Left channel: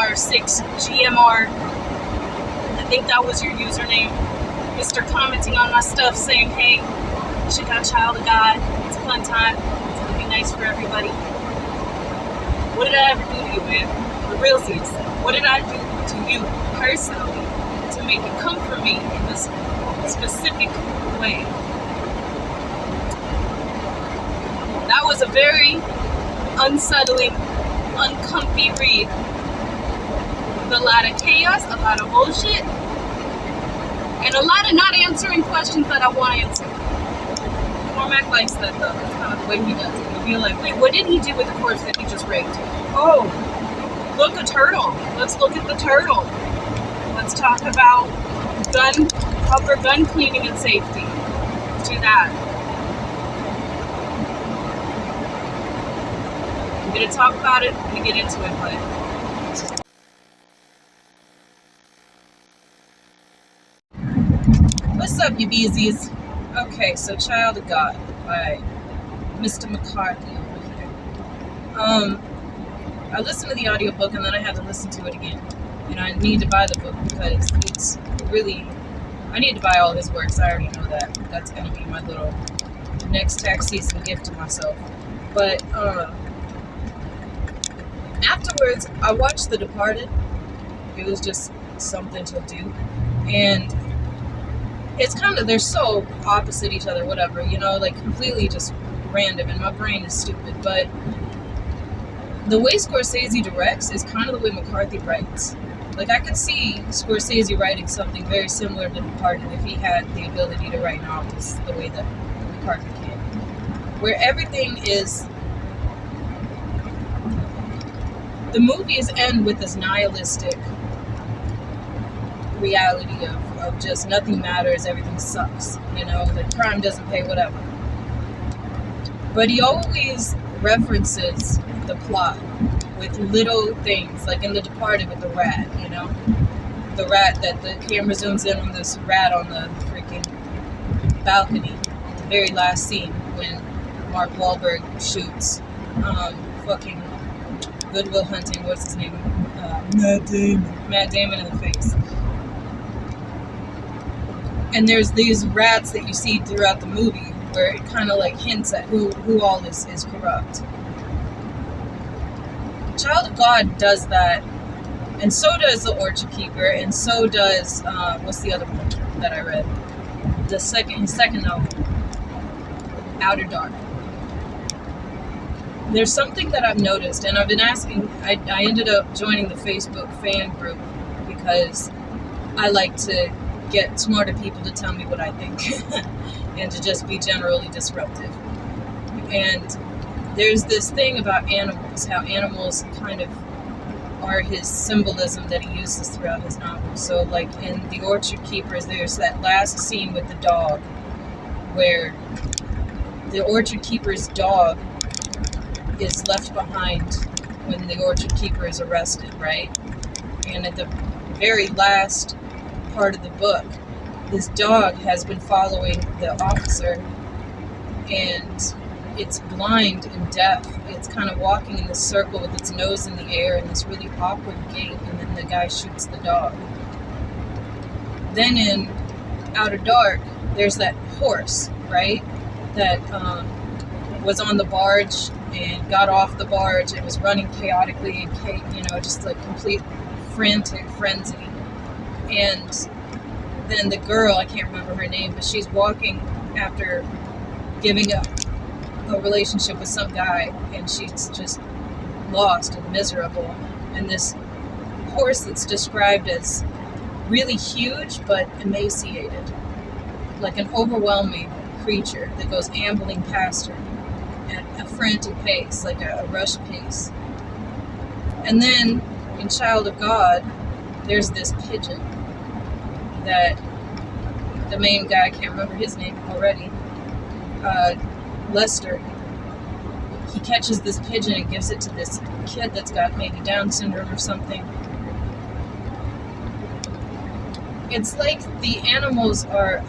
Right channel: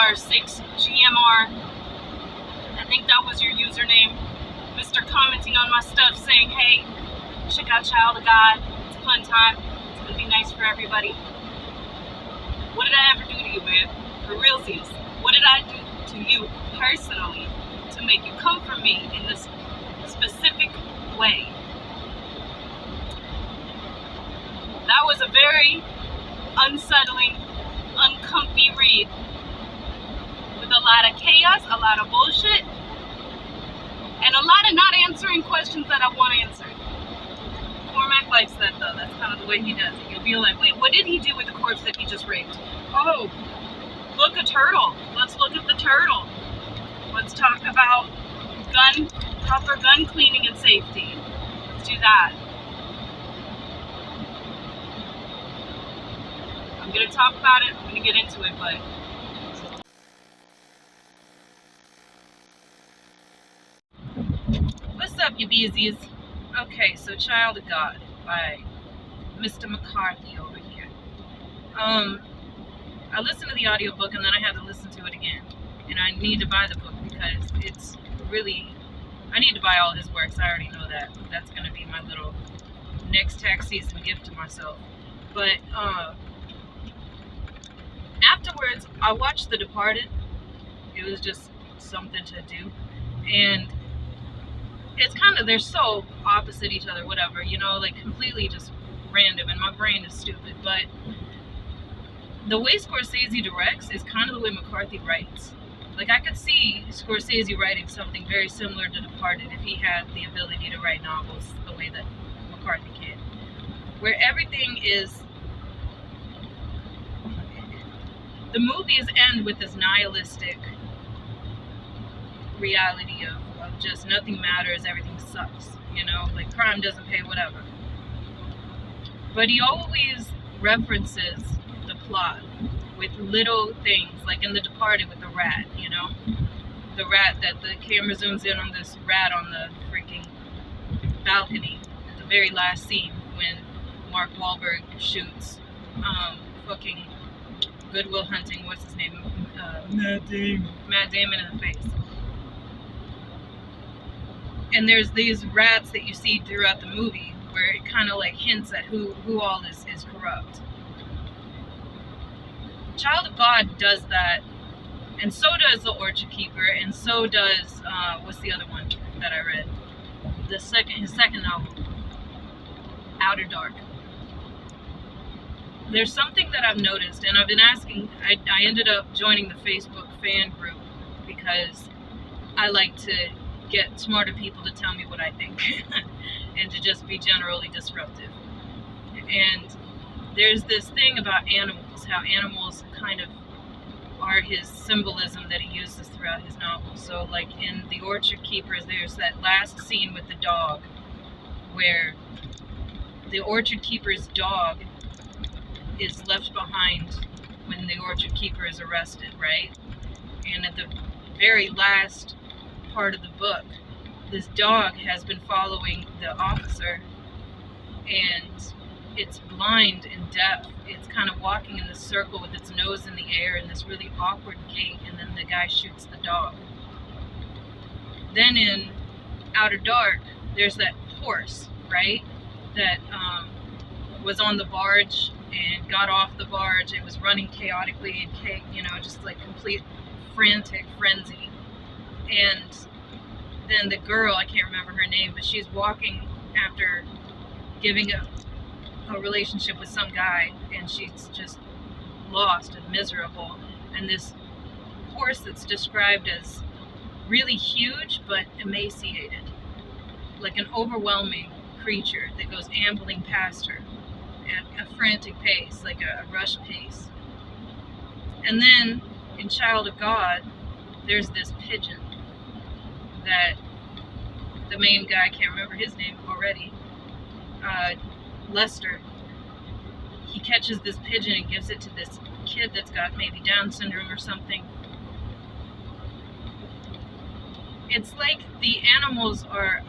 MR6GMR, I think that was your username, Mr. Commenting on my stuff saying, hey, check out Child of God, it's a fun time, it's gonna be nice for everybody. What did I ever do to you, man? For realsies, what did I do to you personally to make you come for me in this specific way? That was a very unsettling, uncomfy read with a lot of chaos, a lot of bullshit, and a lot of not answering questions that I want answered. Cormac likes that though. That's kind of the way he does it. He'll be like, wait, what did he do with the corpse that he just raped? Oh, look, a turtle. Let's look at the turtle. Let's talk about proper gun cleaning and safety. Let's do that. I'm going to talk about it. I'm going to get into it, but... What's up, you beesies? Okay, so Child of God by Mr. McCarthy over here. I listened to the audiobook and then I had to listen to it again. And I need to buy the book because it's really... I need to buy all his works. I already know that. That's going to be my little next tax season gift to myself. But, afterwards, I watched The Departed. It was just something to do. And it's kind of, they're so opposite each other, whatever, you know, like completely just random, and my brain is stupid. But the way Scorsese directs is kind of the way McCarthy writes. Like, I could see Scorsese writing something very similar to Departed if he had the ability to write novels the way that McCarthy can. Where everything is... The movies end with this nihilistic reality of just nothing matters, everything sucks, you know, like crime doesn't pay, whatever. But he always references the plot with little things, like in The Departed with the rat, you know, the rat that the camera zooms in on, this rat on the freaking balcony at the very last scene when Mark Wahlberg shoots fucking Goodwill Hunting, what's his name? Matt Damon in the face. And there's these rats that you see throughout the movie where it kind of like hints at who all is corrupt. Child of God does that, and so does The Orchard Keeper, and so does, what's the other one that I read? His second novel, Outer Dark. There's something that I've noticed, and I've been asking, I ended up joining the Facebook fan group because I like to get smarter people to tell me what I think and to just be generally disruptive. And there's this thing about animals, how animals kind of are his symbolism that he uses throughout his novels. So like in The Orchard Keepers, there's that last scene with the dog where the Orchard Keeper's dog is left behind when the Orchard Keeper is arrested, right? And at the very last part of the book, this dog has been following the officer, and it's blind and deaf. It's kind of walking in this circle with its nose in the air in this really awkward gait, and then the guy shoots the dog. Then in Outer Dark, there's that horse, right? That was on the barge and got off the barge. It was running chaotically and, you know, just like complete frantic frenzy. And then the girl, I can't remember her name, but she's walking after giving up a relationship with some guy, and she's just lost and miserable. And this horse that's described as really huge but emaciated, like an overwhelming creature that goes ambling past her at a frantic pace, like a rush pace. And then in Child of God, there's this pigeon that the main guy, I can't remember his name already, Lester, he catches this pigeon and gives it to this kid that's got maybe Down syndrome or something. It's like the animals are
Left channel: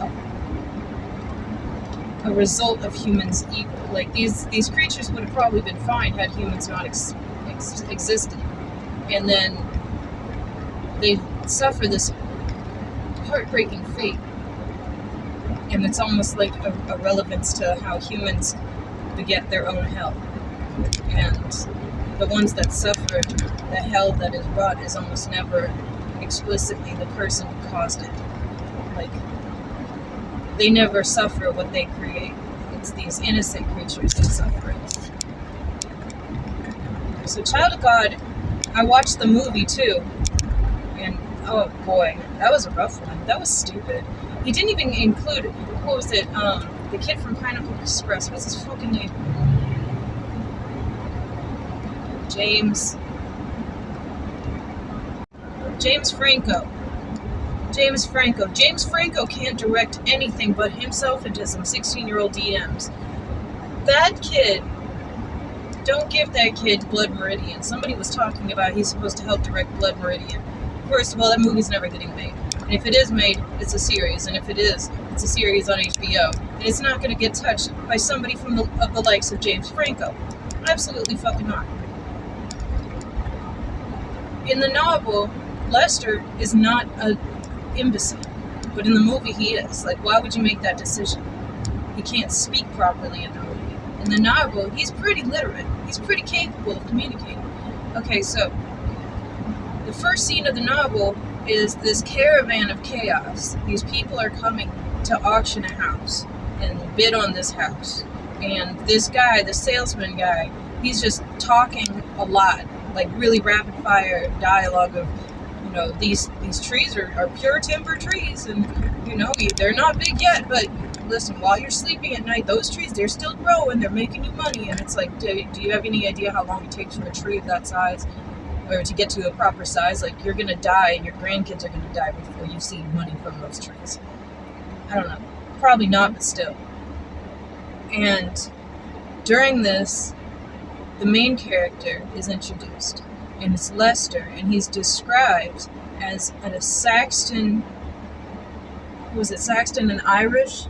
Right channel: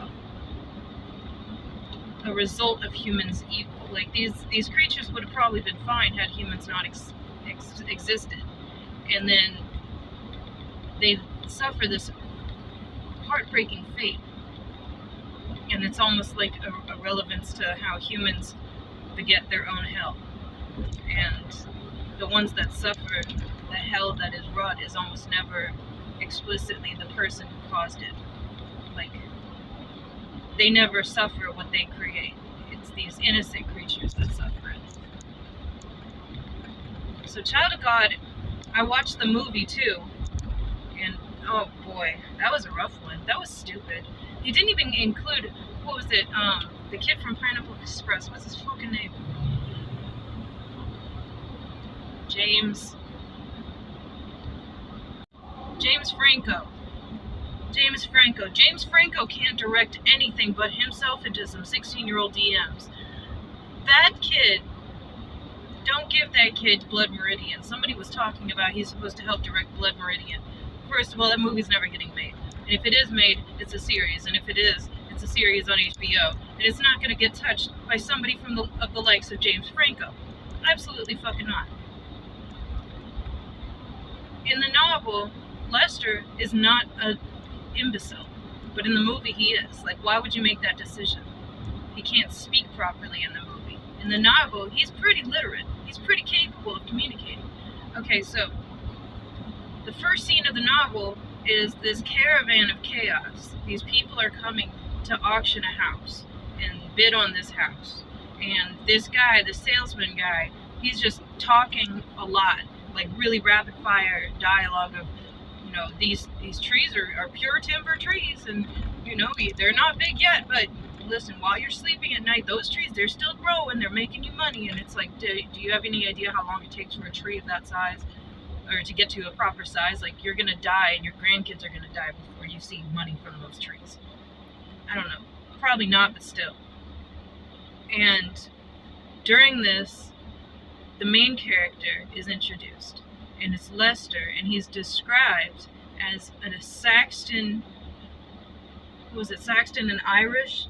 a result of humans' evil. Like these creatures would have probably been fine had humans not existed. And then they suffer this heartbreaking fate. And it's almost like a relevance to how humans beget their own hell. And the ones that suffer the hell that is wrought is almost never explicitly the person who caused it. Like, they never suffer what they create. It's these innocent creatures that suffer it. So Child of God, I watched the movie too, and oh boy, that was a rough one. That was stupid. He didn't even include, what was it, the kid from Pineapple Express. What's his fucking name? James Franco. James Franco can't direct anything but himself into some 16-year-old DMs. That kid, don't give that kid Blood Meridian. Somebody was talking about he's supposed to help direct Blood Meridian. First of all, that movie's never getting made. And if it is made, it's a series. And if it is, it's a series on HBO. And it's not going to get touched by somebody of the likes of James Franco. Absolutely fucking not. In the novel, Lester is not an imbecile. But in the movie, he is. Like, why would you make that decision? He can't speak properly in the movie. In the novel, he's pretty literate. He's pretty capable of communicating. Okay, so the first scene of the novel is this caravan of chaos. These people are coming to auction a house and bid on this house. And this guy, the salesman guy, he's just talking a lot, like really rapid fire dialogue of, you know, these trees are pure timber trees, and you know, they're not big yet, but listen, while you're sleeping at night, those trees, they're still growing, they're making you money. And it's like, do you have any idea how long it takes for a tree of that size, or to get to a proper size? Like, you're gonna die and your grandkids are gonna die before you see money from those trees. I don't know, probably not, but still. And during this, the main character is introduced, and it's Lester, and he's described as a Saxon, was it Saxon and Irish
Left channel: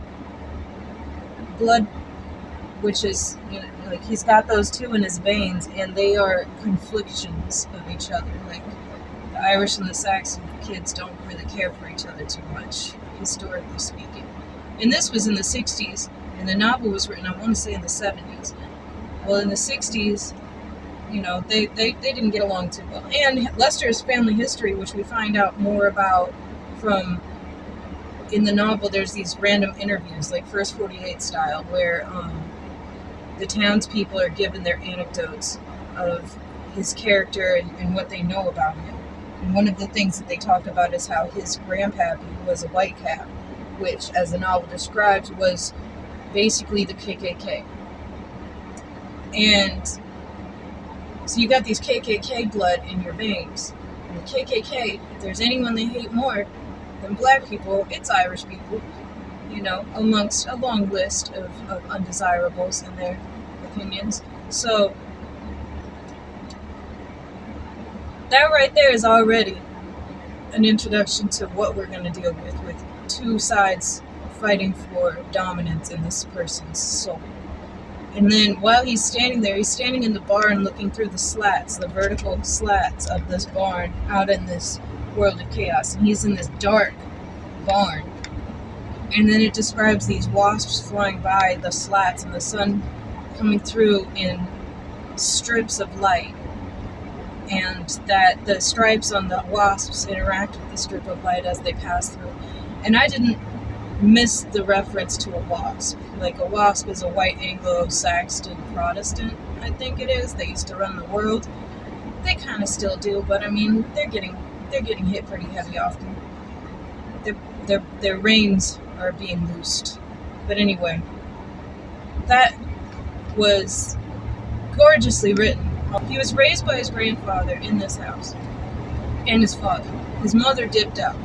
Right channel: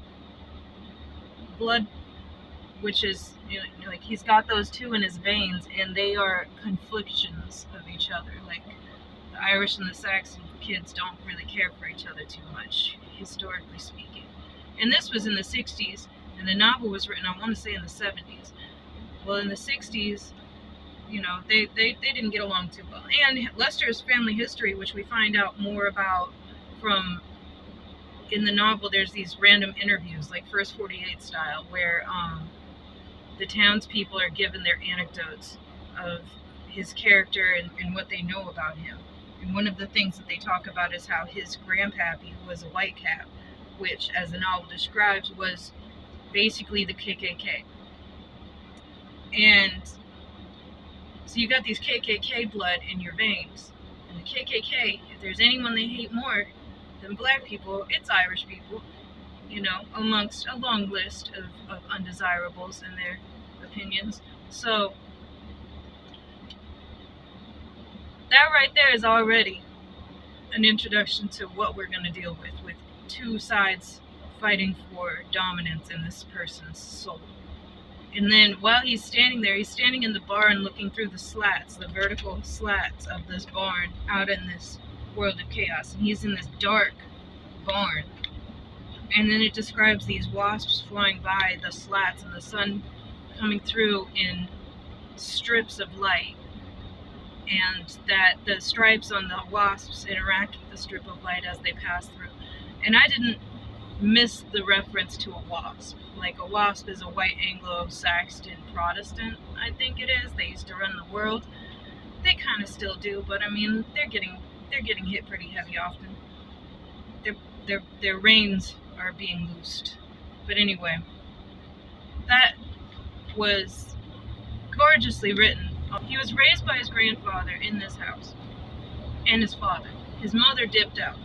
blood, which is, you know, like, he's got those two in his veins, and they are conflictions of each other. Like, the Irish and the Saxon kids don't really care for each other too much, historically speaking. And this was in the 60s, and the novel was written, I want to say, in the 70s. Well, in the 60s, you know, they didn't get along too well. And Lester's family history, which we find out more about from, in the novel, there's these random interviews, like First 48 style, where the townspeople are given their anecdotes of his character and what they know about him. And one of the things that they talk about is how his grandpappy was a white cap, which, as the novel describes, was basically the KKK. And so you got these KKK blood in your veins. And the KKK, if there's anyone they hate more than black people, it's Irish people, you know, amongst a long list of undesirables in their opinions. So that right there is already an introduction to what we're going to deal with two sides fighting for dominance in this person's soul. And then while he's standing there, he's standing in the barn looking through the slats, the vertical slats of this barn out in this world of chaos. And he's in this dark barn. And then it describes these wasps flying by the slats and the sun coming through in strips of light. And that the stripes on the wasps interact with the strip of light as they pass through. And I didn't miss the reference to a wasp. Like, a wasp is a white Anglo-Saxon Protestant, I think it is. They used to run the world. They kind of still do, but I mean, they're getting hit pretty heavy often. Their reins are being loosed. But anyway, that was gorgeously written. He was raised by his grandfather in this house, and his father. His mother dipped out.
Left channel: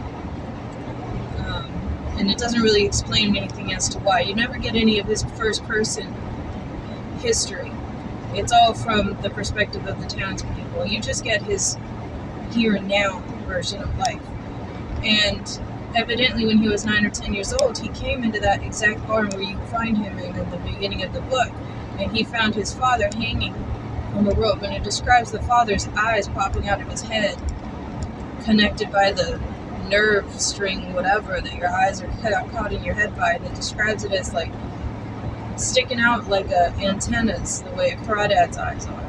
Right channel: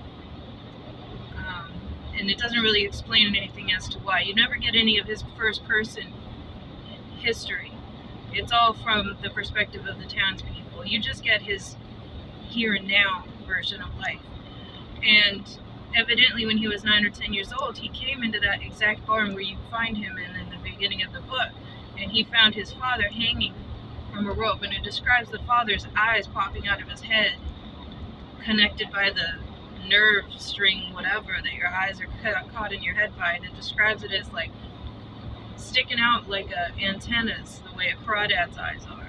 And it doesn't really explain anything as to why. You never get any of his first-person history. It's all from the perspective of the townspeople. You just get his here and now version of life. And evidently when he was 9 or 10 years old, he came into that exact barn where you find him in the beginning of the book. And he found his father hanging from a rope. And it describes the father's eyes popping out of his head. connected by the nerve string, whatever, that your eyes are caught in your head by, and it describes it as like sticking out like antennas, the way a crawdad's eyes are.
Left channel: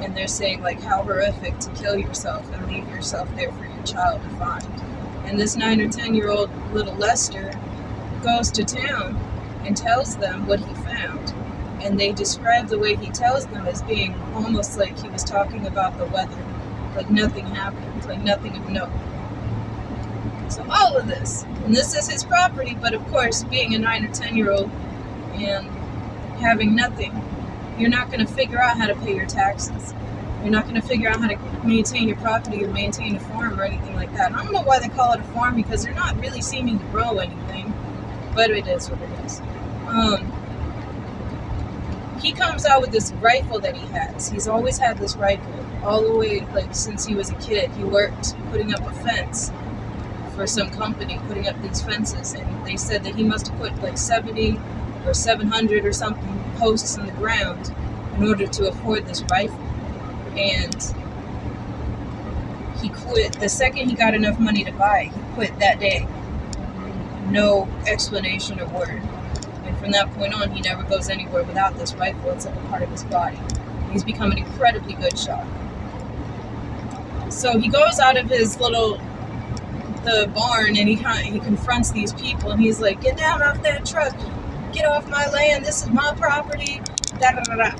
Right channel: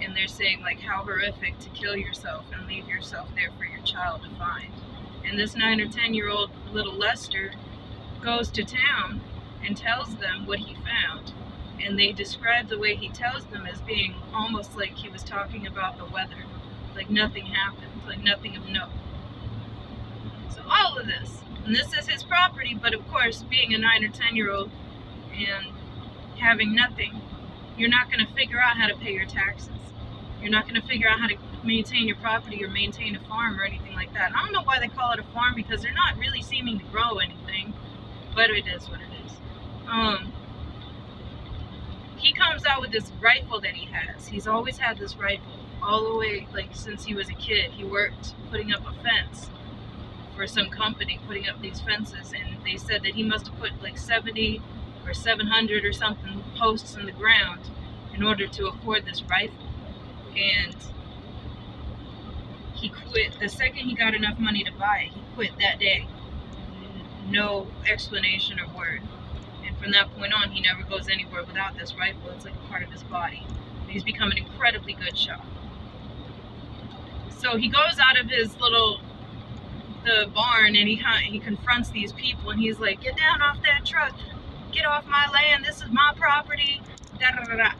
And they're saying like how horrific to kill yourself and leave yourself there for your child to find. And this 9 or 10-year-old little Lester goes to town and tells them what he found. And they describe the way he tells them as being almost like he was talking about the weather. Like nothing happened, like nothing of note. So all of this, and this is his property, but of course, being a 9 or 10-year-old and having nothing, you're not going to figure out how to pay your taxes. You're not going to figure out how to maintain your property or maintain a farm or anything like that. And I don't know why they call it a farm, because they're not really seeming to grow anything, but it is what it is. He comes out with this rifle that he has. He's always had this rifle all the way, like, since he was a kid. He worked putting up a fence for some company, putting up these fences, and they said that he must have put like 70 or 700 or something posts in the ground in order to afford this rifle. And he quit the second he got enough money to buy it. He quit that day. No explanation or word. And from that point on, he never goes anywhere without this rifle. It's like a part of his body. And he's become an incredibly good shot. So he goes out of his the barn, and he confronts these people, and he's like, "Get down off that truck. Get off my land. This is my property." Da da da da.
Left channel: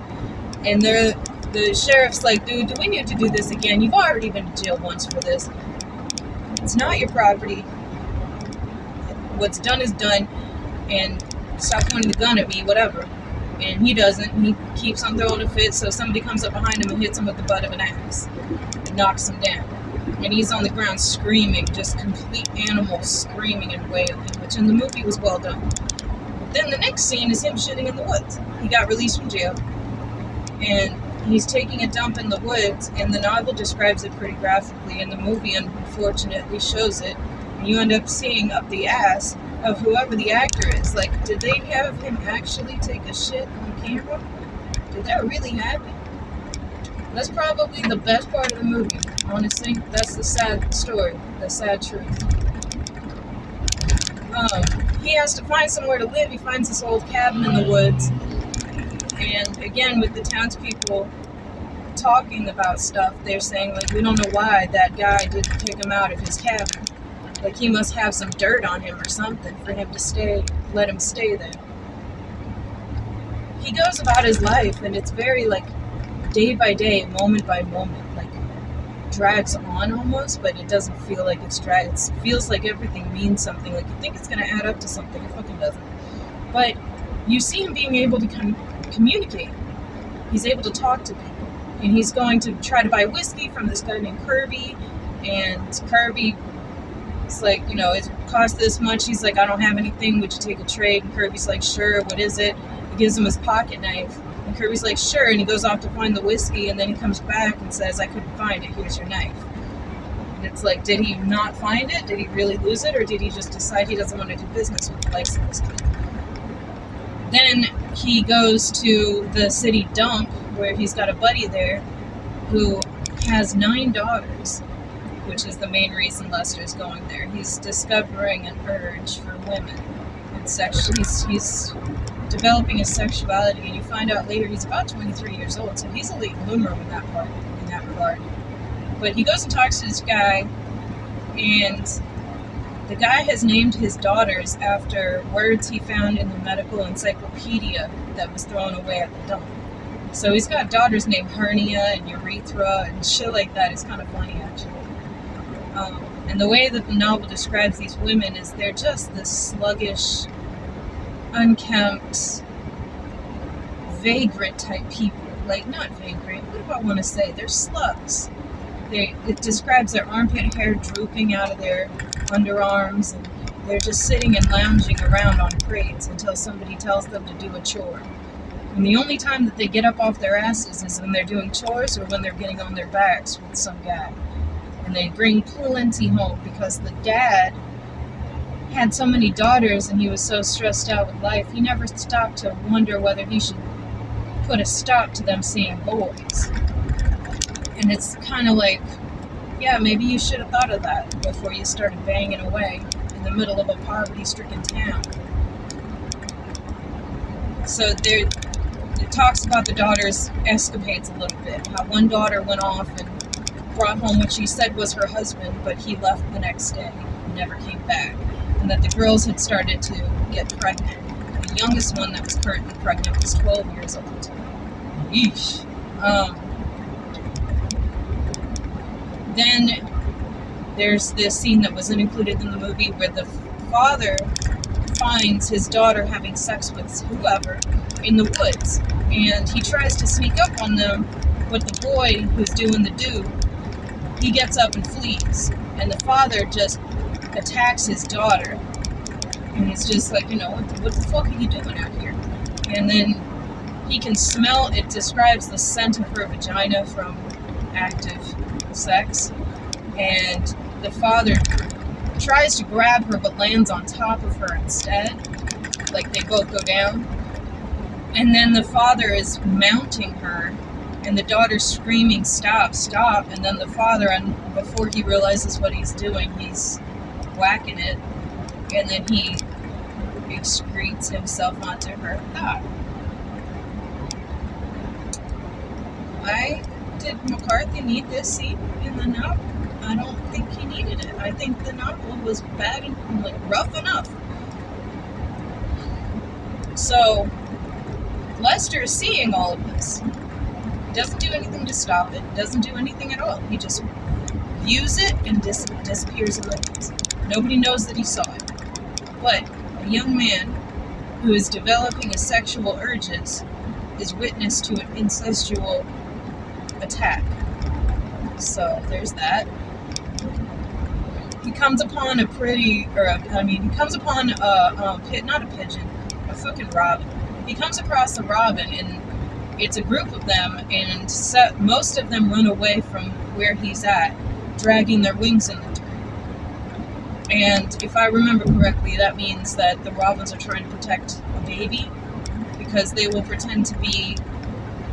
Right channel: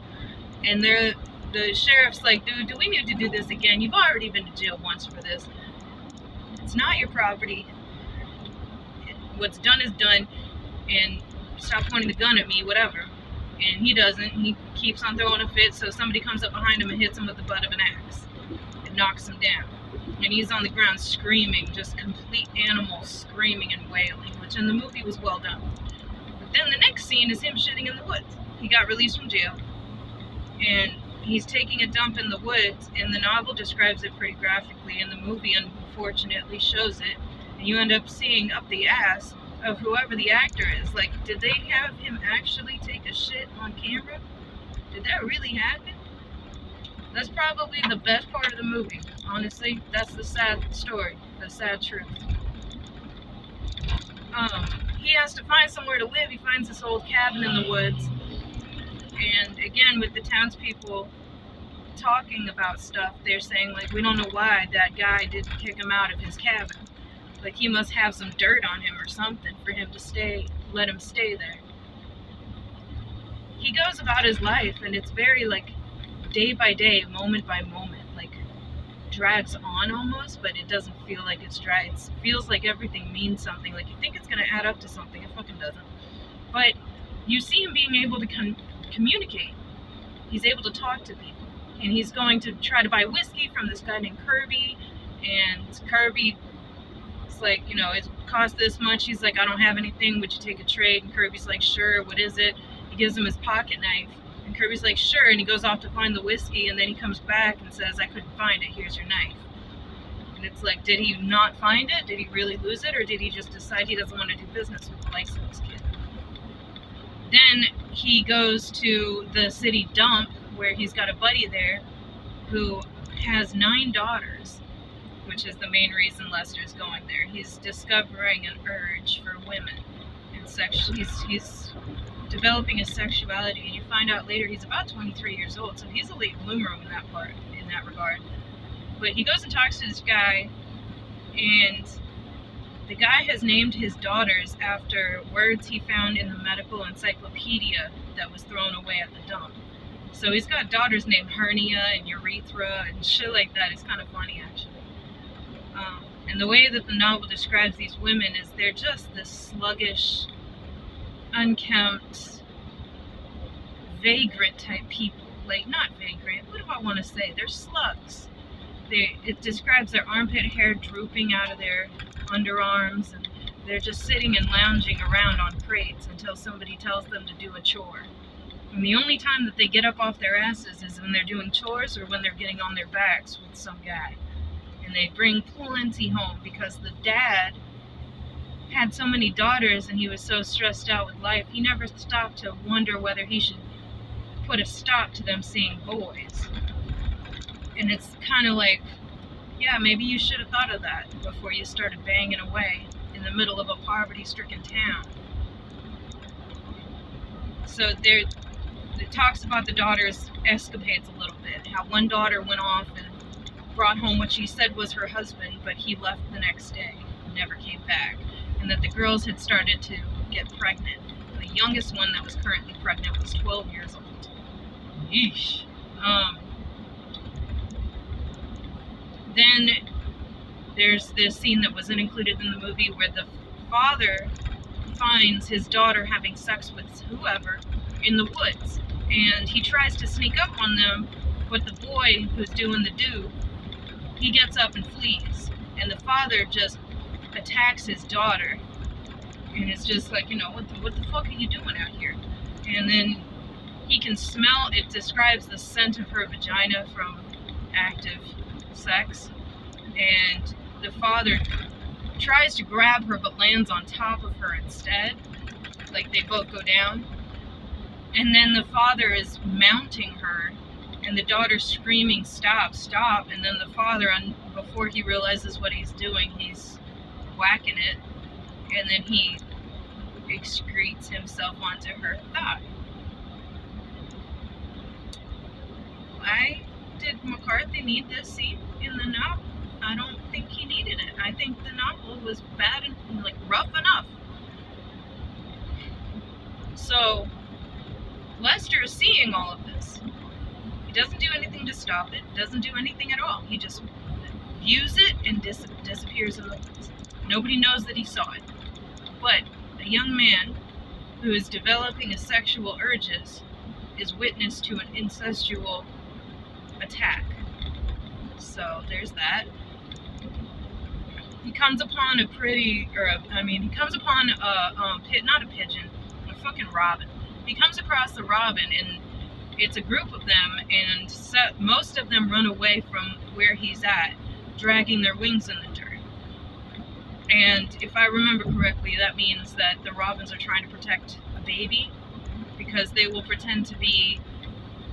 And the sheriff's like, "Dude, do we need to do this again? You've already been to jail once for this. It's not your property. What's done is done, and stop pointing the gun at me, whatever." And he doesn't. He keeps on throwing a fit, so somebody comes up behind him and hits him with the butt of an axe. It knocks him down. And he's on the ground screaming, just complete animal screaming and wailing, which in the movie was well done. But then the next scene is him shitting in the woods. He got released from jail, and he's taking a dump in the woods, and the novel describes it pretty graphically, and the movie unfortunately shows it, and you end up seeing up the ass of whoever the actor is. Like, did they have him actually take a shit on camera? Did that really happen? That's probably the best part of the movie, honestly. That's the sad story, the sad truth. He has to find somewhere to live. He finds this old cabin in the woods. And again, with the townspeople talking about stuff, they're saying, like, we don't know why that guy didn't kick him out of his cabin. Like, he must have some dirt on him or something for him to let him stay there. He goes about his life, and it's very, like, day by day, moment by moment, like, drags on almost, but it doesn't feel like it's drag. It feels like everything means something. Like, you think it's going to add up to something. It fucking doesn't. But you see him being able to communicate. He's able to talk to people. And he's going to try to buy whiskey from this guy named Kirby. And Kirby, it's like, you know, it costs this much. He's like, I don't have anything. Would you take a trade? And Kirby's like, sure. What is it? He gives him his pocket knife. And Kirby's like, sure, and he goes off to find the whiskey, and then he comes back and says, I couldn't find it, here's your knife. And it's like, did he not find it? Did he really lose it? Or did he just decide he doesn't want to do business with the likes of this kid? Then he goes to the city dump, where he's got a buddy there who has 9 daughters, which is the main reason Lester's going there. He's discovering an urge for women. And he's developing his sexuality, and you find out later he's about 23 years old, so he's a late bloomer in that regard. But he goes and talks to this guy, and the guy has named his daughters after words he found in the medical encyclopedia that was thrown away at the dump. So he's got daughters named hernia and urethra and shit like that. It's kind of funny, actually. And the way that the novel describes these women is they're just this sluggish, unkempt, vagrant type people. Like, not vagrant, what do I want to say? They're slugs. It describes their armpit hair drooping out of their underarms, and they're just sitting and lounging around on crates until somebody tells them to do a chore. And the only time that they get up off their asses is when they're doing chores or when they're getting on their backs with some guy. And they bring plenty home because the dad had so many daughters and he was so stressed out with life, he never stopped to wonder whether he should put a stop to them seeing boys. And it's kind of like, yeah, maybe you should have thought of that before you started banging away in the middle of a poverty-stricken town. So it talks about the daughter's escapades a little bit. How one daughter went off and brought home what she said was her husband, but he left the next day, never came back. And that the girls had started to get pregnant. The youngest one that was currently pregnant was 12 years old. Yeesh. Then there's this scene that wasn't included in the movie where the father finds his daughter having sex with whoever in the woods, and he tries to sneak up on them, but the boy who's doing the do, he gets up and flees, and the father just attacks his daughter, and it's just like, what the fuck are you doing out here? And then he can smell, it describes the scent of her vagina from active sex, and the father tries to grab her but lands on top of her instead, like they both go down, and then the father is mounting her, and the daughter's screaming, stop, stop, and then the father, before he realizes what he's doing, he's whacking it, and then he excretes himself onto her thigh. Did McCarthy need this scene in the novel? I don't think he needed it. I think the novel was bad and rough enough. So Lester is seeing all of this. He doesn't do anything to stop it. Doesn't do anything at all. He just views it and disappears in the woods. Nobody knows that he saw it. But a young man who is developing his sexual urges is witness to an incestual attack. So there's that. He comes upon a fucking robin. He comes across a robin, and it's a group of them, and most of them run away from where he's at, dragging their wings in the dirt. And if I remember correctly, that means that the robins are trying to protect a baby, because they will pretend to be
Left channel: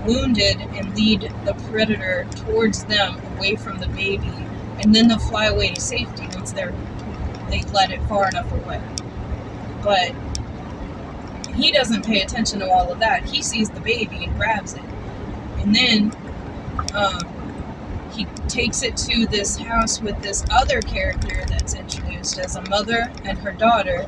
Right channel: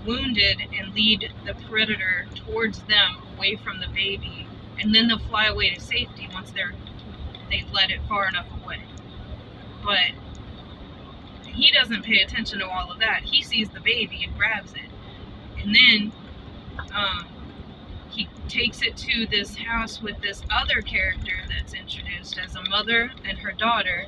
wounded and lead the predator towards them away from the baby, and then they'll fly away to safety once they've led it far enough away. But he doesn't pay attention to all of that. He sees the baby and grabs it, and then he takes it to this house with this other character that's introduced as a mother and her daughter,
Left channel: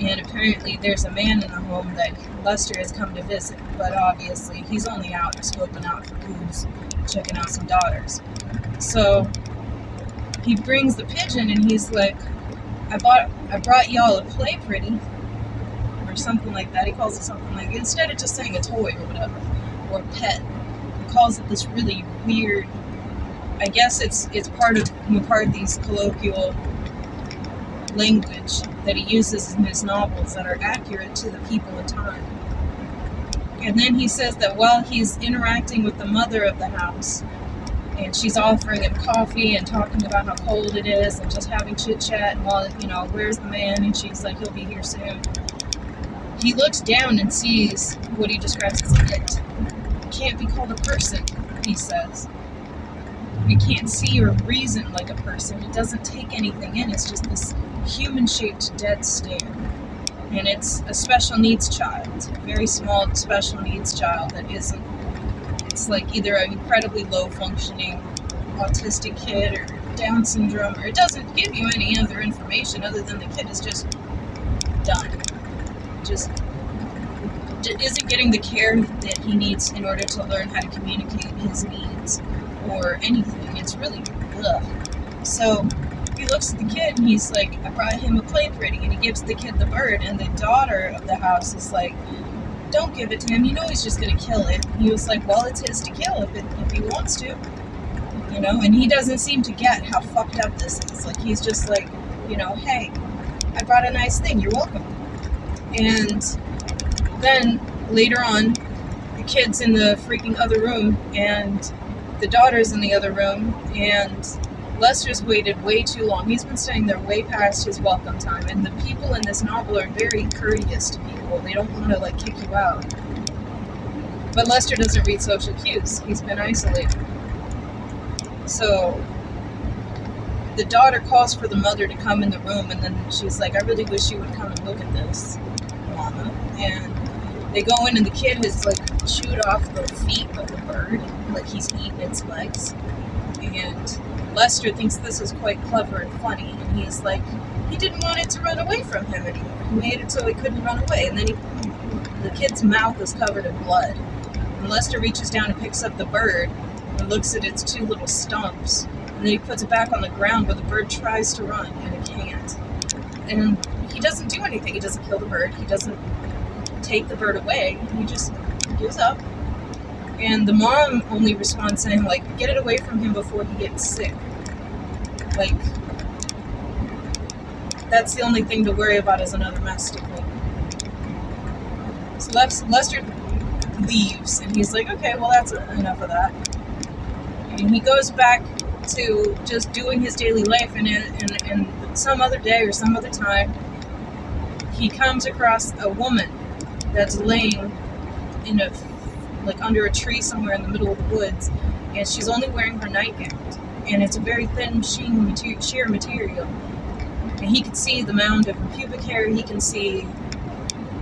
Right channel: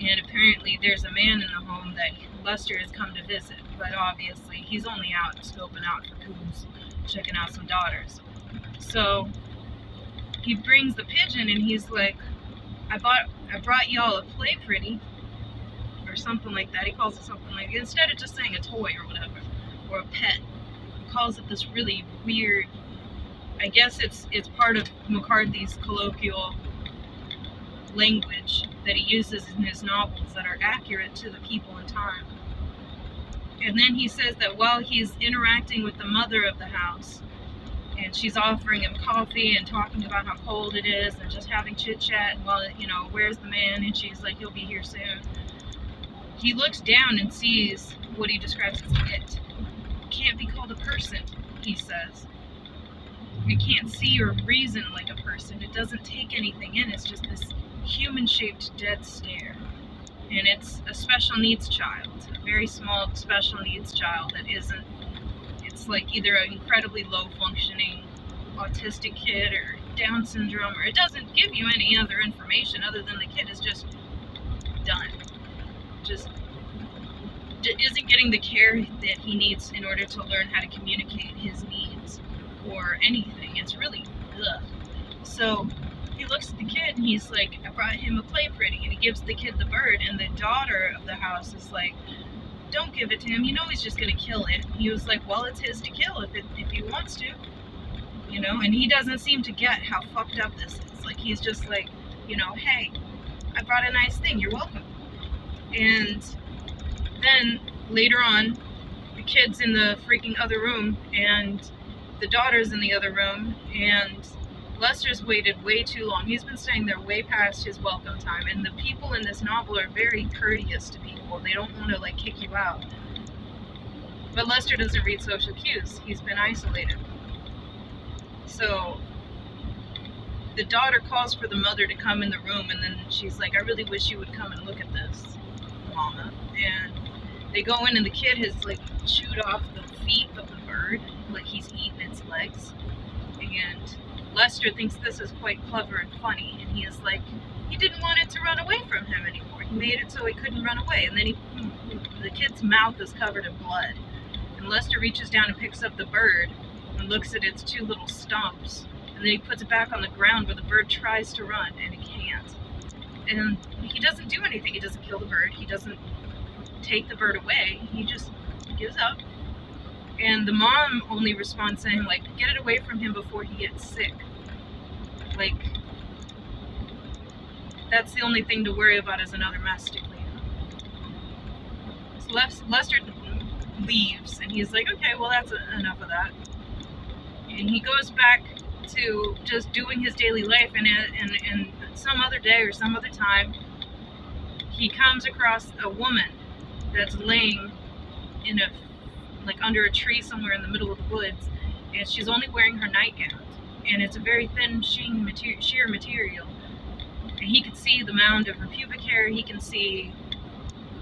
and apparently there's a man in the home that Lester has come to visit, but obviously he's only out scoping out for booze, checking out some daughters. So he brings the pigeon, and he's like, I brought y'all a play pretty, or something like that. He calls it something like, instead of just saying a toy or whatever, or a pet, he calls it this really weird, I guess it's part of McCarthy's colloquial language that he uses in his novels that are accurate to the people and time. And then he says that while he's interacting with the mother of the house, and she's offering him coffee and talking about how cold it is and just having chit chat, and while, where's the man? And she's like, he'll be here soon. He looks down and sees what he describes as it. It can't be called a person, he says. It can't see or reason like a person. It doesn't take anything in. It's just this human-shaped dead stare. And it's a special needs child, a very small special needs child that isn't, it's like either an incredibly low-functioning autistic kid or Down syndrome, or it doesn't give you any other information other than the kid is just done. Just isn't getting the care that he needs in order to learn how to communicate his needs or anything. It's really ugh. So he looks at the kid and he's like, I brought him a play pretty, and he gives the kid the bird, and the daughter of the house is like, don't give it to him, he's just gonna kill it. He was like, well, it's his to kill if he wants to, and he doesn't seem to get how fucked up this is. Like, he's just like, hey, I brought a nice thing, you're welcome. And then later on, the kid's in the freaking other room, and the daughter's in the other room, and Lester's waited way too long. He's been staying there way past his welcome time, and the people in this novel are very courteous to people. They don't want to, kick you out. But Lester doesn't read social cues. He's been isolated. So the daughter calls for the mother to come in the room, and then she's like, I really wish you would come and look at this, Mama. And they go in, and the kid has like chewed off the feet of the bird, like he's eaten its legs. And Lester thinks this is quite clever and funny, and he is like, he didn't want it to run away from him anymore. He made it so it couldn't run away. And then the kid's mouth is covered in blood. And Lester reaches down and picks up the bird and looks at its two little stumps. And then he puts it back on the ground where the bird tries to run, and it can't. And he doesn't do anything. He doesn't kill the bird. He doesn't take the bird away. He just gives up. And the mom only responds saying, like, get it away from him before he gets sick. Like, that's the only thing to worry about as another domestic woman. So Lester leaves, and he's like, okay, well, that's enough of that. And he goes back to just doing his daily life, and some other day or some other time, he comes across a woman that's laying in like under a tree somewhere in the middle of the woods, and she's only wearing her nightgown, and it's a very thin sheer material. And he could see the mound of her pubic hair, he can see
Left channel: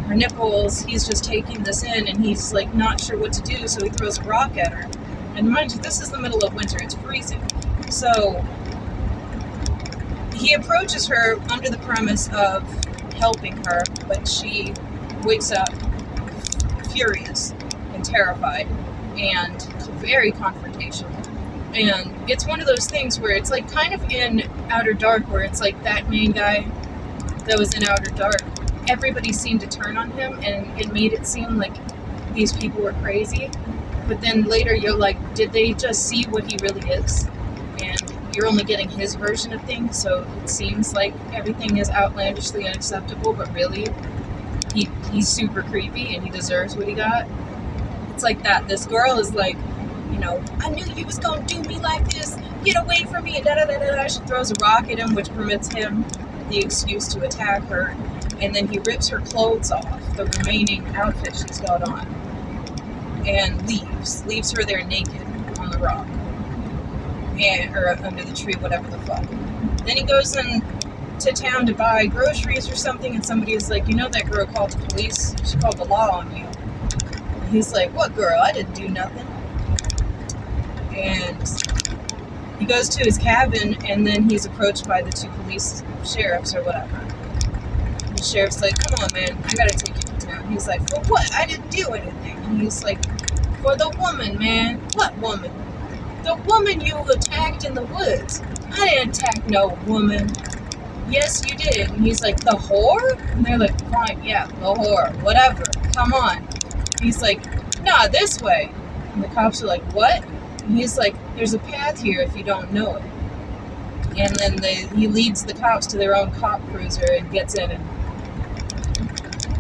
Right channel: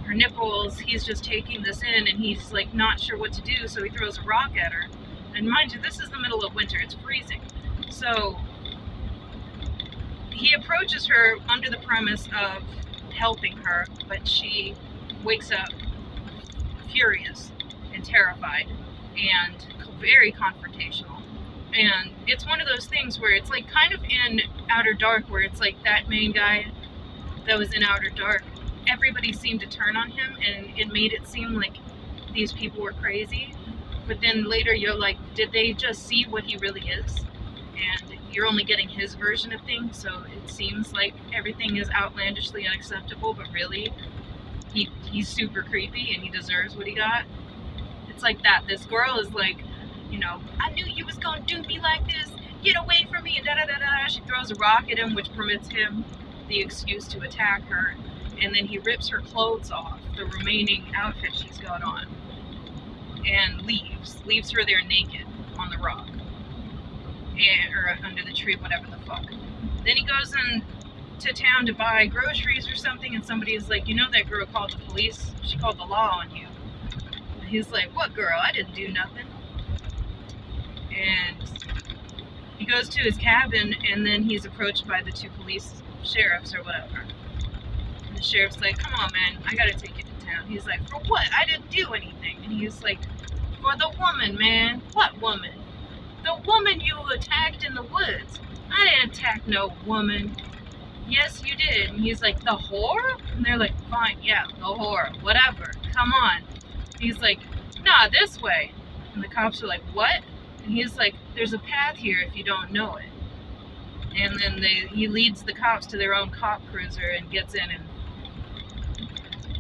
her nipples. He's just taking this in, and he's like not sure what to do, so he throws a rock at her. And mind you, this is the middle of winter, it's freezing. So he approaches her under the premise of helping her, but she wakes up furious and terrified and very confrontational. And it's one of those things where it's like kind of in Outer Dark, where it's like that main guy that was in Outer Dark, everybody seemed to turn on him, and it made it seem like these people were crazy. But then later you're like, did they just see what he really is? And you're only getting his version of things, so it seems like everything is outlandishly unacceptable, but really he's super creepy and he deserves what he got. It's like that. This girl is like, you know, I knew you was gonna do me like this. Get away from me, and da-da-da-da-da. She throws a rock at him, which permits him the excuse to attack her. And then he rips her clothes off, the remaining outfit she's got on, and leaves her there naked on the rock, or under the tree, whatever the fuck. Then he goes to town to buy groceries or something, and somebody is like, you know that girl called the police? She called the law on you. And he's like, what girl? I didn't do nothing. And he goes to his cabin, and then he's approached by the two sheriffs or whatever. The sheriff's like, come on, man, I gotta take you to town. He's like, for what? I didn't do anything. And he's like, for the woman, man. What woman? The woman you attacked in the woods. I didn't attack no woman. Yes, you did. And he's like, the whore? And they're like, fine, yeah, the whore, whatever, come on. He's like, nah, this way. And the cops are like, what? And he's like, there's a path here if you don't know it. And then he leads the cops to their own cop cruiser and gets in. And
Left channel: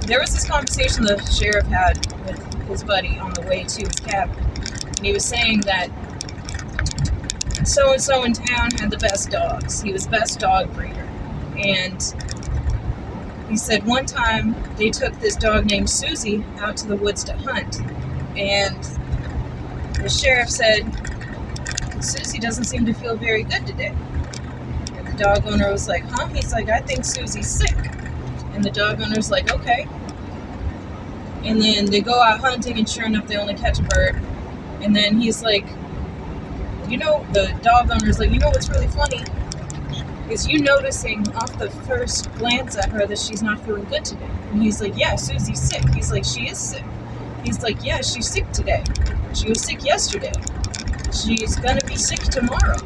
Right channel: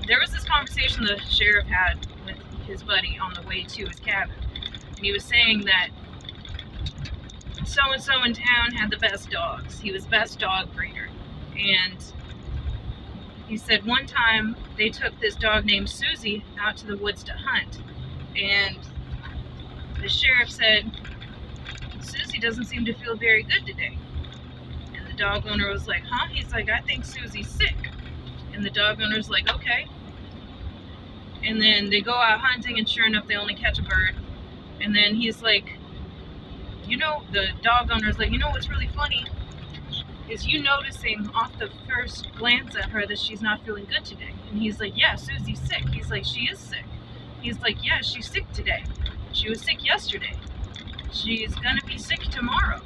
there was this conversation the sheriff had with his buddy on the way to his cabin. And he was saying that so-and-so in town had the best dogs. He was best dog breeder. And he said one time they took this dog named Susie out to the woods to hunt. And the sheriff said, Susie doesn't seem to feel very good today. And the dog owner was like, huh? He's like, I think Susie's sick. And the dog owner's like, okay. And then they go out hunting, and sure enough, they only catch a bird. And then he's like, you know, the dog owner's like, you know what's really funny? Is you noticing off the first glance at her that she's not feeling good today. And he's like, yeah, Susie's sick. He's like, she is sick. He's like, yeah, she's sick today. She was sick yesterday. She's gonna be sick tomorrow.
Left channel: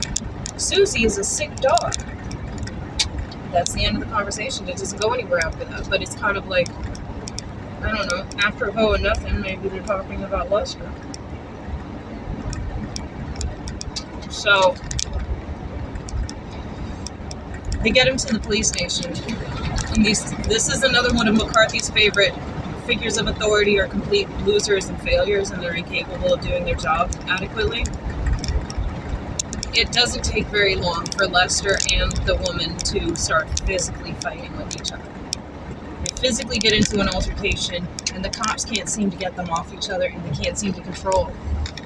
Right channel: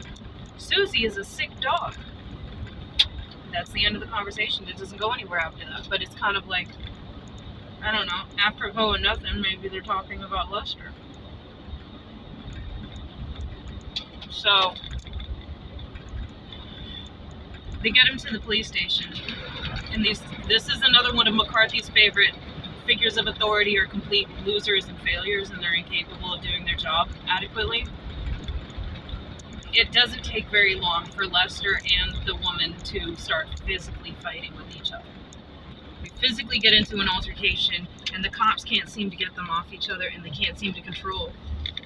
Susie is a sick dog. That's the end of the conversation. It doesn't go anywhere after that. But it's kind of like, I don't know, after a vote of nothing, maybe they're talking about Lester. So they get him to the police station, and this is another one of McCarthy's favorite figures of authority are complete losers and failures, and they're incapable of doing their job adequately. It doesn't take very long for Lester and the woman to start physically fighting with each other. They physically get into an altercation, and the cops can't seem to get them off each other, and they can't seem to control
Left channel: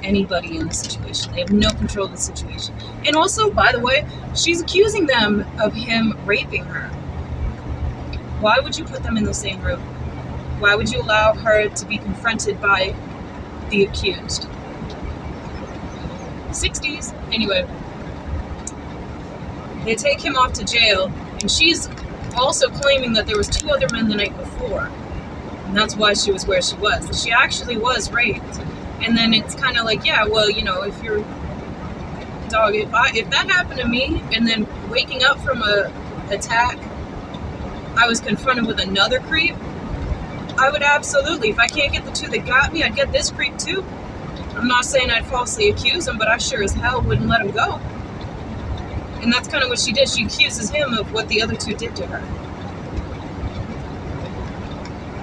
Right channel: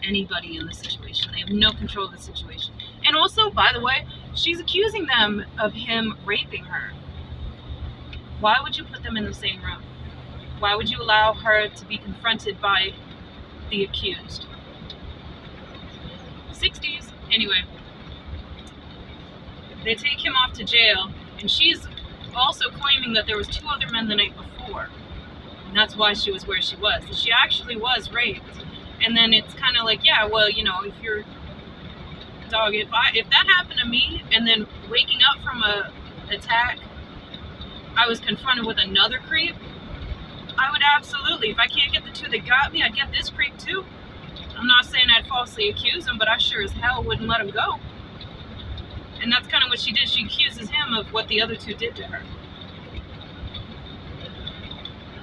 anybody in the situation. They have no control of the situation. And also, by the way, she's accusing them of him raping her. Why would you put them in the same room? Why would you allow her to be confronted by the accused? 60s. Anyway, they take him off to jail, and she's also claiming that there was 2 other men the night before, and that's why she was where she was. She actually was raped. And then it's kind of like, yeah, well, you know, if you're dog, if that happened to me, and then waking up from a attack, I was confronted with another creep, I would absolutely, if I can't get the 2 that got me, I'd get this creep too. I'm not saying I'd falsely accuse him, but I sure as hell wouldn't let him go. And that's kind of what she did. She accuses him of what the other 2 did to her.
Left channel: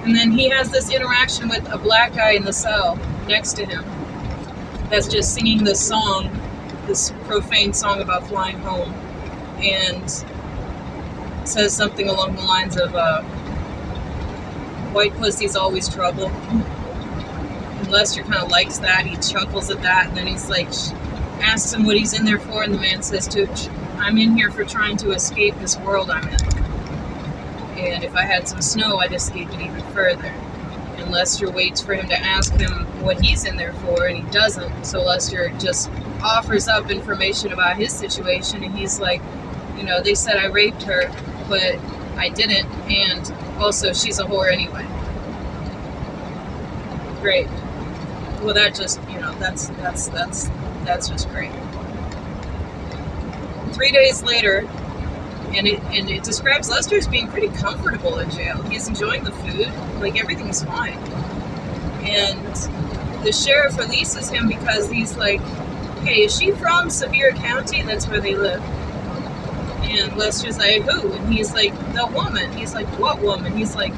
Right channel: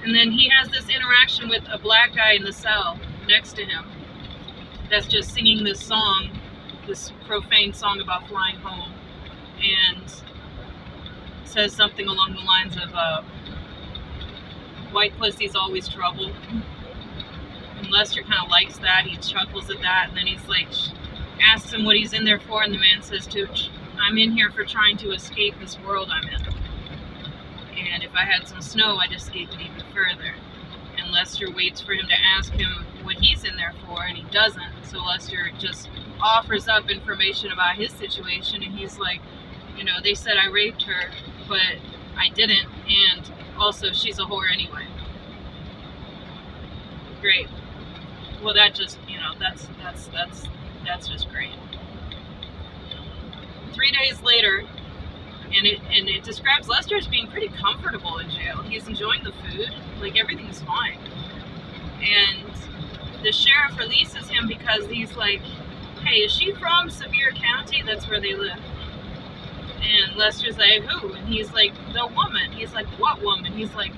And then he has this interaction with a black guy in the cell next to him that's just singing this song, this profane song about flying home, and says something along the lines of, white pussy's always trouble. And Lester kind of likes that. He chuckles at that, and then he's like, asks him what he's in there for, and the man says to him, I'm in here for trying to escape this world I'm in. And if I had some snow, I'd escape it even further. And Lester waits for him to ask him what he's in there for, and he doesn't. So Lester just offers up information about his situation, and he's like, you know, they said I raped her, but I didn't, and also she's a whore anyway. Great. Well, that just, you know, that's just great. 3 days later, and it describes Lester as being pretty comfortable in jail. He's enjoying the food, like everything is fine. And the sheriff releases him because he's like, hey, is she from Sevier County? That's where they live. And Lester's like, who? And he's like, the woman. He's like, what woman? He's like,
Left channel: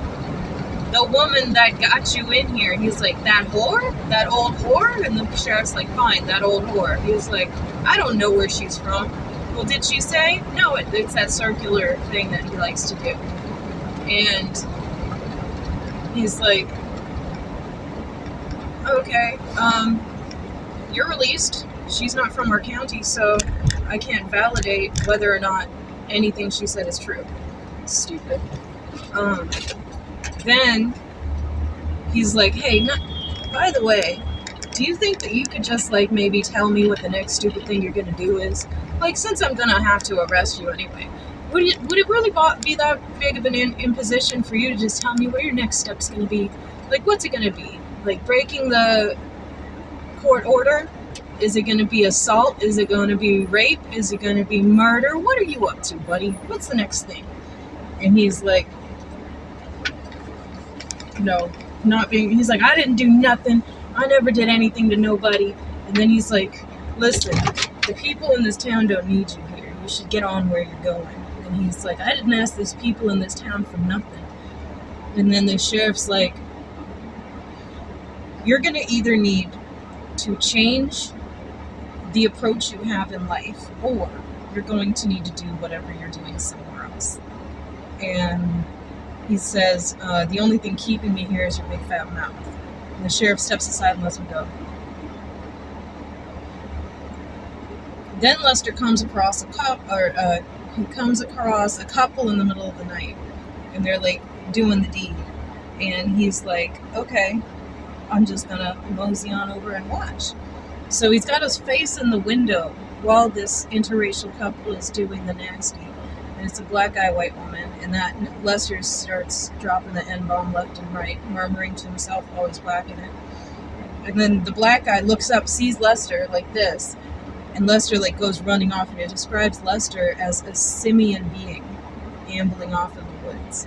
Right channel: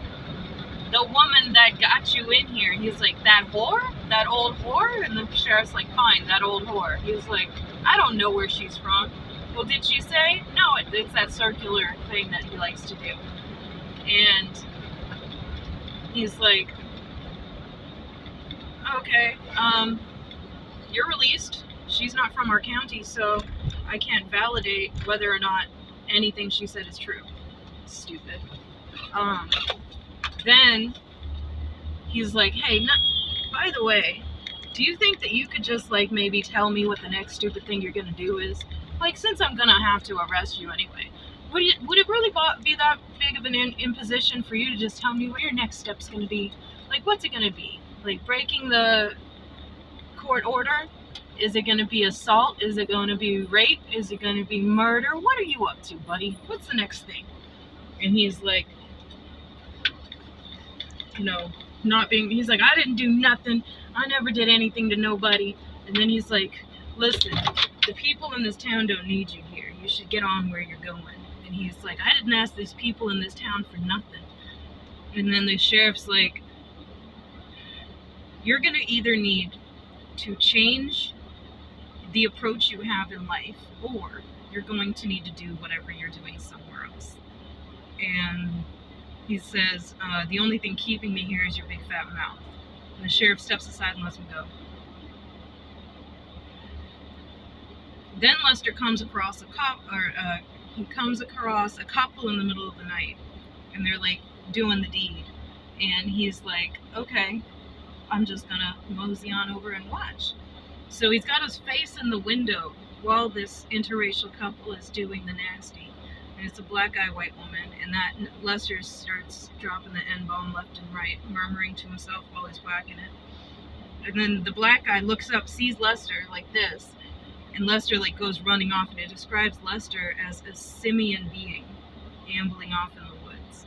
the woman that got you in here. And he's like, that whore? That old whore? And the sheriff's like, fine, that old whore. He's like, I don't know where she's from. Well, did she say? No, it's that circular thing that he likes to do. And he's like, okay, you're released. She's not from our county, so I can't validate whether or not anything she said is true. Stupid. Then he's like, hey, by the way, do you think that you could just like maybe tell me what the next stupid thing you're gonna do is? Like, since I'm gonna have to arrest you anyway, would it really be that big of an imposition for you to just tell me what your next step's gonna be? Like, what's it gonna be? Like breaking the court order? Is it gonna be assault? Is it gonna be rape? Is it gonna be murder? What are you up to, buddy? What's the next thing? And he's like, no, he's like, I didn't do nothing. I never did anything to nobody. And then he's like, listen, the people in this town don't need you here. You should get on where you're going. And he's like, I didn't ask these people in this town for nothing. And then the sheriff's like, you're gonna either need to change the approach you have in life, or you're going to need to do whatever you're doing somewhere else. And he says, the only thing keeping me here is your big fat mouth. And the sheriff steps aside and lets him go. Then Lester comes across a couple in the middle of the night, and they're like doing the deed. And he's like, okay, I'm just gonna mosey on over and watch. So he's got his face in the window while this interracial couple is doing the nasty. And it's a black guy, white woman, and that Lester starts dropping the N-bomb left and right, murmuring to himself while he's whacking it. And then the black guy looks up, sees Lester like this, and Lester like goes running off, and it describes Lester as a simian being ambling off in the woods.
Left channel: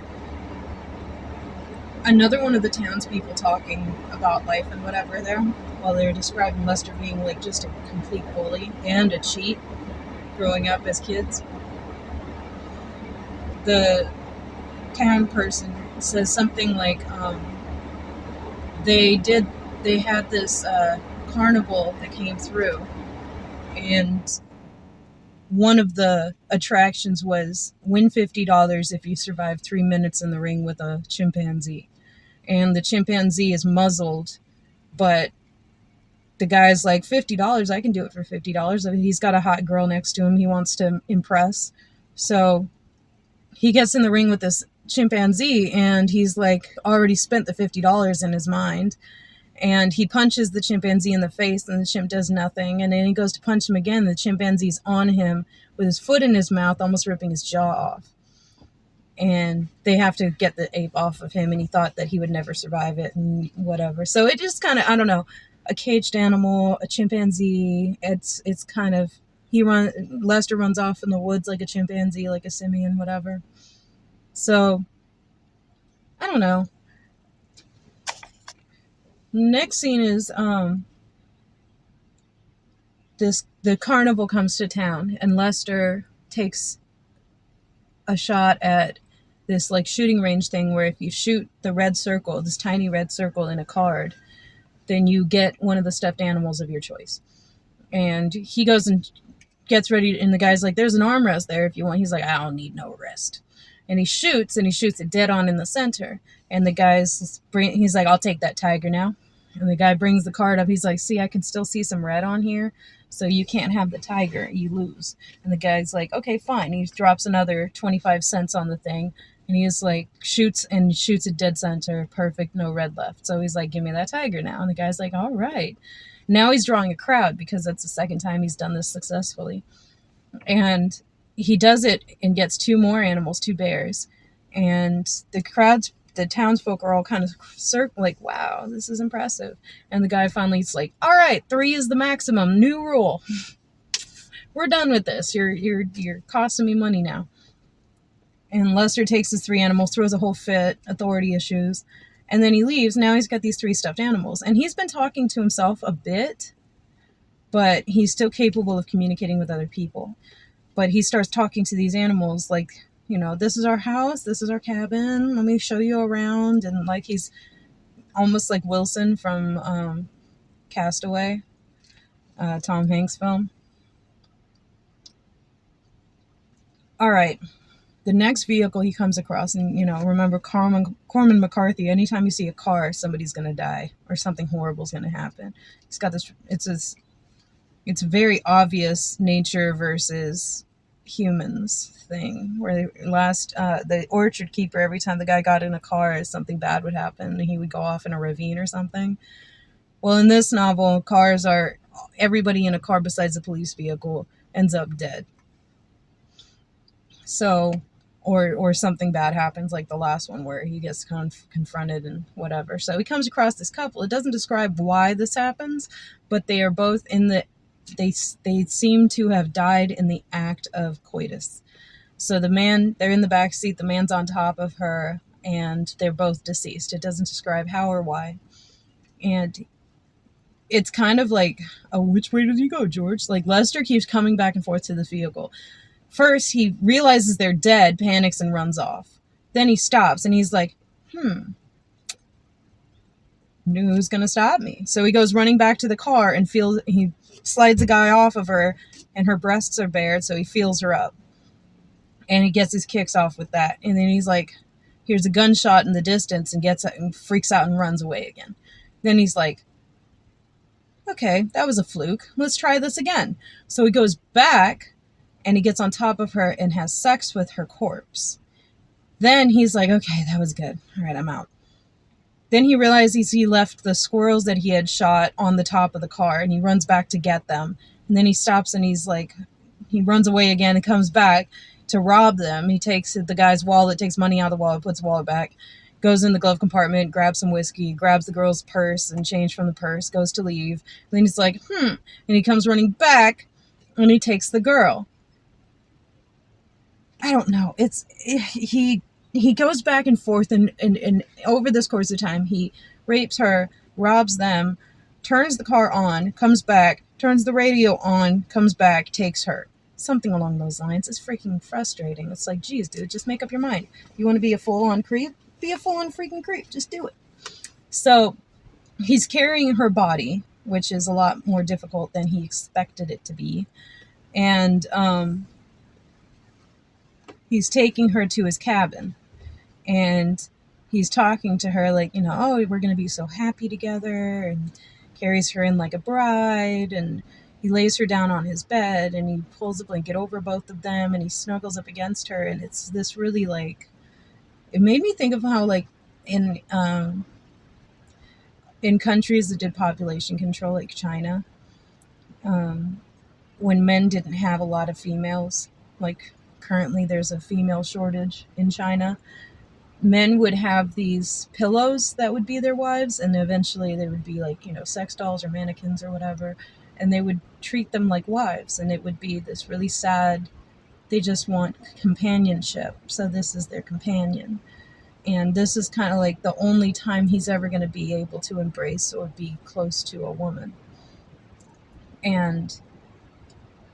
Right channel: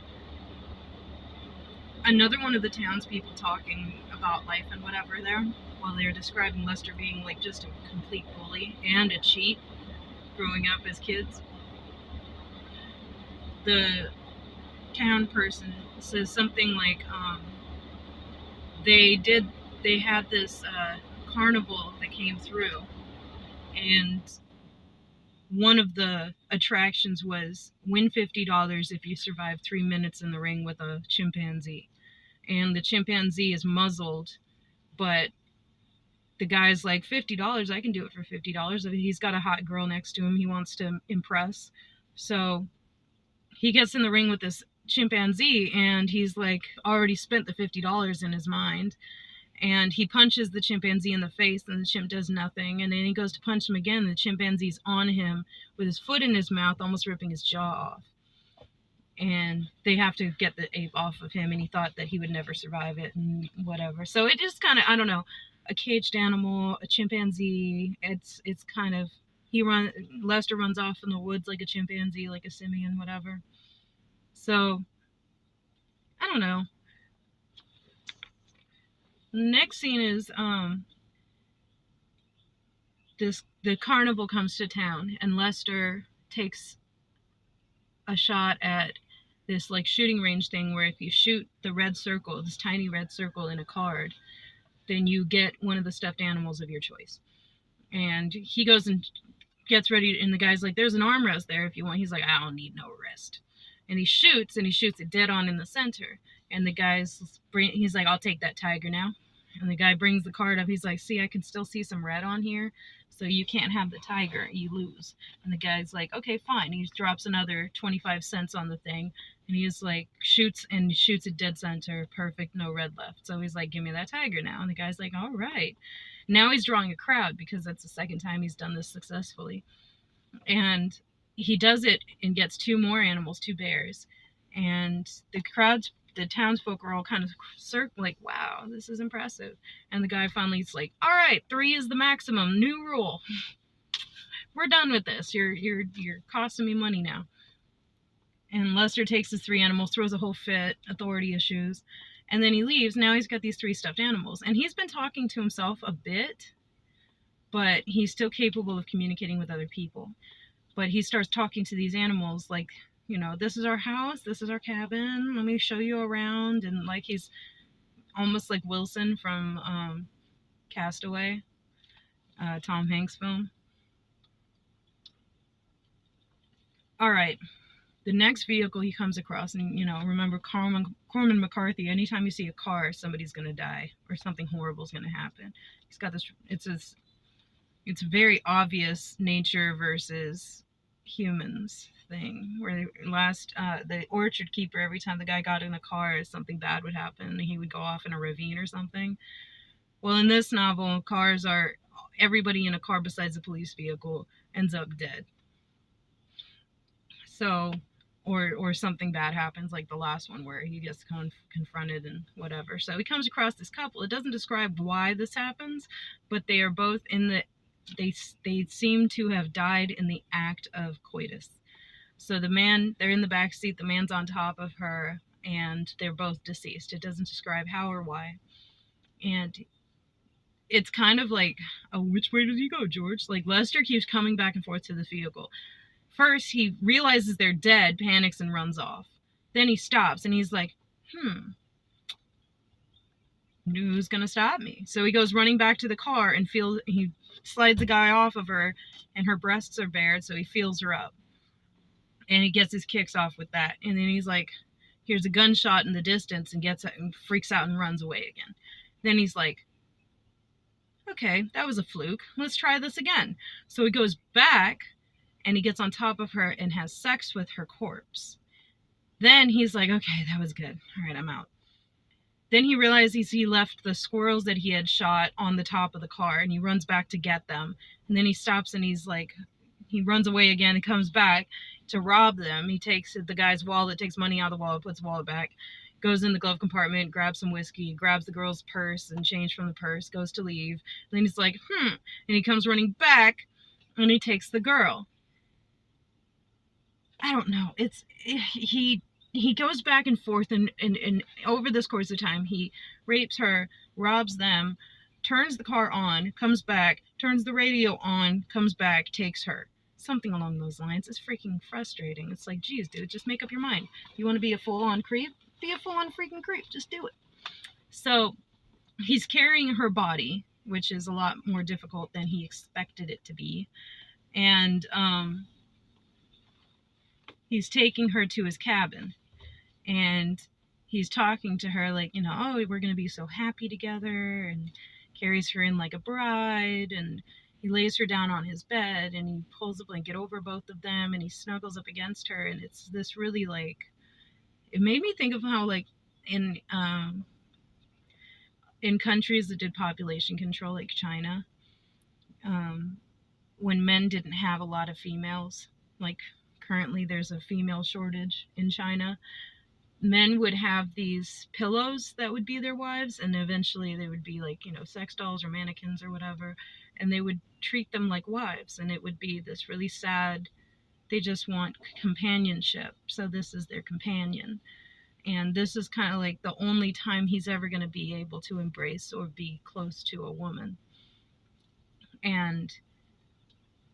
Another one of the townspeople talking about life and whatever there, while they were describing Lester being like just a complete bully and a cheat growing up as kids. The town person says something like, they had this carnival that came through, and one of the attractions was win $50 if you survive 3 minutes in the ring with a chimpanzee. And the chimpanzee is muzzled, but the guy's like, $50, I can do it for $50. I mean, he's got a hot girl next to him he wants to impress. So he gets in the ring with this chimpanzee, and he's like already spent the $50 in his mind. And he punches the chimpanzee in the face, and the chimp does nothing. And then he goes to punch him again. The chimpanzee's on him with his foot in his mouth, almost ripping his jaw off. And they have to get the ape off of him, and he thought that he would never survive it and whatever. So it just kind of, I don't know, a caged animal, a chimpanzee. It's kind of, Lester runs off in the woods like a chimpanzee, like a simian, whatever. So I don't know. Next scene is the carnival comes to town, and Lester takes a shot at this like shooting range thing where if you shoot the red circle, this tiny red circle in a card, then you get one of the stuffed animals of your choice. And he goes and gets ready, and the guy's like, there's an armrest there if you want. He's like, I don't need no rest. And he shoots it dead on in the center. And the he's like, I'll take that tiger now. And the guy brings the card up. He's like, see, I can still see some red on here. So you can't have the tiger. You lose. And the guy's like, okay, fine. He drops another 25 cents on the thing. And he's like, shoots it dead center. Perfect. No red left. So he's like, give me that tiger now. And the guy's like, all right. Now he's drawing a crowd because that's the second time he's done this successfully. And he does it and gets two more animals, two bears. And the townsfolk are all kind of like, wow, this is impressive. And the guy finally is like, all right, 3 is the maximum. New rule. We're done with this. You're costing me money now. And Lester takes his 3 animals, throws a whole fit, authority issues, and then he leaves. Now he's got these 3 stuffed animals. And he's been talking to himself a bit, but he's still capable of communicating with other people. But he starts talking to these animals like, this is our house, this is our cabin, let me show you around. And like he's almost like Wilson from Castaway, Tom Hanks film. All right. The next vehicle he comes across, and remember Cormac McCarthy, anytime you see a car, somebody's going to die or something horrible is going to happen. He's got this, it's very obvious nature versus humans thing, where the orchard keeper, every time the guy got in a car, something bad would happen. He would go off in a ravine or something. Well, in this novel, everybody in a car besides the police vehicle ends up dead. So, or something bad happens, like the last one where he gets confronted and whatever. So he comes across this couple. It doesn't describe why this happens, but they are both they seem to have died in the act of coitus. So they're in the back seat, the man's on top of her, and they're both deceased. It doesn't describe how or why. And it's kind of like, oh, which way did he go, George? Like Lester keeps coming back and forth to the vehicle. First, he realizes they're dead, panics, and runs off. Then he stops, and he's like, who's going to stop me? So he goes running back to the car and he slides the guy off of her, and her breasts are bared, so he feels her up. And he gets his kicks off with that. And then he's like, hears a gunshot in the distance and freaks out and runs away again. Then he's like, okay, that was a fluke. Let's try this again. So he goes back, and he gets on top of her and has sex with her corpse. Then he's like, okay, that was good. All right, I'm out. Then he realizes he left the squirrels that he had shot on the top of the car, and he runs back to get them. And then he stops, and he runs away again and comes back to rob them. He takes the guy's wallet, takes money out of the wallet, puts the wallet back, goes in the glove compartment, grabs some whiskey, grabs the girl's purse and change from the purse, goes to leave. Then he's like, and he comes running back, and he takes the girl. I don't know. He goes back and forth, and over this course of time, he rapes her, robs them, turns the car on, comes back, turns the radio on, comes back, takes her. Something along those lines. It's freaking frustrating. It's like, geez, dude, just make up your mind. You want to be a full-on creep? Be a full-on freaking creep. Just do it. So he's carrying her body, which is a lot more difficult than he expected it to be. And he's taking her to his cabin. And he's talking to her like, oh, we're going to be so happy together and carries her in like a bride, and he lays her down on his bed, and he pulls a blanket over both of them, and he snuggles up against her, and it's this really like, it made me think of how like in countries that did population control, like China, um, when men didn't have a lot of females, like currently there's a female shortage in China, men would have these pillows that would be their wives, and eventually they would be like, sex dolls or mannequins or whatever, and they would treat them like wives, and it would be this really sad, they just want companionship, so this is their companion. And this is kind of like the only time he's ever going to be able to embrace or be close to a woman. And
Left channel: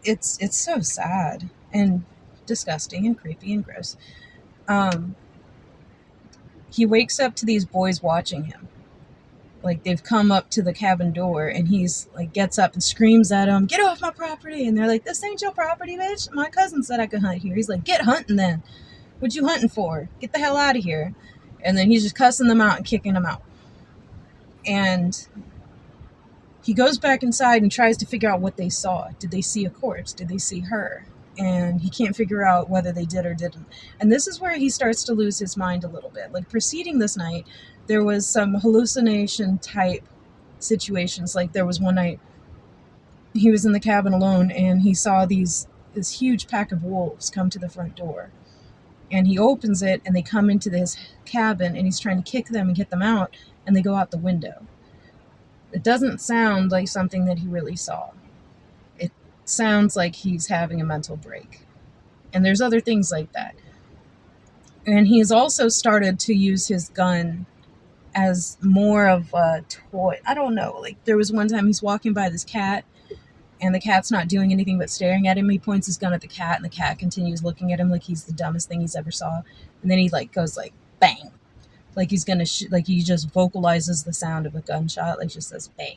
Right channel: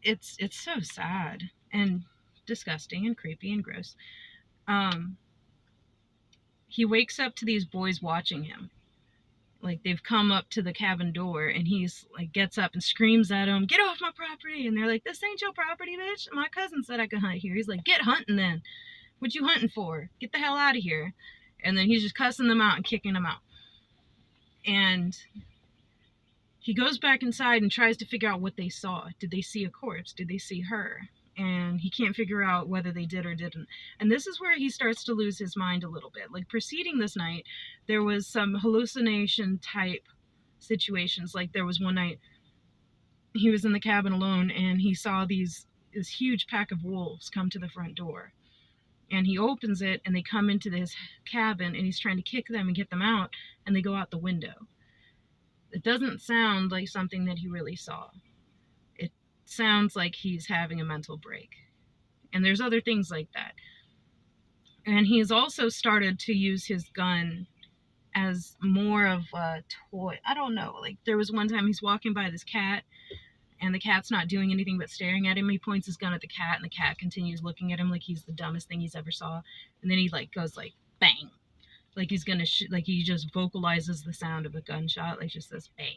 it's so sad and disgusting and creepy and gross. He wakes up to these boys watching him. Like, they've come up to the cabin door, and he's like, gets up and screams at them, "Get off my property!" And they're like, "This ain't your property, bitch. My cousin said I could hunt here." He's like, "Get hunting then. What you hunting for? Get the hell out of here." And then he's just cussing them out and kicking them out. And he goes back inside and tries to figure out what they saw. Did they see a corpse? Did they see her? And he can't figure out whether they did or didn't. And this is where he starts to lose his mind a little bit. Like, preceding this night, there was some hallucination type situations. Like, there was one night he was in the cabin alone, and he saw this huge pack of wolves come to the front door. And he opens it, and they come into his cabin, and he's trying to kick them and get them out, and they go out the window. It doesn't sound like something that he really saw. It sounds like he's having a mental break. And there's other things like that. And he's also started to use his gun as more of a toy. I don't know. Like, there was one time he's walking by this cat, and the cat's not doing anything but staring at him. He points his gun at the cat, and the cat continues looking at him like he's the dumbest thing he's ever saw. And then he like goes like bang, like he's gonna like he just vocalizes the sound of a gunshot, like just says bang.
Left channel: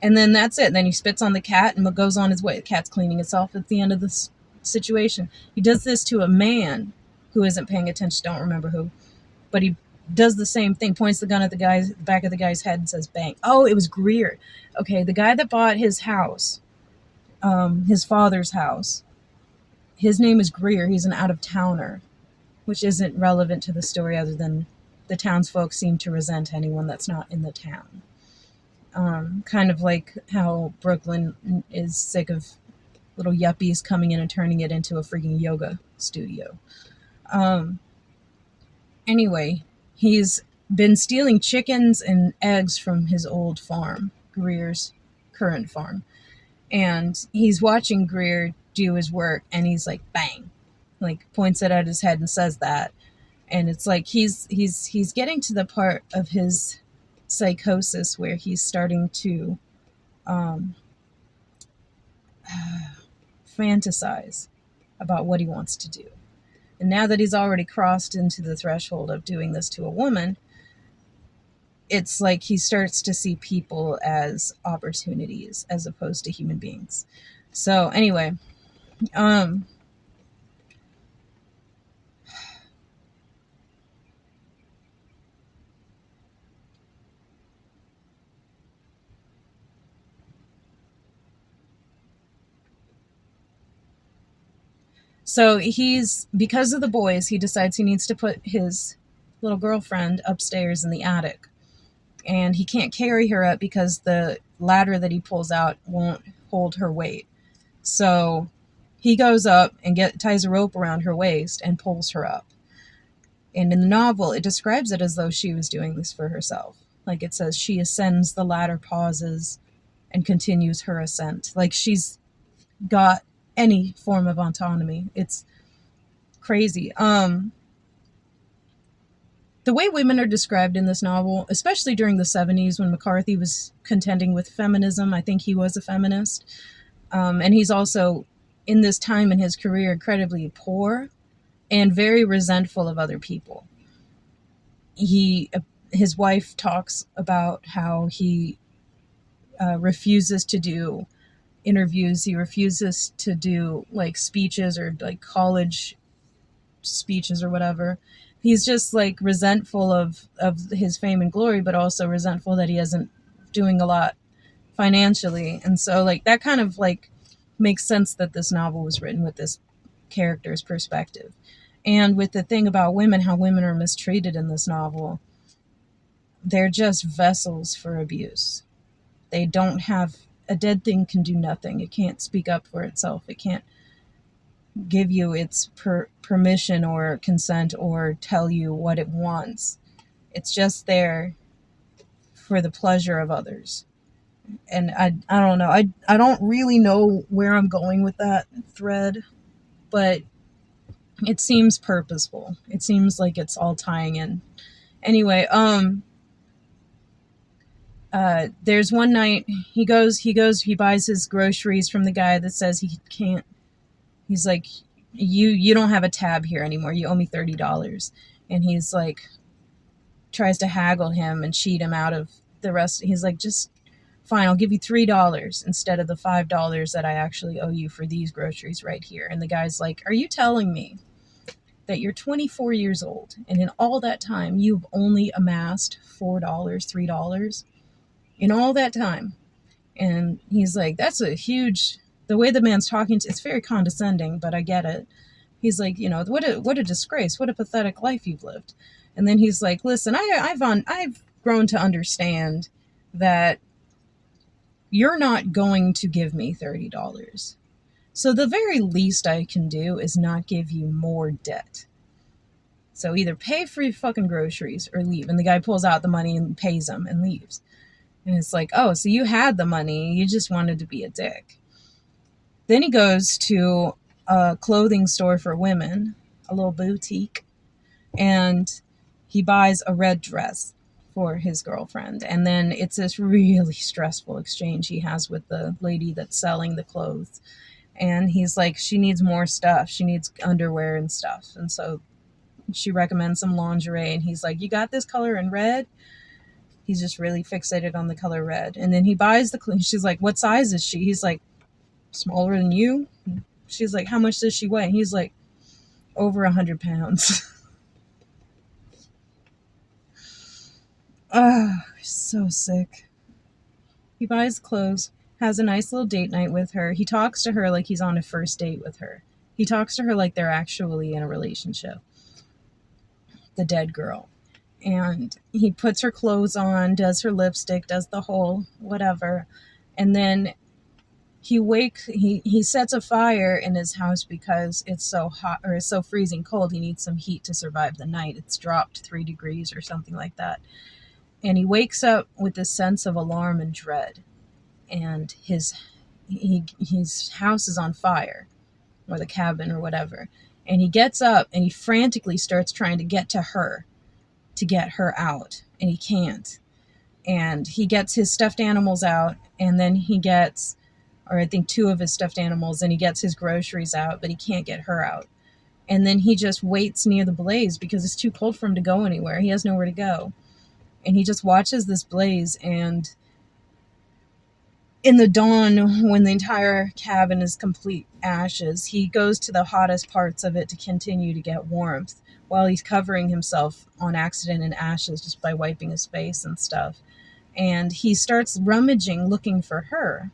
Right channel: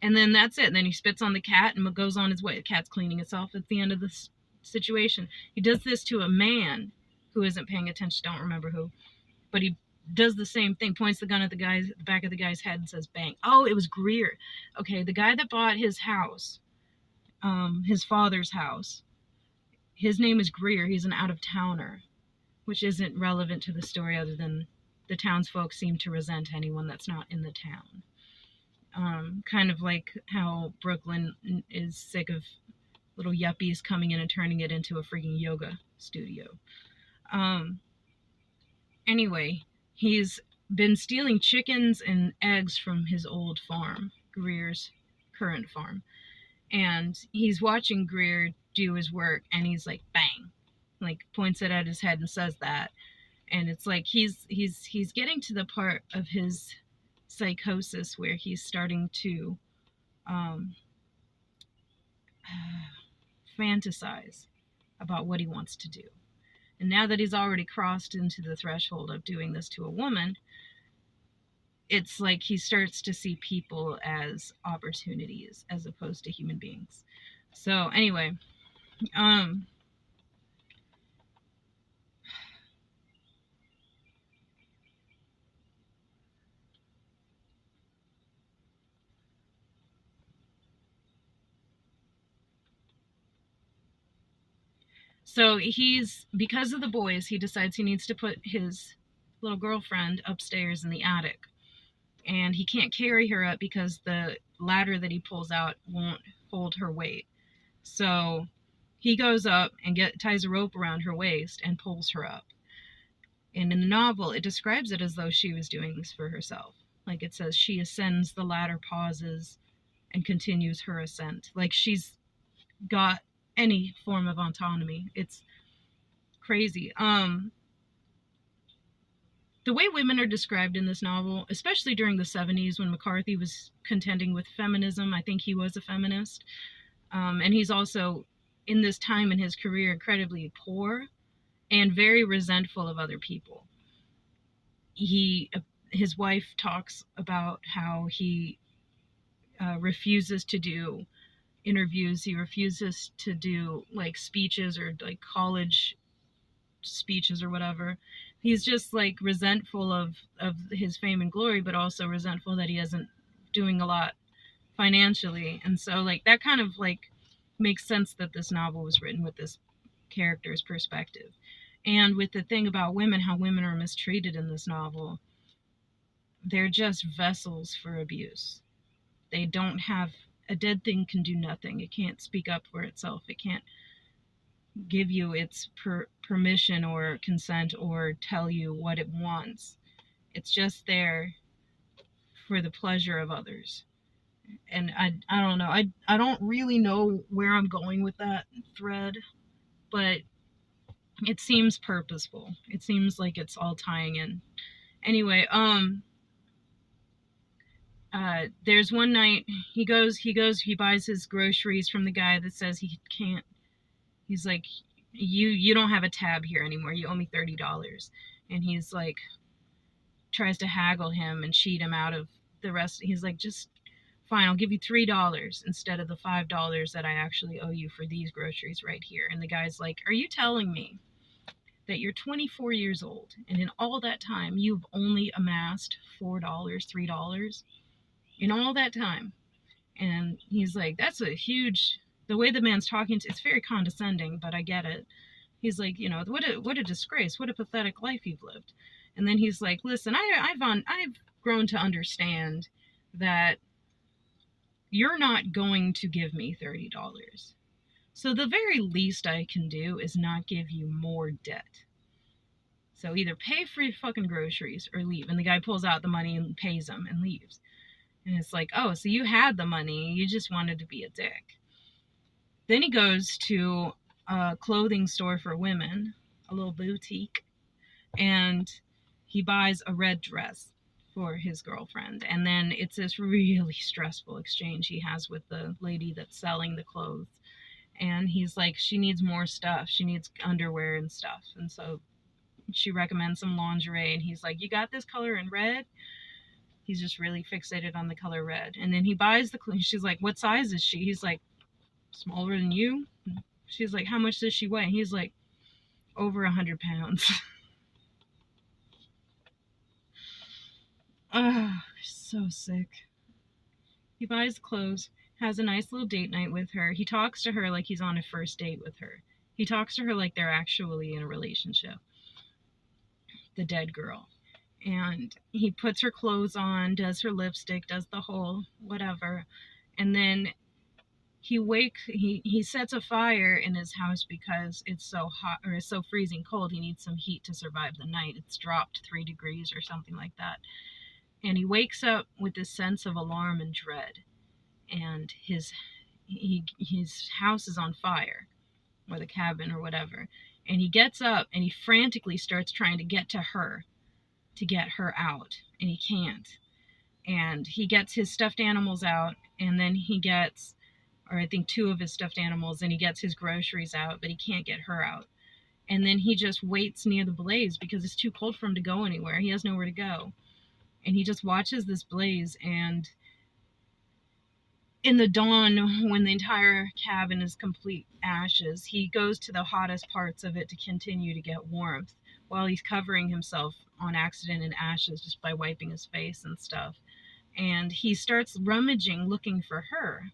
And then that's it. Then he spits on the cat and goes on his way. The cat's cleaning itself at the end of this situation. He does this to a man who isn't paying attention, don't remember who, but he does the same thing, points the gun at the back of the guy's head and says bang. Oh, it was Greer. Okay, the guy that bought his house, his father's house, his name is Greer. He's an out-of-towner, which isn't relevant to the story other than the townsfolk seem to resent anyone that's not in the town. Kind of like how Brooklyn is sick of little yuppies coming in and turning it into a freaking yoga studio. Anyway, he's been stealing chickens and eggs from his old farm, Greer's current farm. And he's watching Greer do his work, and he's like, bang, like points it at his head and says that. And it's like he's getting to the part of his psychosis where he's starting to fantasize about what he wants to do. And now that he's already crossed into the threshold of doing this to a woman, it's like he starts to see people as opportunities as opposed to human beings. So anyway, so because of the boys, he decides he needs to put his little girlfriend upstairs in the attic. And he can't carry her up because the ladder that he pulls out won't hold her weight. So he goes up and ties a rope around her waist and pulls her up. And in the novel, it describes it as though she was doing this for herself. Like, it says she ascends, the ladder pauses, and continues her ascent. Like, she's got any form of autonomy. It's crazy. The way women are described in this novel, especially during the 70s when McCarthy was contending with feminism, I think he was a feminist. And he's also, in this time in his career, incredibly poor and very resentful of other people. His wife talks about how he refuses to do interviews. He refuses to do like speeches or like college speeches or whatever. He's just like resentful of his fame and glory, but also resentful that he isn't doing a lot financially. And so like that kind of like makes sense that this novel was written with this character's perspective. And with the thing about women, how women are mistreated in this novel, they're just vessels for abuse. They don't have, a dead thing can do nothing. It can't speak up for itself. It can't give you its permission or consent or tell you what it wants. It's just there for the pleasure of others. And I don't know. I don't really know where I'm going with that thread, but it seems purposeful. It seems like it's all tying in. Anyway, there's one night he buys his groceries from the guy that says he can't. He's like, you don't have a tab here anymore. You owe me $30. And he's like, tries to haggle him and cheat him out of the rest. He's like, just fine, I'll give you $3 instead of the $5 that I actually owe you for these groceries right here. And the guy's like, are you telling me that you're 24 years old and in all that time you've only amassed $4, $3 in all that time? And he's like, that's a huge, the way the man's talking to, it's very condescending, but I get it. He's like, what a disgrace, what a pathetic life you've lived. And then he's like, listen, I've grown to understand that you're not going to give me $30. So the very least I can do is not give you more debt. So either pay for your fucking groceries or leave. And the guy pulls out the money and pays him and leaves. And it's like, oh, so you had the money, you just wanted to be a dick. Then he goes to a clothing store for women, a little boutique, and he buys a red dress for his girlfriend. And then it's this really stressful exchange he has with the lady that's selling the clothes. And he's like, she needs more stuff. She needs underwear and stuff. And so she recommends some lingerie. And he's like, you got this color in red? He's just really fixated on the color red. And then he buys she's like, what size is she? He's like, smaller than you? She's like, how much does she weigh? And he's like, over 100 pounds. So sick. He buys clothes, has a nice little date night with her. He talks to her like he's on a first date with her. He talks to her like they're actually in a relationship. The dead girl. And he puts her clothes on, does her lipstick, does the whole whatever. And then he sets a fire in his house because it's so hot, or it's so freezing cold. He needs some heat to survive the night. It's dropped 3 degrees or something like that. And he wakes up with this sense of alarm and dread. And his house is on fire, or the cabin or whatever. And he gets up and he frantically starts trying to get to her, to get her out. And he can't. And he gets his stuffed animals out, and then he gets, or I think 2 of his stuffed animals, and he gets his groceries out, but he can't get her out. And then he just waits near the blaze because it's too cold for him to go anywhere. He has nowhere to go. And he just watches this blaze, and in the dawn, when the entire cabin is complete ashes, he goes to the hottest parts of it to continue to get warmth while he's covering himself on accident in ashes just by wiping his face and stuff. And he starts rummaging, looking for her.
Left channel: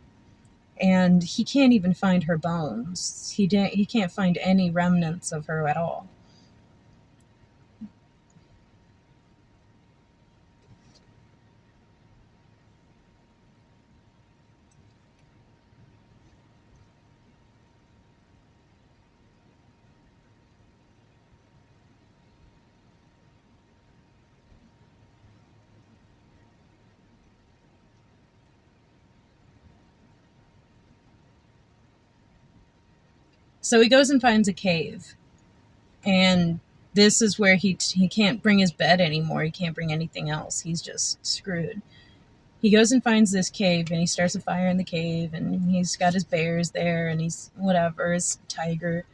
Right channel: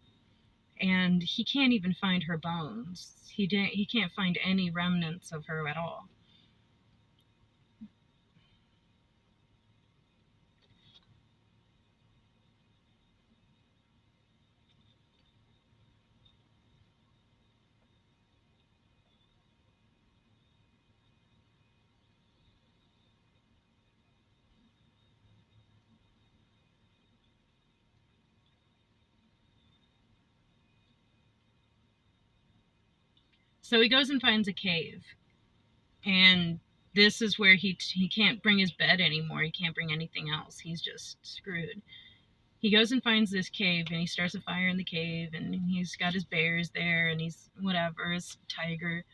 And he can't even find her bones. He can't find any remnants of her at all. So he goes and finds a cave. And this is where he can't bring his bed anymore. He can't bring anything else. He's just screwed. He goes and finds this cave, and he starts a fire in the cave, and he's got his bears there, and he's whatever, his tiger.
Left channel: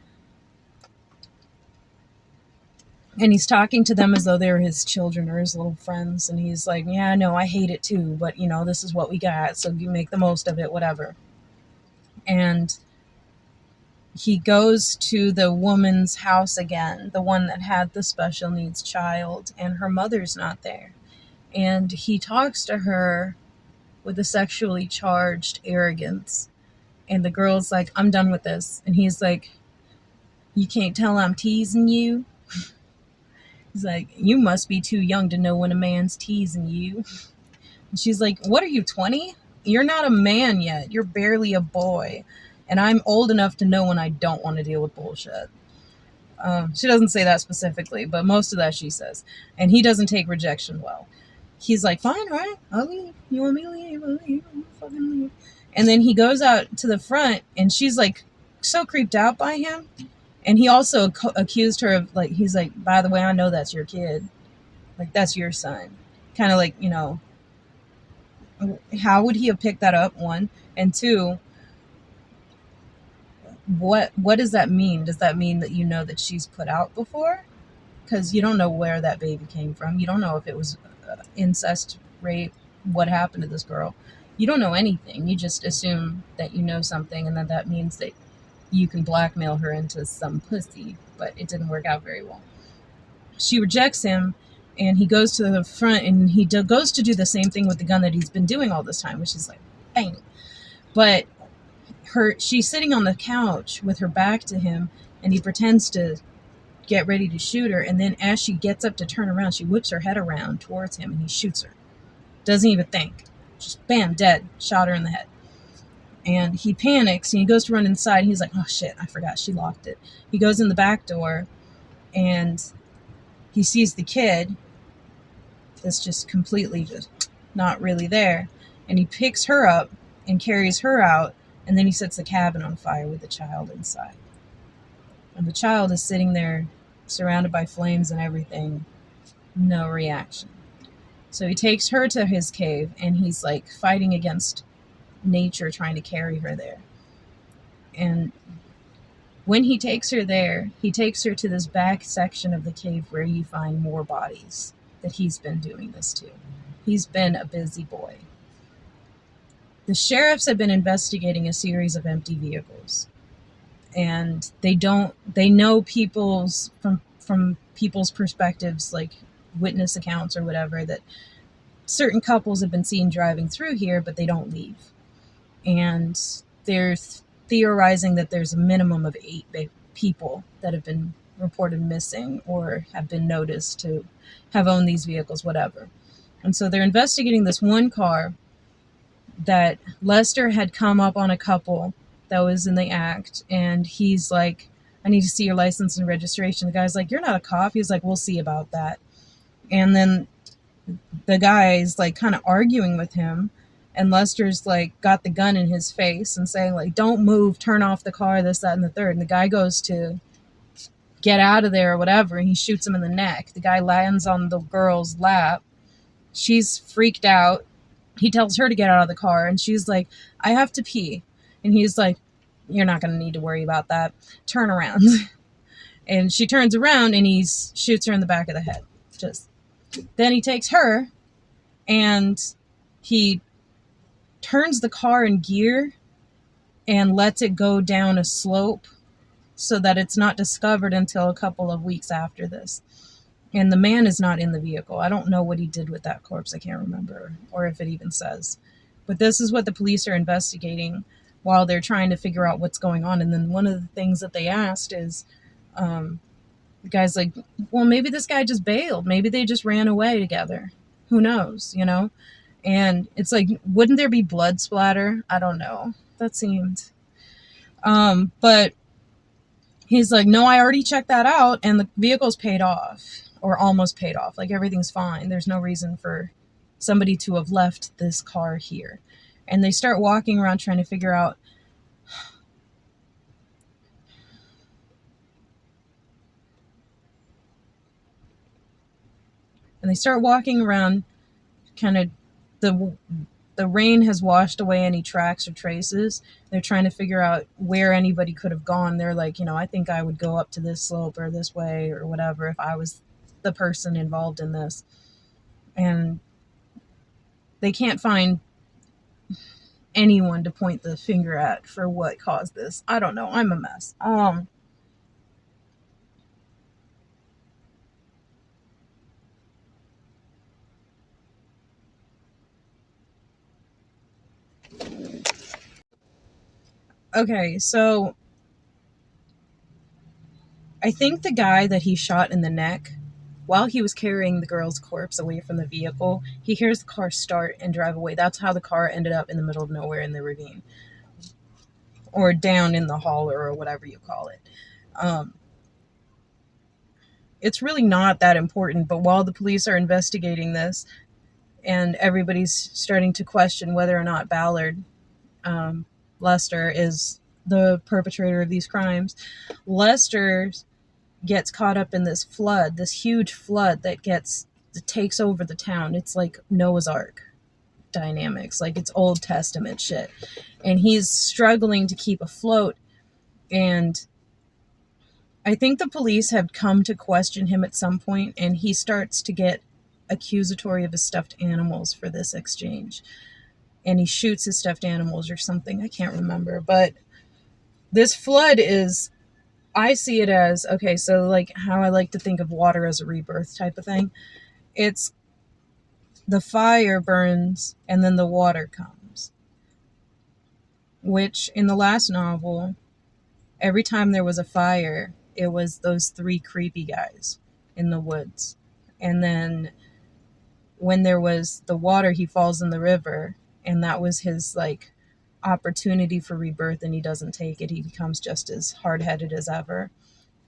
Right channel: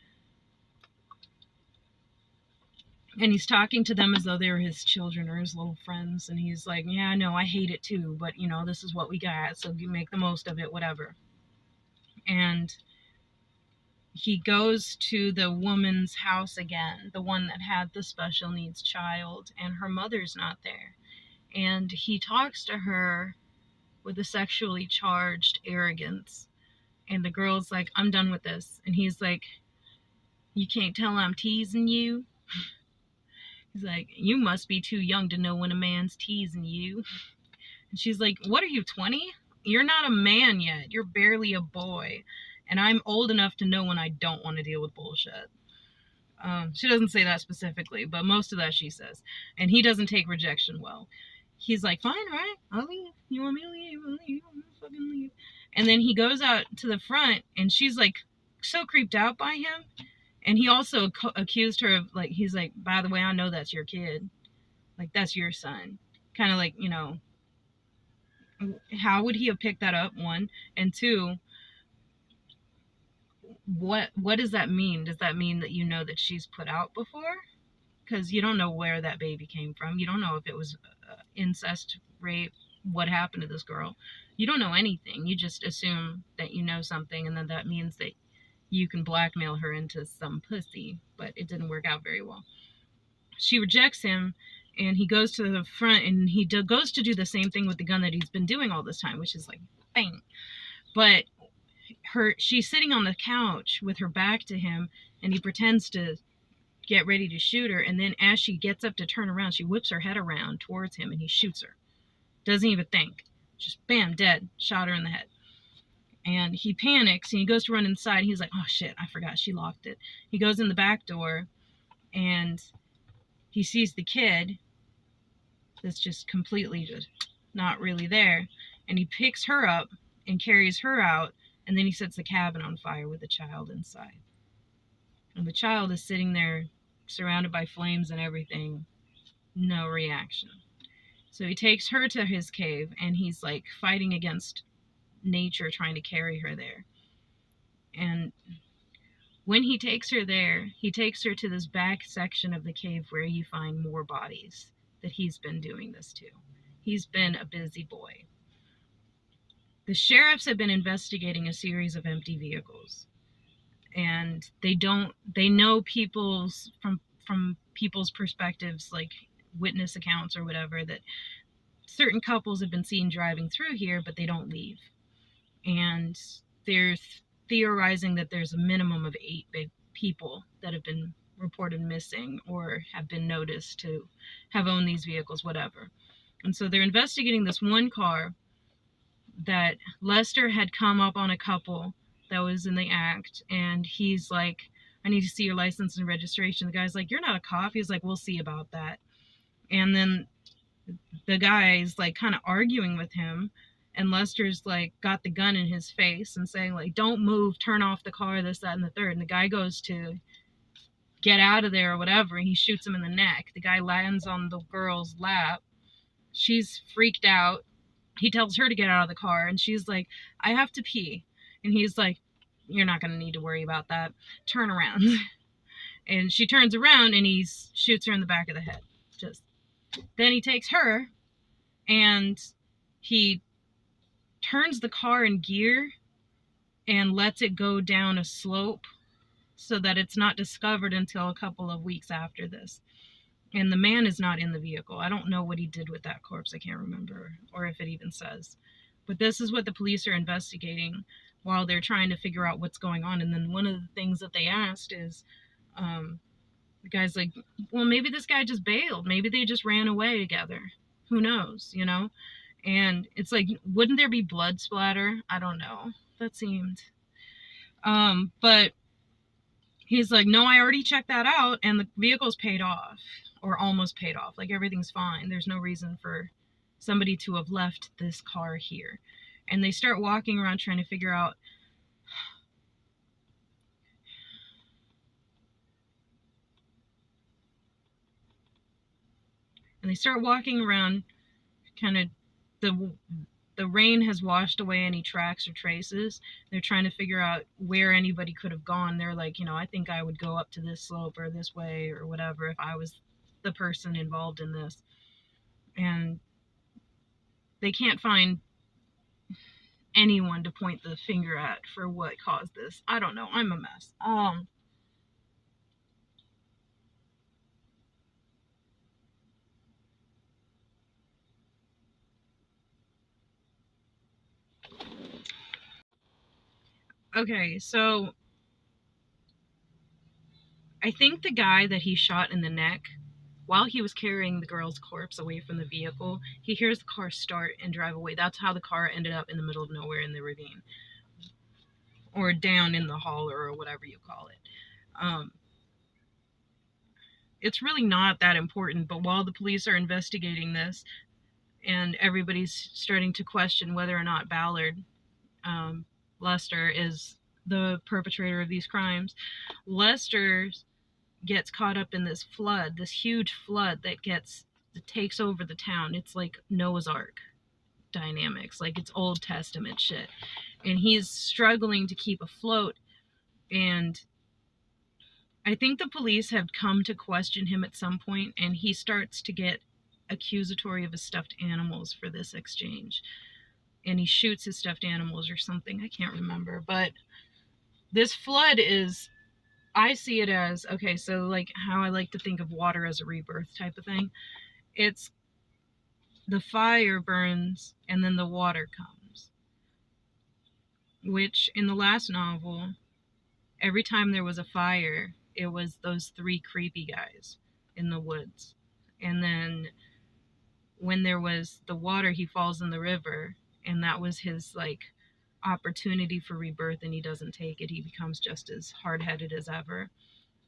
And he's talking to them as though they're his children or his little friends. And he's like, yeah, no, I hate it too, but this is what we got, so you make the most of it, whatever. And he goes to the woman's house again, the one that had the special needs child, and her mother's not there. And he talks to her with a sexually charged arrogance. And the girl's like, I'm done with this. And he's like, you can't tell I'm teasing you? He's like, you must be too young to know when a man's teasing you. And she's like, what are you, 20? You're not a man yet. You're barely a boy. And I'm old enough to know when I don't want to deal with bullshit. She doesn't say that specifically, but most of that she says. And he doesn't take rejection well. He's like, fine, all right, I'll leave. You want me to leave? I'll leave. I'm gonna fucking leave. And then he goes out to the front, and she's like so creeped out by him. And he also accused her of, like, he's like, by the way, I know that's your kid. Like, that's your son. Kind of like, you know, how would he have picked that up, one? And two, what does that mean? Does that mean that you know that she's put out before? Because you don't know where that baby came from. You don't know if it was incest, rape, what happened to this girl. You don't know anything. You just assume that you know something, and then that means that you can blackmail her into some pussy. But it didn't work out very well. She rejects him, and he goes to the front, and he goes to do the same thing with the gun that he's been doing all this time, which is like, bang. But she's sitting on the couch with her back to him, and he pretends to get ready to shoot her, and then as she gets up to turn around, she whips her head around towards him, and he shoots her. Doesn't even think. Just bam, dead. Shot her in the head. And he panics, and he goes to run inside. He's like, oh shit, I forgot she locked it. He goes in the back door, and he sees the kid that's just completely just not really there. And he picks her up and carries her out, and then he sets the cabin on fire with the child inside. And the child is sitting there surrounded by flames and everything. No reaction. So he takes her to his cave, and he's like fighting against nature, trying to carry her there. And when he takes her there, he takes her to this back section of the cave where you find more bodies that he's been doing this to. He's been a busy boy. The sheriffs have been investigating a series of empty vehicles. And they know people's, from people's perspectives, like witness accounts or whatever, that certain couples have been seen driving through here, but they don't leave. And they're theorizing that there's a minimum of 8 people that have been reported missing or have been noticed to have owned these vehicles, whatever. And so they're investigating this one car that Lester had come up on a couple that was in the act, and he's like, I need to see your license and registration. The guy's like, you're not a cop. He's like, we'll see about that. And then the guy's like kind of arguing with him, and Lester's like got the gun in his face and saying like, don't move, turn off the car, this, that, and the third. And the guy goes to get out of there or whatever, and he shoots him in the neck. The guy lands on the girl's lap. She's freaked out. He tells her to get out of the car, and she's like, I have to pee. And he's like, you're not going to need to worry about that. Turn around. And she turns around, and he shoots her in the back of the head. Then he takes her, and he turns the car in gear and lets it go down a slope so that it's not discovered until a couple of weeks after this. And the man is not in the vehicle. I don't know what he did with that corpse. I can't remember, or if it even says. But this is what the police are investigating while they're trying to figure out what's going on. And then one of the things that they asked is, the guy's like, well, maybe this guy just bailed. Maybe they just ran away together. Who knows, you know? And it's like, wouldn't there be blood splatter? I don't know. That seemed... But he's like, no, I already checked that out, and the vehicle's paid off. Or almost paid off. Like, everything's fine. There's no reason for somebody to have left this car here. And they start walking around trying to figure out... And they start walking around, kind of, the rain has washed away any tracks or traces. They're trying to figure out where anybody could have gone. They're like, you know, I think I would go up to this slope or this way or whatever if I was the person involved in this. And they can't find anyone to point the finger at for what caused this. I don't know. I'm a mess. Okay, so I think the guy that he shot in the neck, while he was carrying the girl's corpse away from the vehicle, he hears the car start and drive away. That's how the car ended up in the middle of nowhere in the ravine, or down in the holler, or whatever you call it. Um, it's really not that important, but while the police are investigating this and everybody's starting to question whether or not Ballard, um, Lester, is the perpetrator of these crimes, Lester gets caught up in this flood, this huge flood that takes over the town. It's like Noah's Ark dynamics, like it's Old Testament shit. And he's struggling to keep afloat. And I think the police have come to question him at some point, and he starts to get accusatory of his stuffed animals for this exchange. And he shoots his stuffed animals or something. I can't remember. But this flood is, I see it as, okay, so like how I like to think of water as a rebirth type of thing. It's the fire burns and then the water comes. Which in the last novel, every time there was a fire, it was those three creepy guys in the woods. And then when there was the water, he falls in the river, and that was his like opportunity for rebirth, and he doesn't take it. He becomes just as hard-headed as ever.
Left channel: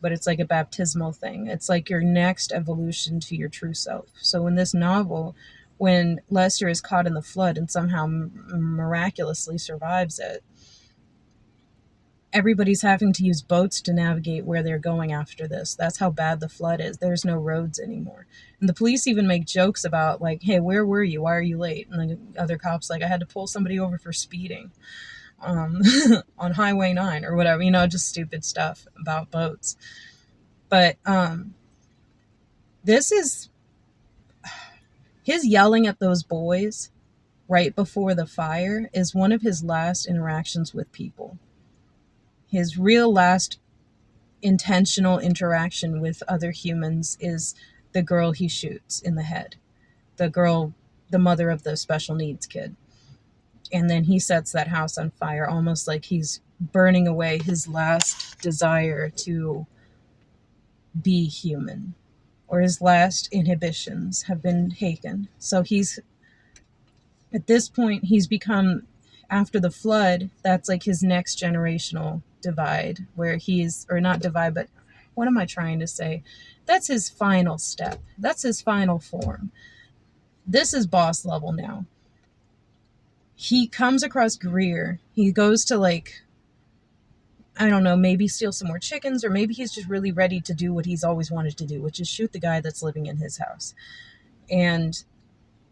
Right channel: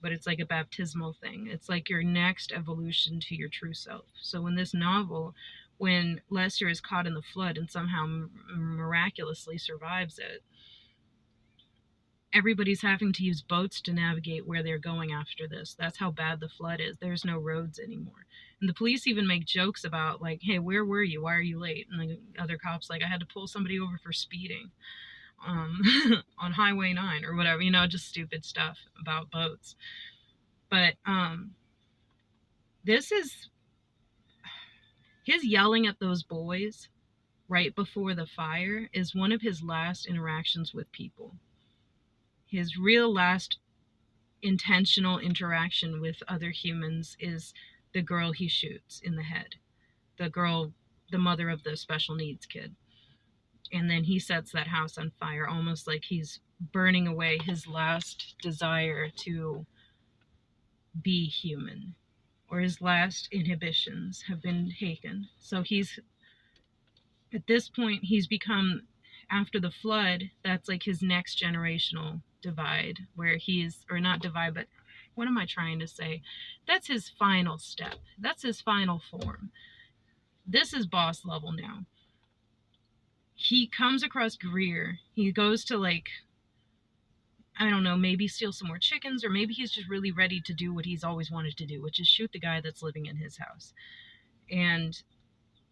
But it's like a baptismal thing. It's like your next evolution to your true self. So in this novel, when Lester is caught in the flood and somehow miraculously survives it, everybody's having to use boats to navigate where they're going after this. That's how bad the flood is. There's no roads anymore. And the police even make jokes about, like, hey, where were you? Why are you late? And the other cops, like, I had to pull somebody over for speeding on Highway 9 or whatever, just stupid stuff about boats. But this is his yelling at those boys right before the fire is one of his last interactions with people. His real last intentional interaction with other humans is the girl he shoots in the head. The girl, the mother of the special needs kid. And then he sets that house on fire, almost like he's burning away his last desire to be human, or his last inhibitions have been taken. So he's, at this point, he's become, after the flood, that's like his next generational divide, where he's, or not divide, but what am I trying to say? That's his final step. That's his final form. This is boss level now. He comes across Greer. He goes to, like, I don't know, maybe steal some more chickens, or maybe he's just really ready to do what he's always wanted to do, which is shoot the guy that's living in his house. And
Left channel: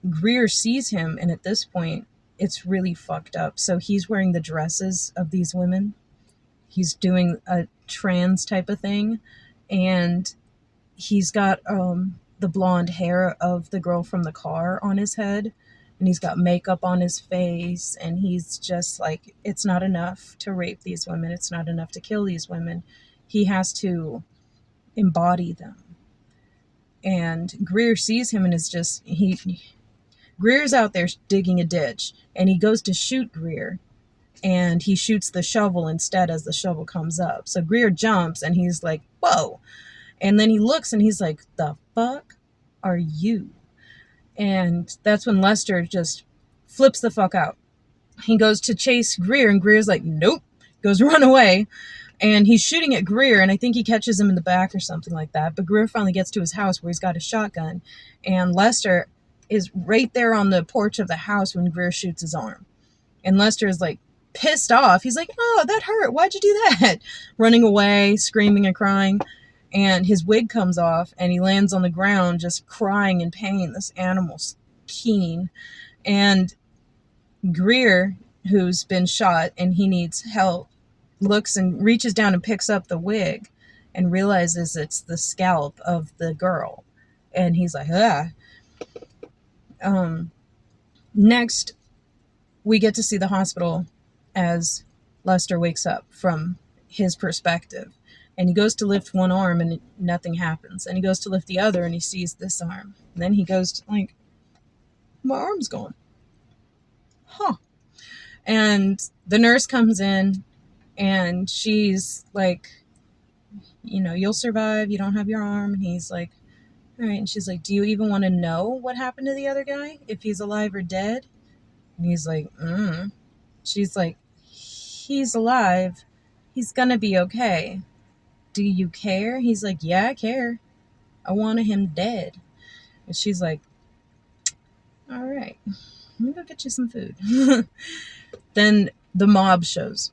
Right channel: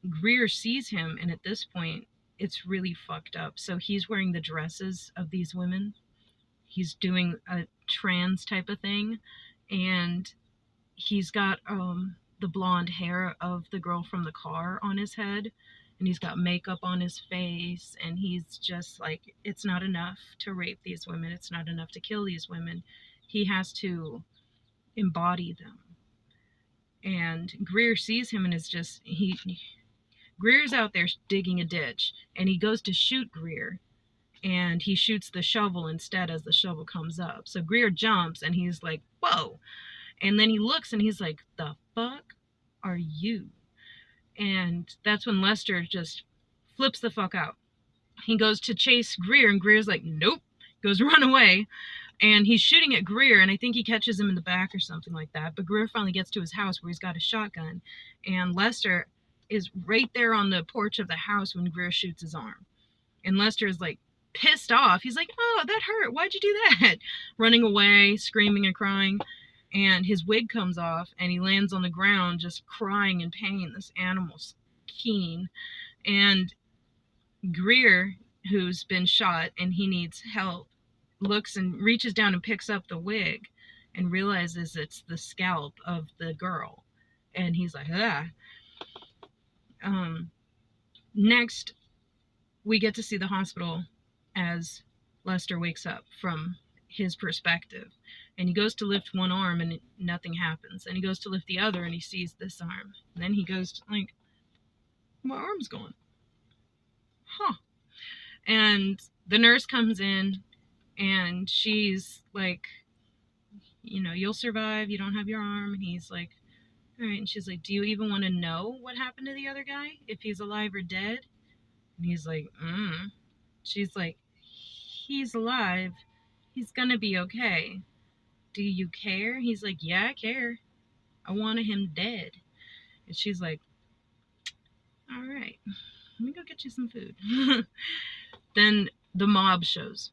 Greer sees him, and at this point, it's really fucked up. So he's wearing the dresses of these women. He's doing a trans type of thing, and he's got the blonde hair of the girl from the car on his head, and he's got makeup on his face, and he's just like, it's not enough to rape these women, it's not enough to kill these women, he has to embody them. And Greer sees him and is just, Greer's out there digging a ditch, and he goes to shoot Greer, and he shoots the shovel instead as the shovel comes up. So Greer jumps, and he's like, whoa. And then he looks, and he's like, the fuck are you? And that's when Lester just flips the fuck out. He goes to chase Greer, and Greer's like, nope. Goes run away. And he's shooting at Greer, and I think he catches him in the back or something like that. But Greer finally gets to his house where he's got a shotgun. And Lester is right there on the porch of the house when Greer shoots his arm. And Lester is like pissed off. He's like, oh, that hurt. Why'd you do that? Running away, screaming and crying. And his wig comes off, and he lands on the ground just crying in pain. This animal's keen. And Greer, who's been shot and he needs help, looks and reaches down and picks up the wig and realizes it's the scalp of the girl. And he's like, ah. Next, we get to see the hospital as Lester wakes up from his perspective. And he goes to lift one arm, and nothing happens. And he goes to lift the other, and he sees this arm. And then he goes to, like, my arm's gone. Huh. And the nurse comes in, And she's like, you'll survive. You don't have your arm. And he's like, all right. And she's like, do you even want to know what happened to the other guy? If he's alive or dead? And he's like, She's like, he's alive. He's gonna be okay. Do you care? He's like, yeah, I care. I wanted him dead. And she's like, all right, let me go get you some food. Then the mob shows.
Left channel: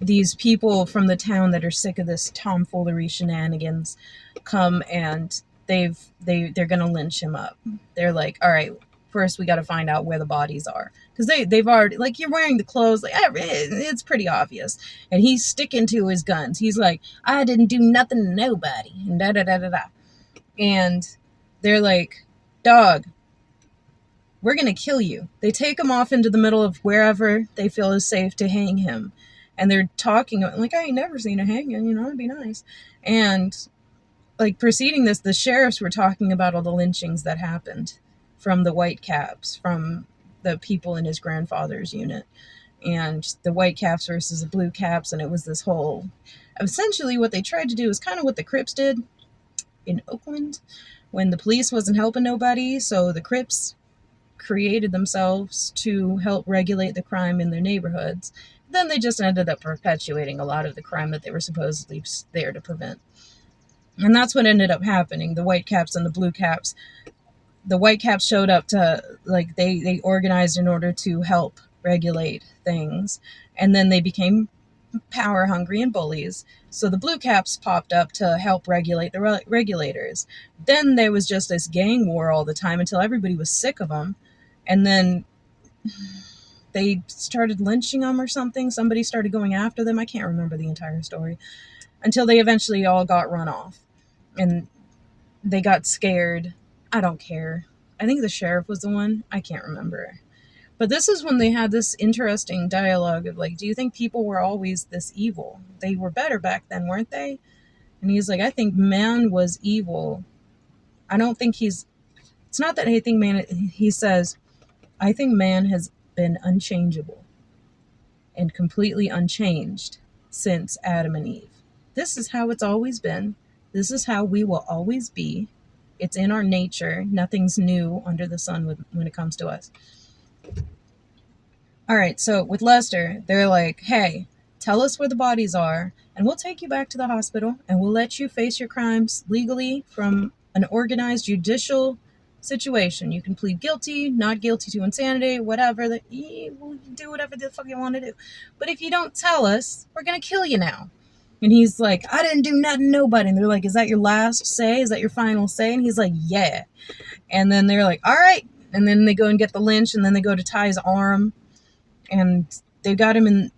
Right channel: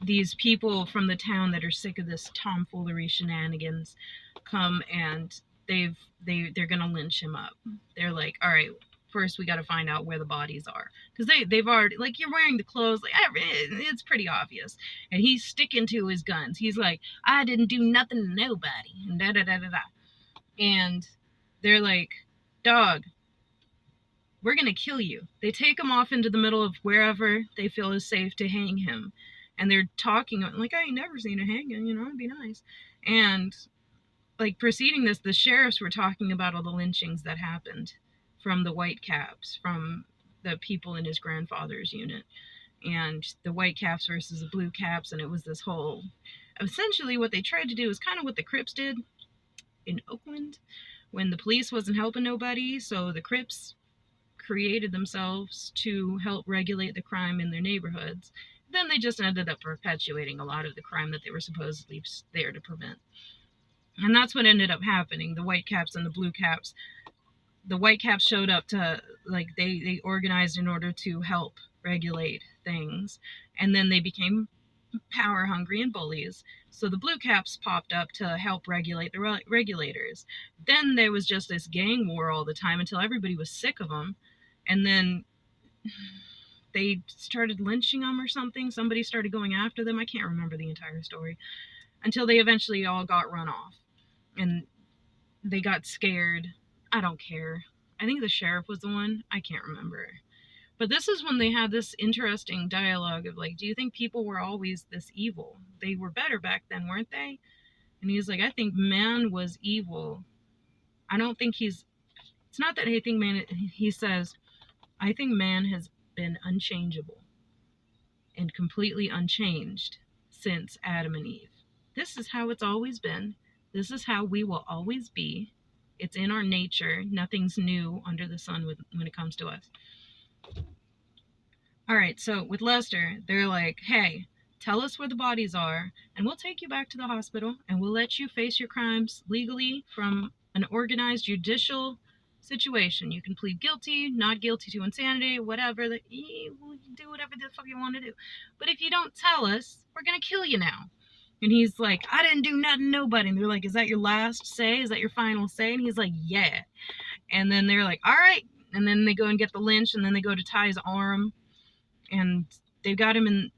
These people from the town that are sick of this tomfoolery shenanigans come, and they're gonna lynch him up. They're like, all right, first we got to find out where the bodies are, because they've already, like, you're wearing the clothes, like, it's pretty obvious. And he's sticking to his guns. He's like, I didn't do nothing to nobody, and da da da da da. And they're like, dog, we're gonna kill you. They take him off into the middle of wherever they feel is safe to hang him. And they're talking like, I ain't never seen a hanging, it'd be nice. And like, preceding this, the sheriffs were talking about all the lynchings that happened from the white caps, from the people in his grandfather's unit, and the white caps versus the blue caps. And it was this whole, essentially what they tried to do is kind of what the Crips did in Oakland when the police wasn't helping nobody. So the Crips created themselves to help regulate the crime in their neighborhoods. Then they just ended up perpetuating a lot of the crime that they were supposedly there to prevent. And that's what ended up happening. The white caps and the blue caps. The white caps showed up to, like, they organized in order to help regulate things. And then they became power hungry and bullies. So the blue caps popped up to help regulate the regulators. Then there was just this gang war all the time until everybody was sick of them. And then they started lynching them or something. Somebody started going after them. I can't remember the entire story. Until they eventually all got run off. And they got scared. I don't care. I think the sheriff was the one. I can't remember. But this is when they had this interesting dialogue of like, do you think people were always this evil? They were better back then, weren't they? And he's like, I think man was evil. I don't think it's not that I think man, he says, I think man has been unchangeable and completely unchanged since Adam and Eve. This is how it's always been. This is how we will always be. It's in our nature. Nothing's new under the sun when it comes to us. All right, so with Lester, they're like, hey, tell us where the bodies are, and we'll take you back to the hospital, and we'll let you face your crimes legally from an organized judicial situation. You can plead guilty, not guilty to insanity, whatever. We'll do whatever the fuck you want to do. But if you don't tell us, we're going to kill you now. And he's like, I didn't do nothing, nobody. And they're like, is that your last say? Is that your final say? And he's like, yeah. And then they're like, all right. And then they go and get the lynch, and then they go to tie his arm. And they've got him in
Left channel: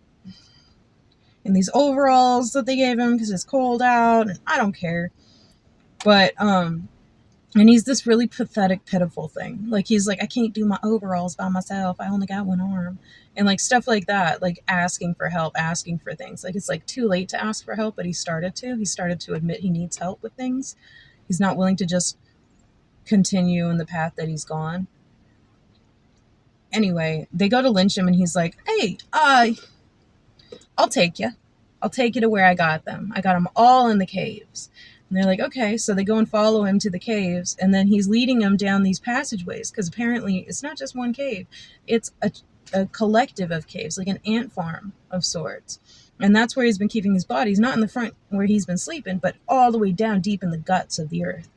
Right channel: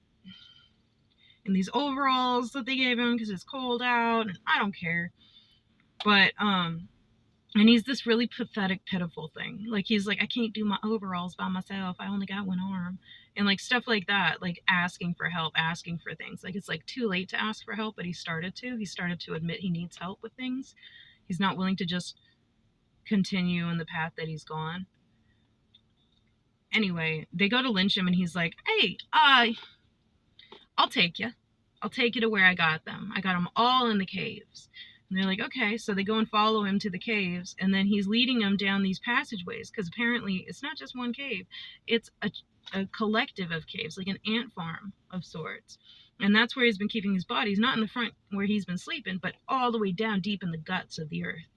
these overalls that they gave him because it's cold out. And I don't care. But, and he's this really pathetic, pitiful thing. Like, he's like, I can't do my overalls by myself. I only got one arm. And, like, stuff like that. Like, asking for help, asking for things. Like, it's, like, too late to ask for help, but he started to. He started to admit he needs help with things. He's not willing to just continue in the path that he's gone. Anyway, they go to lynch him, and he's like, hey, I'll take you. I'll take you to where I got them. I got them all in the caves. And they're like, okay. So they go and follow him to the caves, and then he's leading them down these passageways, because apparently it's not just one cave. It's a collective of caves, like an ant farm of sorts. And that's where he's been keeping his bodies, not in the front where he's been sleeping, but all the way down deep in the guts of the earth.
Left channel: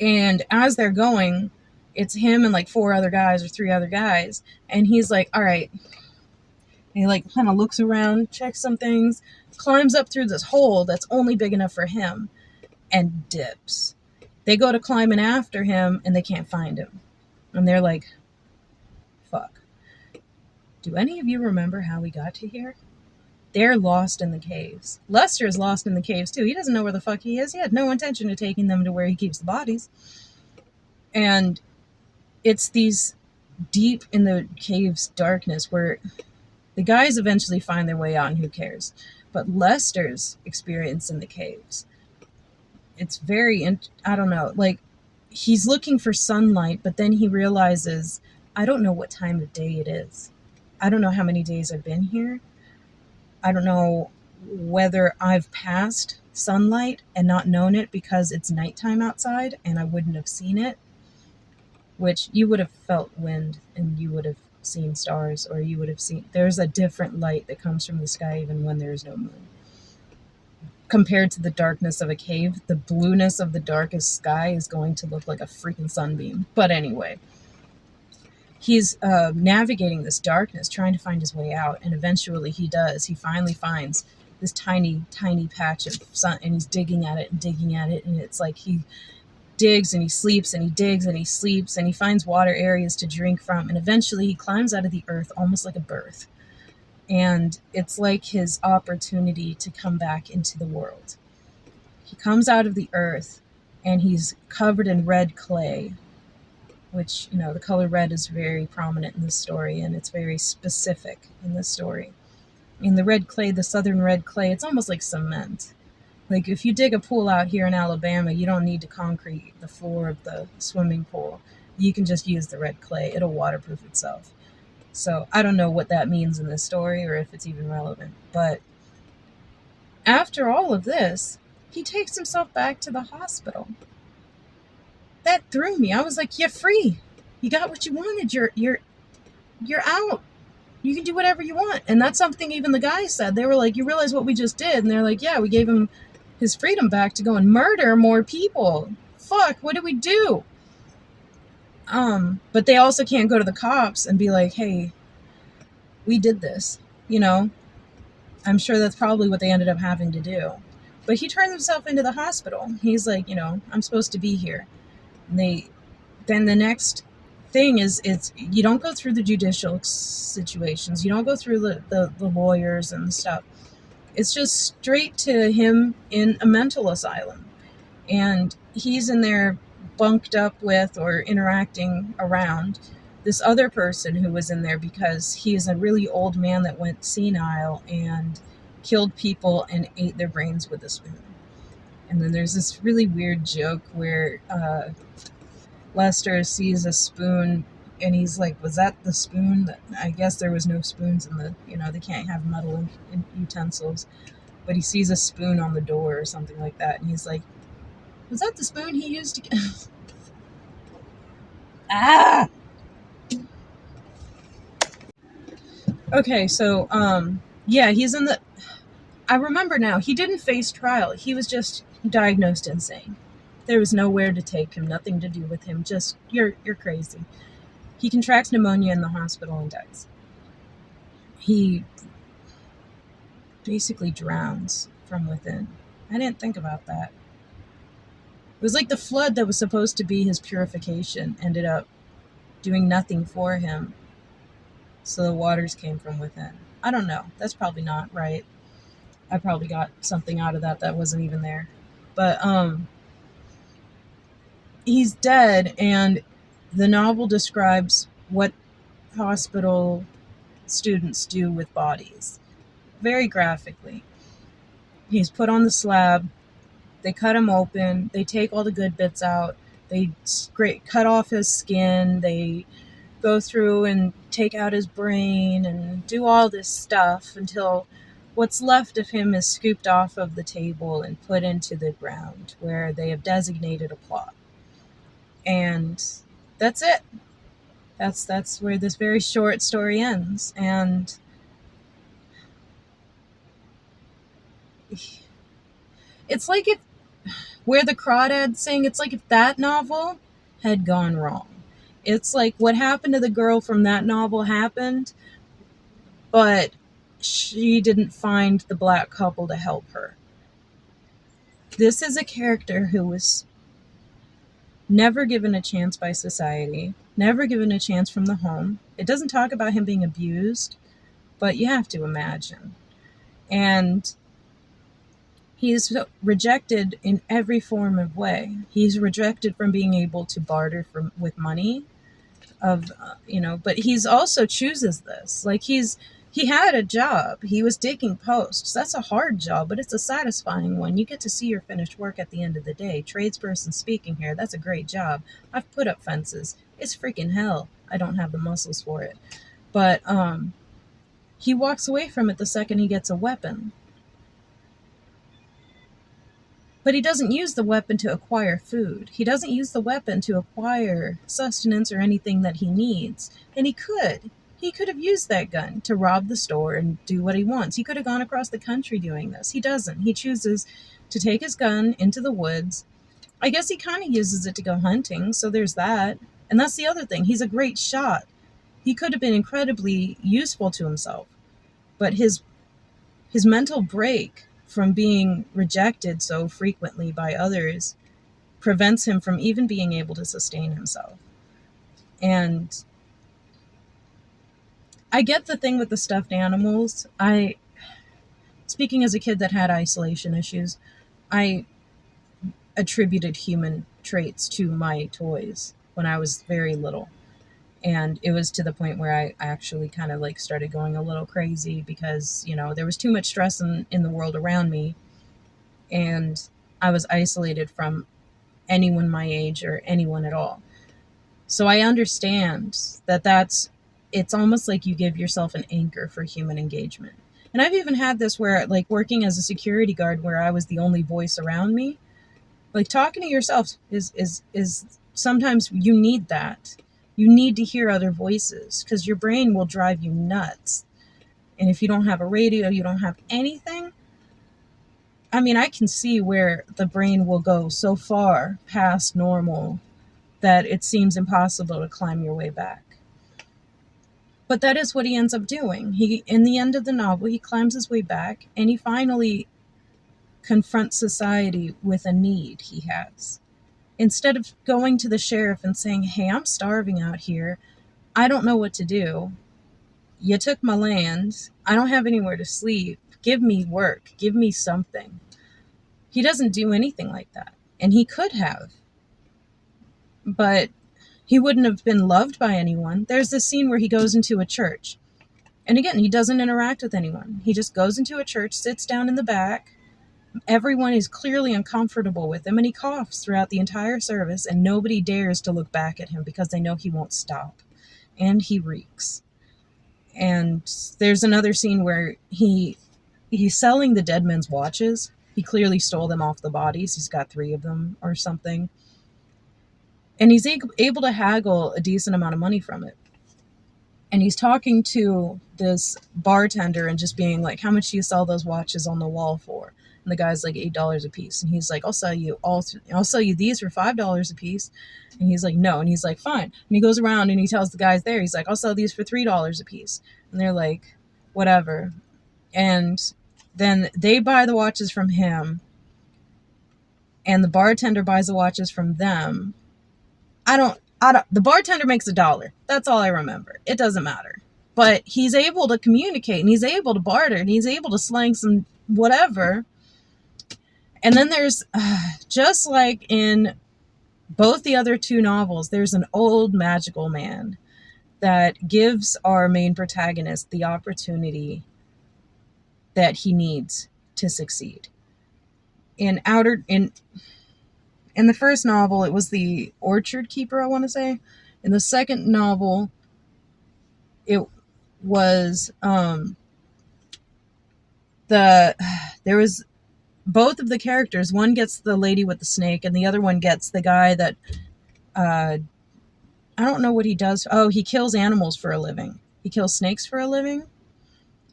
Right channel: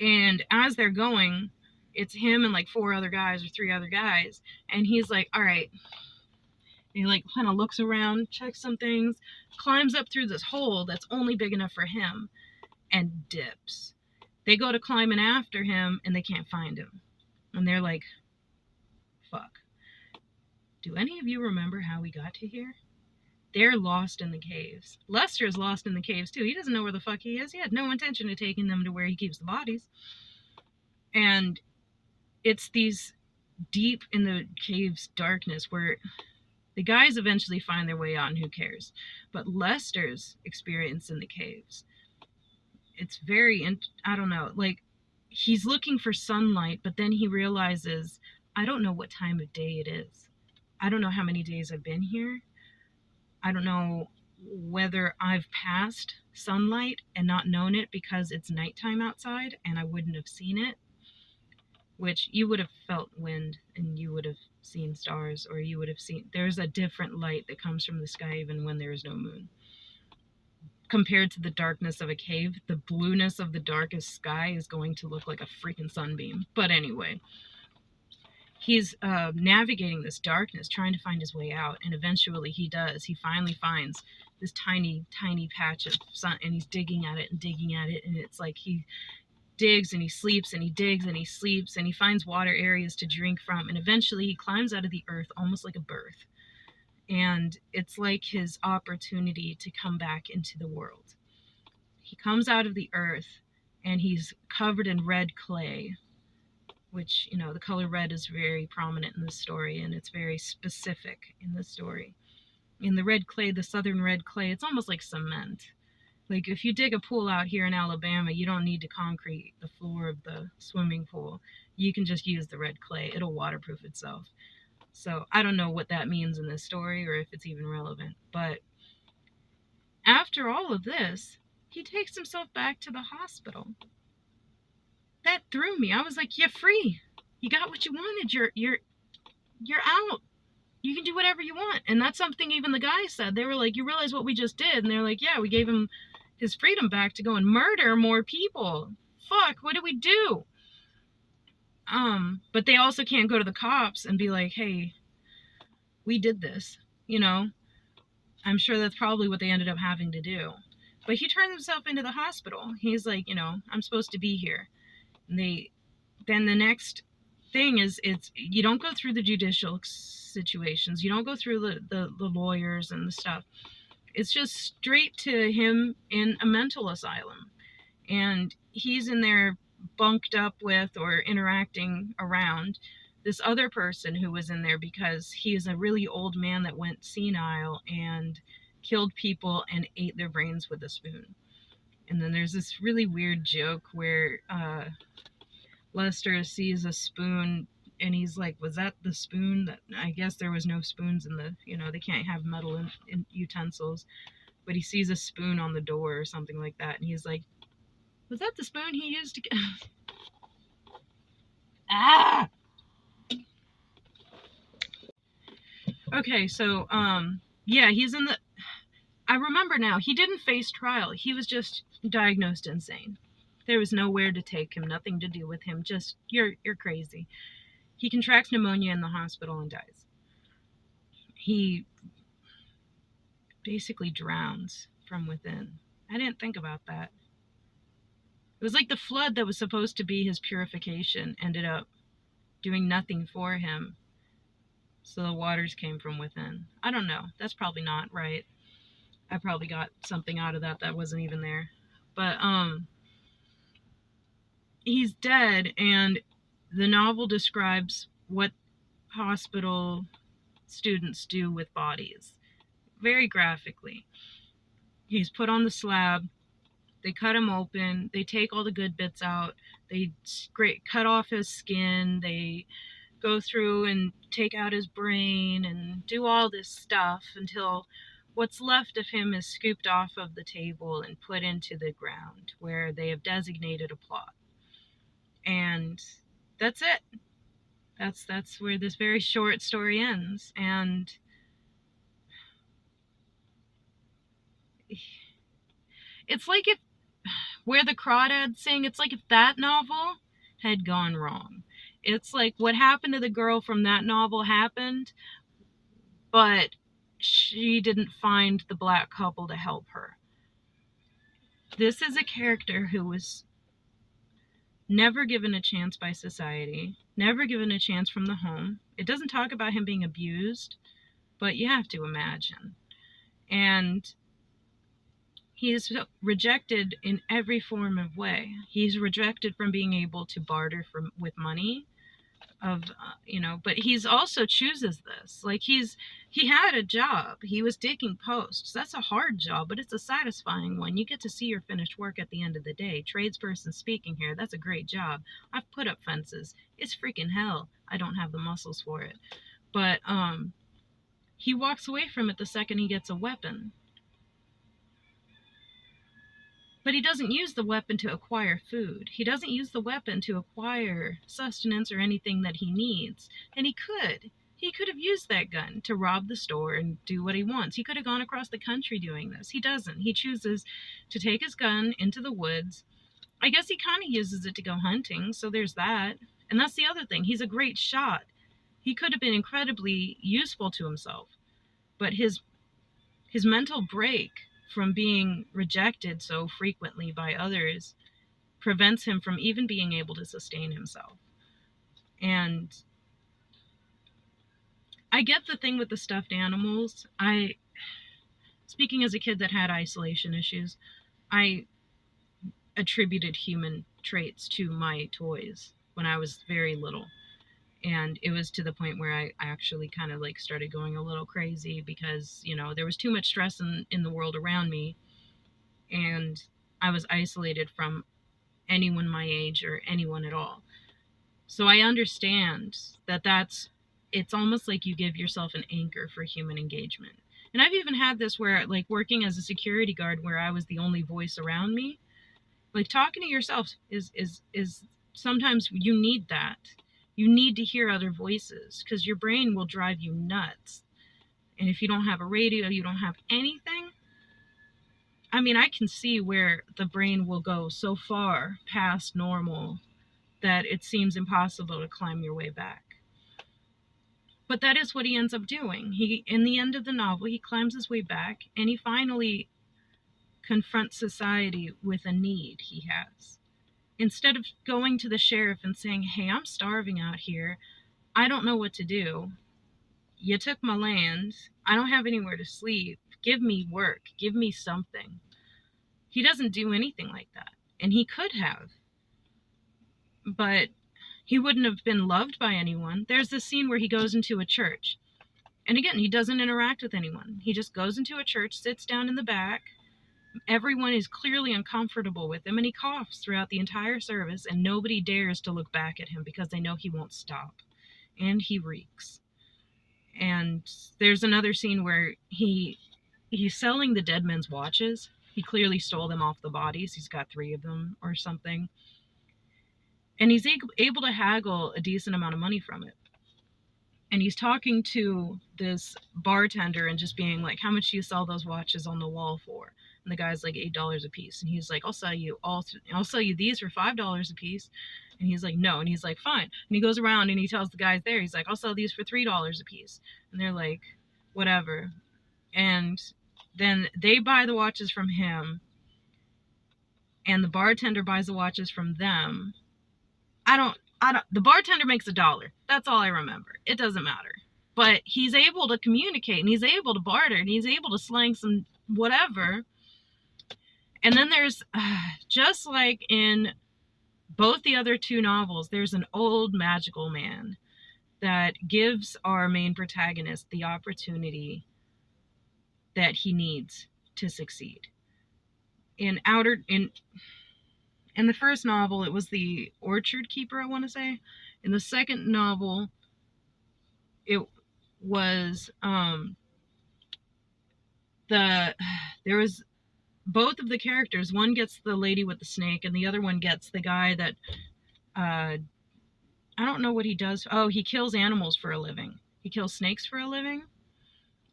And as they're going, it's him and like 4 other guys or 3 other guys. And he's like, all right. And he like kind of looks around, checks some things, climbs up through this hole that's only big enough for him, and dips. They go to climbing after him, and they can't find him. And they're like, fuck. Do any of you remember how we got to here? They're lost in the caves. Lester's lost in the caves too. He doesn't know where the fuck he is. He had no intention of taking them to where he keeps the bodies. And it's these deep in the caves darkness where the guys eventually find their way out, and who cares? But Lester's experience in the caves, it's very, I don't know, like, he's looking for sunlight, but then he realizes, I don't know what time of day it is. I don't know how many days I've been here. I don't know whether I've passed sunlight and not known it because it's nighttime outside and I wouldn't have seen it, which you would have felt wind and you would have seen stars, or you would have seen there's a different light that comes from the sky even when there is no moon. Compared to the darkness of a cave, the blueness of the darkest sky is going to look like a freaking sunbeam. But anyway, he's navigating this darkness, trying to find his way out, and eventually he does. He finally finds this tiny, tiny patch of sun, and he's digging at it and digging at it, and it's like he digs and he sleeps and he digs and he sleeps and he finds water areas to drink from, and eventually he climbs out of the earth almost like a birth. And it's like his opportunity to come back into the world. He comes out of the earth and he's covered in red clay, which, you know, the color red is very prominent in this story and it's very specific in this story. In the red clay, the southern red clay, it's almost like cement. Like if you dig a pool out here in Alabama, you don't need to concrete the floor of the swimming pool. You can just use the red clay. It'll waterproof itself. So I don't know what that means in this story or if it's even relevant. But after all of this, he takes himself back to the hospital. That threw me. I was like, "You're free. You got what you wanted. You're out. You can do whatever you want." And that's something even the guys said. They were like, "You realize what we just did?" And they're like, "Yeah, we gave him his freedom back to go and murder more people. Fuck, what did we do?" But they also can't go to the cops and be like, "Hey, we did this." You know, I'm sure that's probably what they ended up having to do. But he turned himself into the hospital. He's like, you know, "I'm supposed to be here." And then the next thing is, it's you don't go through the judicial situations. You don't go through the lawyers and the stuff. It's just straight to him in a mental asylum. And he's in there bunked up with or interacting around this other person who was in there because he is a really old man that went senile and killed people and ate their brains with a spoon. And then there's this really weird joke where Lester sees a spoon and he's like, "Was that the spoon?" I guess there was no spoons in the, you know, they can't have metal in utensils. But he sees a spoon on the door or something like that. And he's like, "Was that the spoon he used to get?" Ah! Okay, so, yeah, he's in the... I remember now, he didn't face trial. He was just diagnosed insane. There was nowhere to take him, nothing to do with him, just, you're crazy. He contracts pneumonia in the hospital and dies. He basically drowns from within. I didn't think about that. It was like the flood that was supposed to be his purification ended up doing nothing for him. So the waters came from within. I don't know. That's probably not right. I probably got something out of that wasn't even there. But he's dead, and the novel describes what hospital students do with bodies very graphically. He's put on the slab, they cut him open, they take all the good bits out, they cut off his skin, they go through and take out his brain and do all this stuff until what's left of him is scooped off of the table and put into the ground where they have designated a plot. And that's it. That's where this very short story ends. And it's like if Where the Crawdads Sing, it's like if that novel had gone wrong. It's like what happened to the girl from that novel happened, but she didn't find the black couple to help her. This is a character who was never given a chance by society, never given a chance from the home. It doesn't talk about him being abused, but you have to imagine. And he's rejected in every form of way. He's rejected from being able to barter with money, but he's also chooses this. Like he had a job. He was digging posts. That's a hard job, but it's a satisfying one. You get to see your finished work at the end of the day. Tradesperson speaking here, that's a great job. I've put up fences. It's freaking hell. I don't have the muscles for it. But he walks away from it the second he gets a weapon. But he doesn't use the weapon to acquire food. He doesn't use the weapon to acquire sustenance or anything that he needs. And he could. He could have used that gun to rob the store and do what he wants. He could have gone across the country doing this. He doesn't. He chooses to take his gun into the woods. I guess he kind of uses it to go hunting, so there's that. And that's the other thing. He's a great shot. He could have been incredibly useful to himself. But his mental break from being rejected so frequently by others prevents him from even being able to sustain himself. And I get the thing with the stuffed animals. Speaking as a kid that had isolation issues, I attributed human traits to my toys when I was very little. And it was to the point where I actually kind of like started going a little crazy because, you know, there was too much stress in the world around me. And I was isolated from anyone my age or anyone at all. So I understand that it's almost like you give yourself an anchor for human engagement. And I've even had this where, like, working as a security guard where I was the only voice around me, like, talking to yourself is sometimes you need that. You need to hear other voices because your brain will drive you nuts. And if you don't have a radio, you don't have anything. I mean, I can see where the brain will go so far past normal that it seems impossible to climb your way back. But that is what he ends up doing. In the end of the novel, he climbs his way back and he finally confronts society with a need he has. Instead of going to the sheriff and saying, hey, I'm starving out here. I don't know what to do. You took my land. I don't have anywhere to sleep. Give me work. Give me something. He doesn't do anything like that. And he could have. But he wouldn't have been loved by anyone. There's this scene where he goes into a church. And again, he doesn't interact with anyone. He just goes into a church, sits down in the back. Everyone is clearly uncomfortable with him, and he coughs throughout the entire service, and nobody dares to look back at him because they know he won't stop. And he reeks. And there's another scene where he's selling the dead men's watches. He clearly stole them off the bodies. He's got 3 of them or something. And he's able to haggle a decent amount of money from it. And he's talking to this bartender and just being like, how much do you sell those watches on the wall for? And the guy's like $8 a piece. And he's like, I'll sell you these for $5 a piece. And he's like, no. And he's like, fine. And he goes around and he tells the guys there, he's like, I'll sell these for $3 a piece. And they're like, whatever. And then they buy the watches from him. And the bartender buys the watches from them. The bartender makes $1. That's all I remember. It doesn't matter. But he's able to communicate and he's able to barter and he's able to slang some whatever. And then there's, just like in both the other 2 novels, there's an old magical man that gives our main protagonist the opportunity that he needs to succeed. In the first novel, it was the orchard keeper, I want to say. In the second novel, it was there was both of the characters. One gets the lady with the snake, and the other one gets the guy that I don't know what he does. Oh, he kills animals for a living. He kills snakes for a living.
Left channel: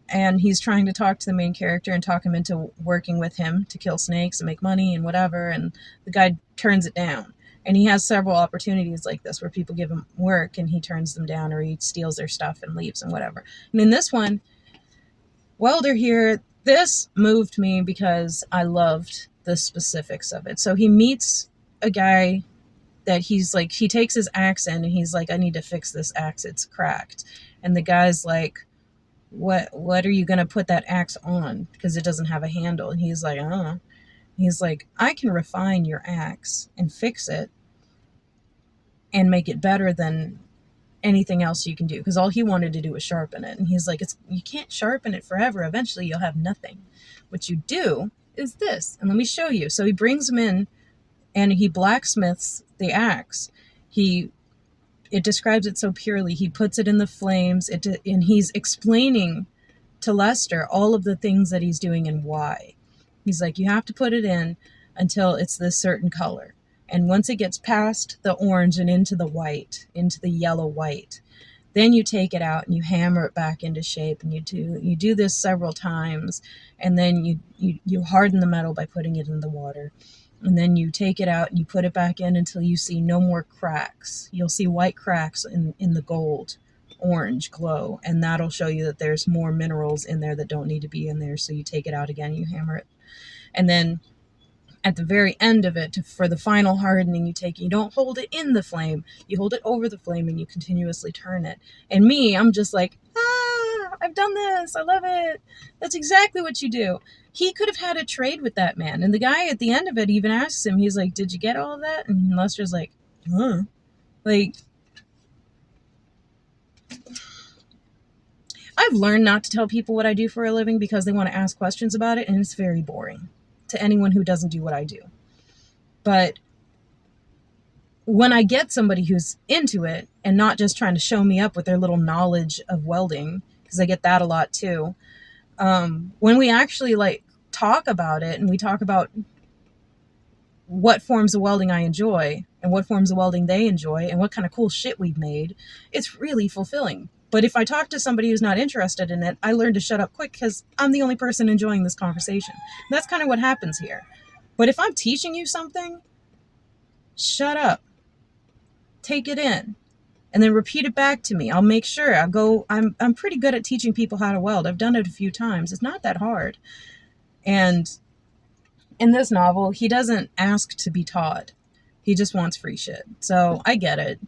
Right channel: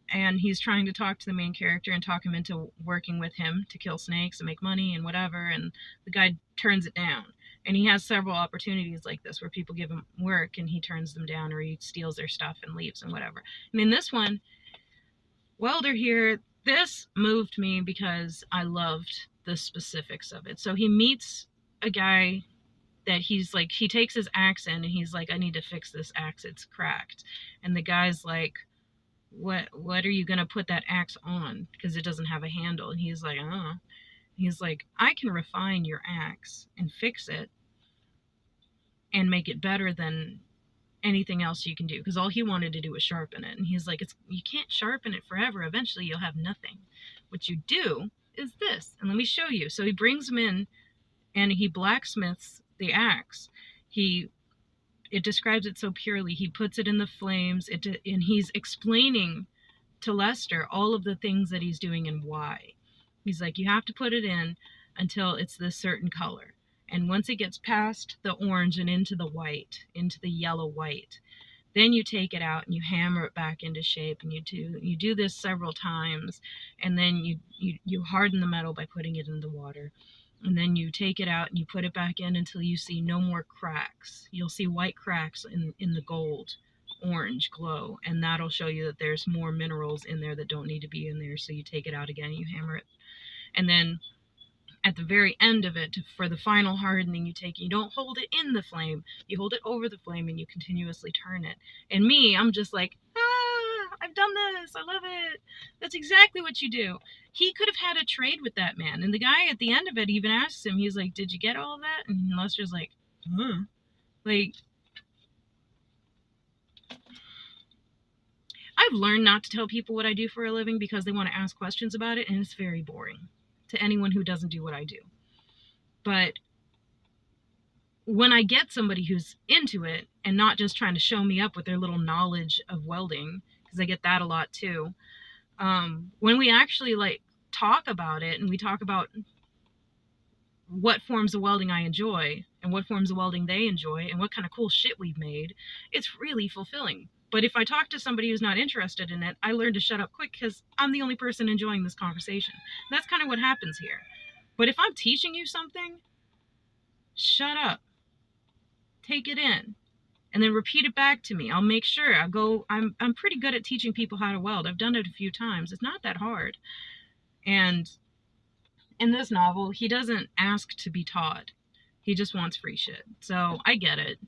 And he's trying to talk to the main character and talk him into working with him to kill snakes and make money and whatever. And the guy turns it down. And he has several opportunities like this where people give him work and he turns them down or he steals their stuff and leaves and whatever. And in this one, Welder here, this moved me because I loved the specifics of it. So he meets a guy that he's like, he takes his axe in and he's like, I need to fix this axe. It's cracked. And the guy's like, what are you going to put that axe on? Because it doesn't have a handle. And he's like, I don't know. He's like, I can refine your axe and fix it and make it better than anything else you can do. Because all he wanted to do was sharpen it. And he's like, you can't sharpen it forever. Eventually you'll have nothing. What you do is this. And let me show you. So he brings him in and he blacksmiths the axe. It describes it so purely. He puts it in the flames, and he's explaining to Lester all of the things that he's doing and why. He's like, you have to put it in until it's this certain color. And once it gets past the orange and into the white, into the yellow white, then you take it out and you hammer it back into shape, and you do this several times, and then you harden the metal by putting it in the water. And then you take it out and you put it back in until you see no more cracks. You'll see white cracks in the gold orange glow, and that'll show you that there's more minerals in there that don't need to be in there. So you take it out again and you hammer it. And then at the very end of it, for the final hardening, you don't hold it in the flame, you hold it over the flame and you continuously turn it. And me, I'm just like, I've done this, I love it. That's exactly what you do. He could have had a trade with that man, and the guy at the end of it even asks him, he's like, did you get all of that? And Lester's like, huh. Like, I've learned not to tell people what I do for a living because they want to ask questions about it, and it's very boring to anyone who doesn't do what I do. But when I get somebody who's into it and not just trying to show me up with their little knowledge of welding, because I get that a lot too, when we actually like talk about it and we talk about what forms of welding I enjoy and what forms of welding they enjoy and what kind of cool shit we've made, it's really fulfilling. But if I talk to somebody who's not interested in it, I learn to shut up quick because I'm the only person enjoying this conversation. And that's kind of what happens here. But if I'm teaching you something, shut up. Take it in. And then repeat it back to me. I'll make sure. I'm pretty good at teaching people how to weld. I've done it a few times. It's not that hard. And in this novel, he doesn't ask to be taught. He just wants free shit. So I get it.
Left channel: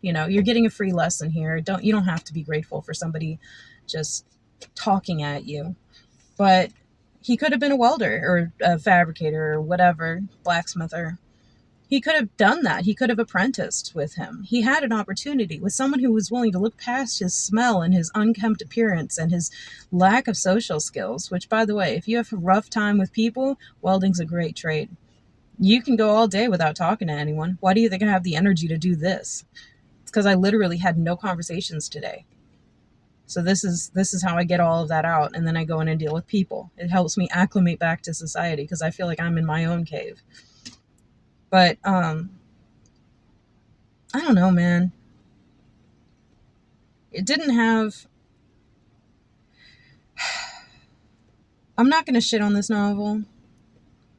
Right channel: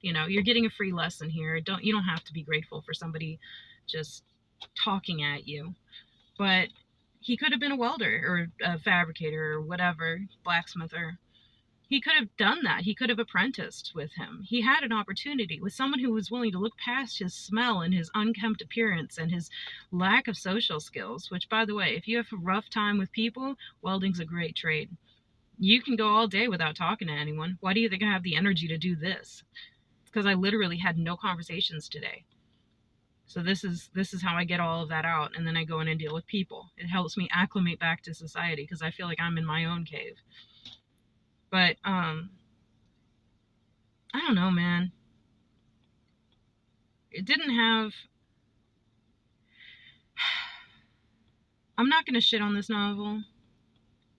You know, you're getting a free lesson here. You don't have to be grateful for somebody just talking at you. But he could have been a welder or a fabricator or whatever, blacksmither. He could have done that. He could have apprenticed with him. He had an opportunity with someone who was willing to look past his smell and his unkempt appearance and his lack of social skills, which, by the way, if you have a rough time with people, welding's a great trade. You can go all day without talking to anyone. Why do you think I have the energy to do this? It's because I literally had no conversations today. So this is how I get all of that out, and then I go in and deal with people. It helps me acclimate back to society because I feel like I'm in my own cave. But I don't know, man. It didn't have... I'm not going to shit on this novel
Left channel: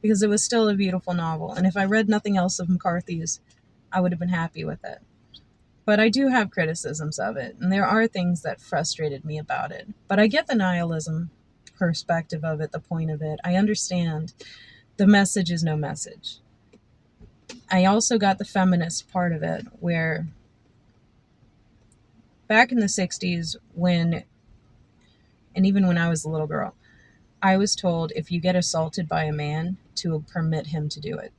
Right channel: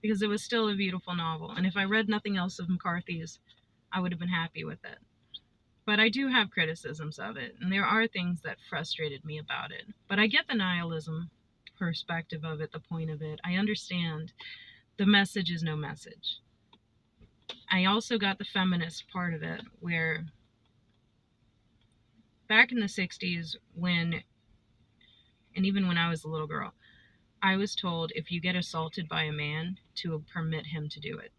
because it was still a beautiful novel, and if I read nothing else of McCarthy's, I would have been happy with it. But I do have criticisms of it, and there are things that frustrated me about it. But I get the nihilism perspective of it, the point of it. I understand the message is no message. I also got the feminist part of it, where back in the 60s, and even when I was a little girl, I was told if you get assaulted by a man, to permit him to do it.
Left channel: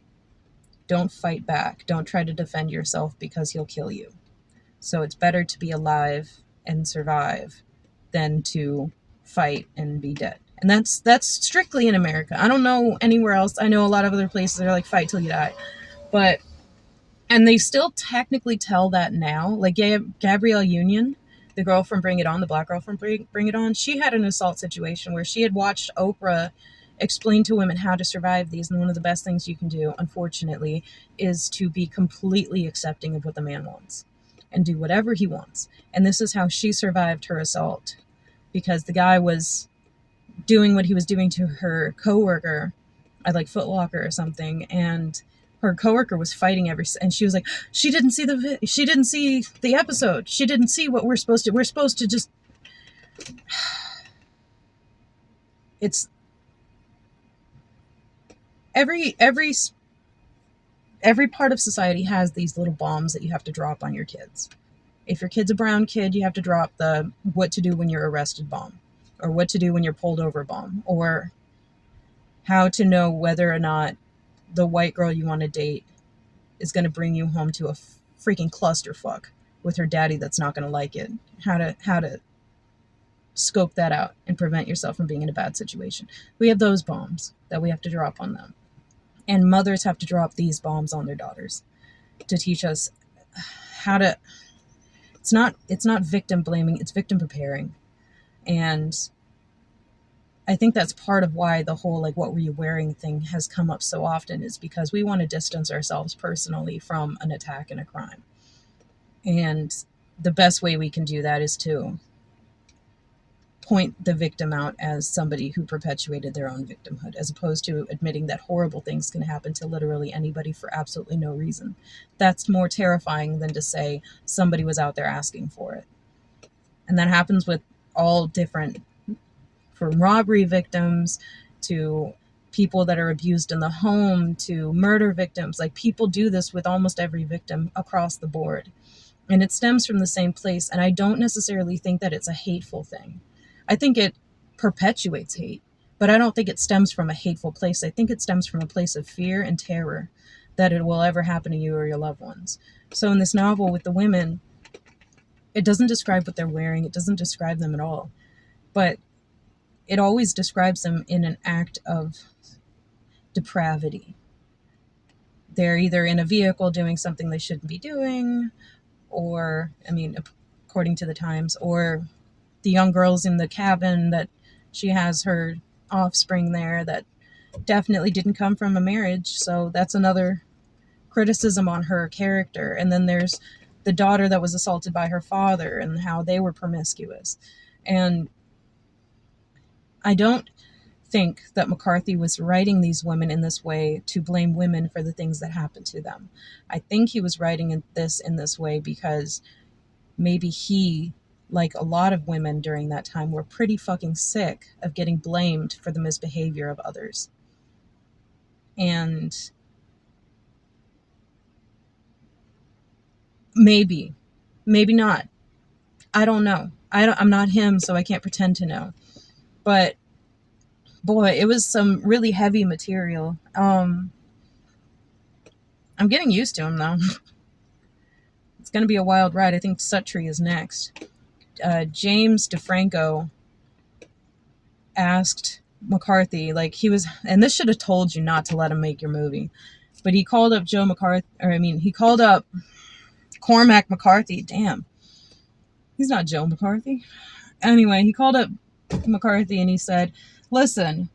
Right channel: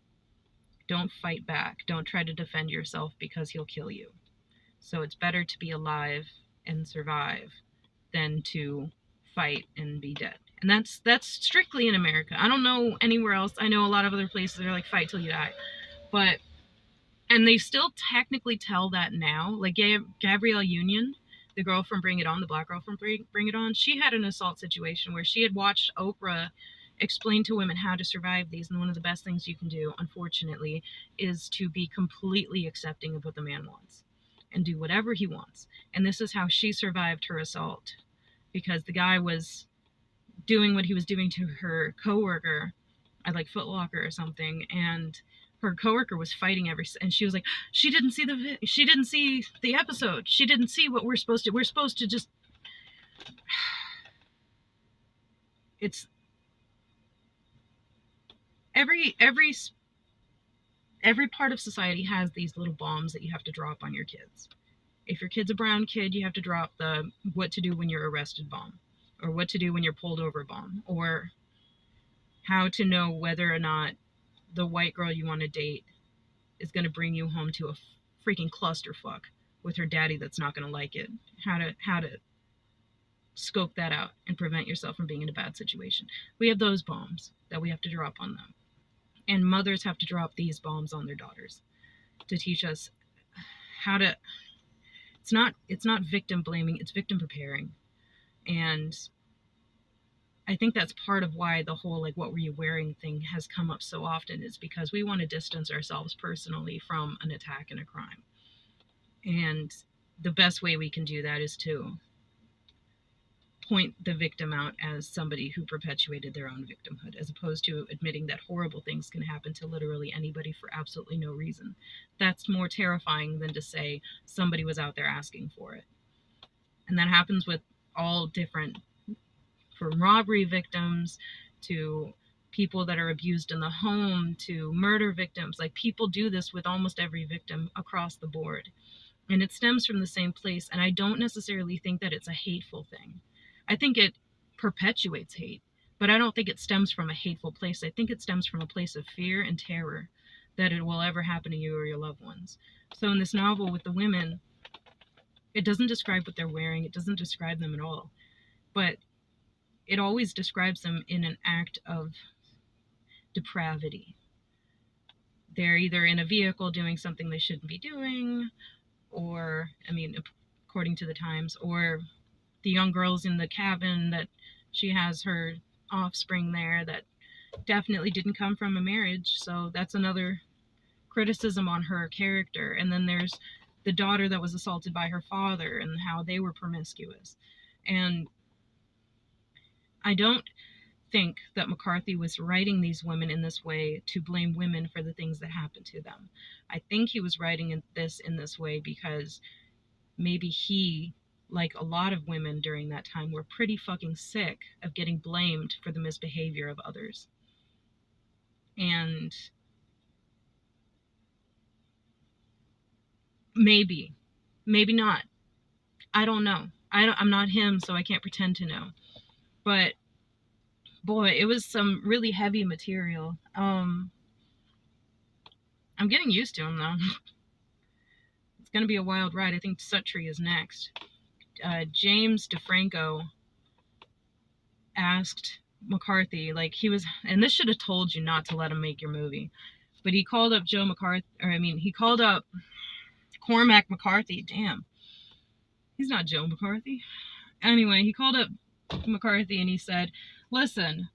Don't fight back. Don't try to defend yourself because he'll kill you. So it's better to be alive and survive than to fight and be dead. And that's strictly in America. I don't know anywhere else. I know a lot of other places are like, fight till you die. And they still technically tell that now. Like Gabrielle Union, the girl from Bring It On, the black girl from Bring It On, she had an assault situation where she had watched Oprah explain to women how to survive these. And one of the best things you can do, unfortunately, is to be completely accepting of what the man wants and do whatever he wants. And this is how she survived her assault, because the guy was doing what he was doing to her coworker at like Foot Locker or something, and her coworker was fighting and she was like, she didn't see the episode. She didn't see what we're supposed to just... It's every part of society has these little bombs that you have to drop on your kids. If your kid's a brown kid, you have to drop the what to do when you're arrested bomb, or what to do when you're pulled over bomb, or how to know whether or not the white girl you want to date is going to bring you home to a freaking clusterfuck with her daddy that's not going to like it. How to scope that out and prevent yourself from being in a bad situation. We have those bombs that we have to drop on them. And mothers have to drop these bombs on their daughters to teach us how to... It's not victim blaming, it's victim preparing. And I think that's part of why the whole like what were you wearing thing has come up so often, is because we want to distance ourselves personally from an attack and a crime. And the best way we can do that is to point the victim out as somebody who perpetuated their own victimhood, as opposed to admitting that horrible things can happen to literally anybody for absolutely no reason. That's more terrifying than to say somebody was out there asking for it. And that happens with all different, from robbery victims to people that are abused in the home to murder victims. Like, people do this with almost every victim across the board. And it stems from the same place. And I don't necessarily think that it's a hateful thing. I think it perpetuates hate, but I don't think it stems from a hateful place. I think it stems from a place of fear and terror that it will ever happen to you or your loved ones. So in this novel with the women, it doesn't describe what they're wearing. It doesn't describe them at all. But it always describes them in an act of depravity. They're either in a vehicle doing something they shouldn't be doing, or, I mean, according to the times, or the young girl's in the cabin that she has her offspring there that definitely didn't come from a marriage. So that's another criticism on her character. And then there's the daughter that was assaulted by her father and how they were promiscuous. And I don't think that McCarthy was writing these women in this way to blame women for the things that happened to them. I think he was writing in this way because maybe he, like a lot of women during that time, were pretty fucking sick of getting blamed for the misbehavior of others. And maybe not. I don't know. I'm not him, so I can't pretend to know. But boy, it was some really heavy material. I'm getting used to him though. It's going to be a wild ride. I think Suttree is next. James DeFranco asked McCarthy, like, he was, and this should have told you not to let him make your movie, but he called up he called up Cormac McCarthy. Damn, he's not Joe McCarthy. Anyway, he called up McCarthy and he said, listen,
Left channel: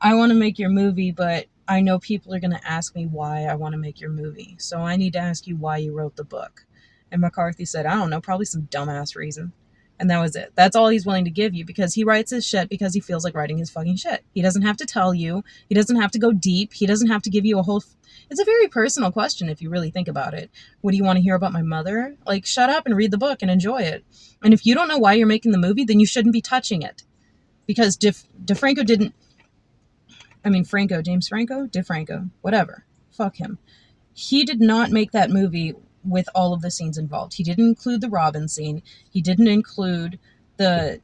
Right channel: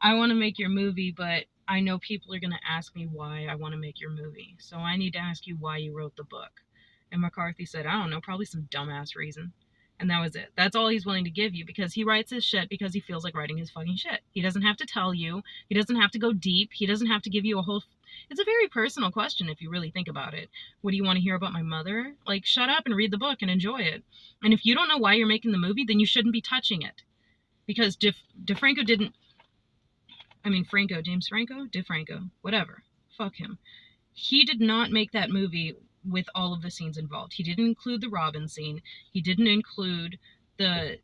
I want to make your movie, but I know people are going to ask me why I want to make your movie. So I need to ask you why you wrote the book. And McCarthy said, I don't know, probably some dumbass reason. And that was it. That's all he's willing to give you, because he writes his shit because he feels like writing his fucking shit. He doesn't have to tell you. He doesn't have to go deep. He doesn't have to give you a whole... It's a very personal question if you really think about it. What do you want to hear about my mother? Like, shut up and read the book and enjoy it. And if you don't know why you're making the movie, then you shouldn't be touching it. Because DeFranco didn't... James Franco? DeFranco. Whatever. Fuck him. He did not make that movie with all of the scenes involved. He didn't include the Robin scene. He didn't include the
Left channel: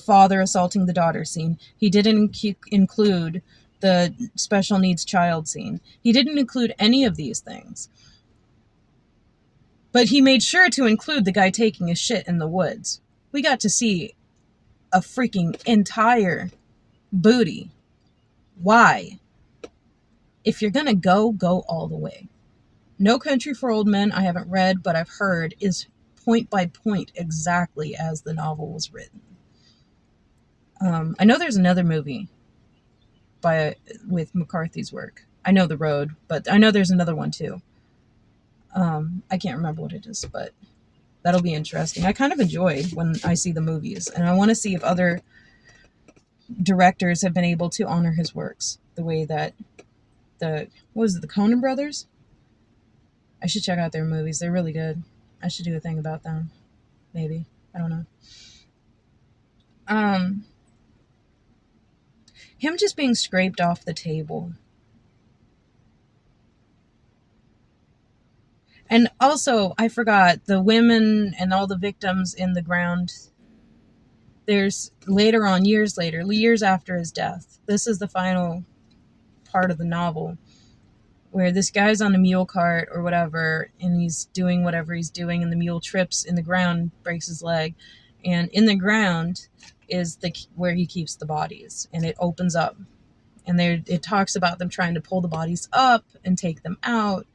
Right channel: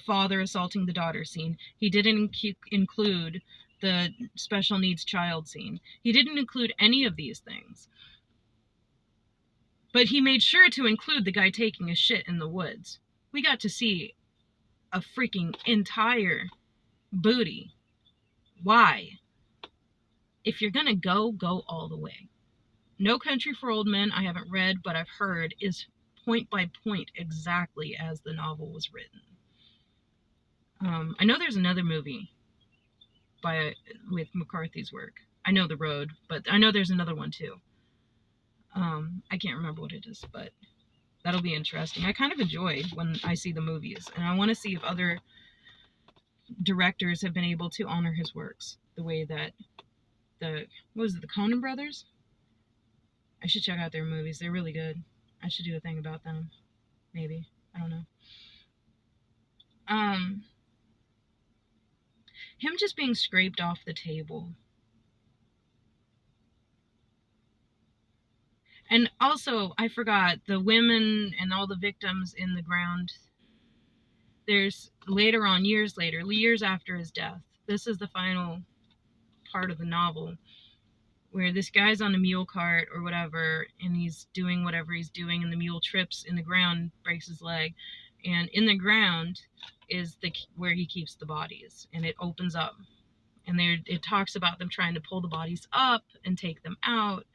father assaulting the daughter scene. He didn't include the special needs child scene. He didn't include any of these things. But he made sure to include the guy taking a shit in the woods. We got to see a freaking entire booty. Why? If you're gonna go all the way. No Country for Old Men, I haven't read, but I've heard, is point by point exactly as the novel was written. I know there's another movie with McCarthy's work. I know The Road, but I know there's another one too. I can't remember what it is, but that'll be interesting. I kind of enjoy when I see the movies, and I want to see if other directors have been able to honor his works the way that the Coen brothers? I should check out their movies. They're really good. I should do a thing about them. Maybe. I don't know. Him just being scraped off the table. And also, I forgot, the women and all the victims in the ground. There's later on, years after his death. This is the final part of the novel, where this guy's on a mule cart or whatever, and he's doing whatever he's doing, and the mule trips in the ground, breaks his leg, and in the ground is where he keeps the bodies, and it opens up, and it talks about them trying to pull the bodies up and take them out,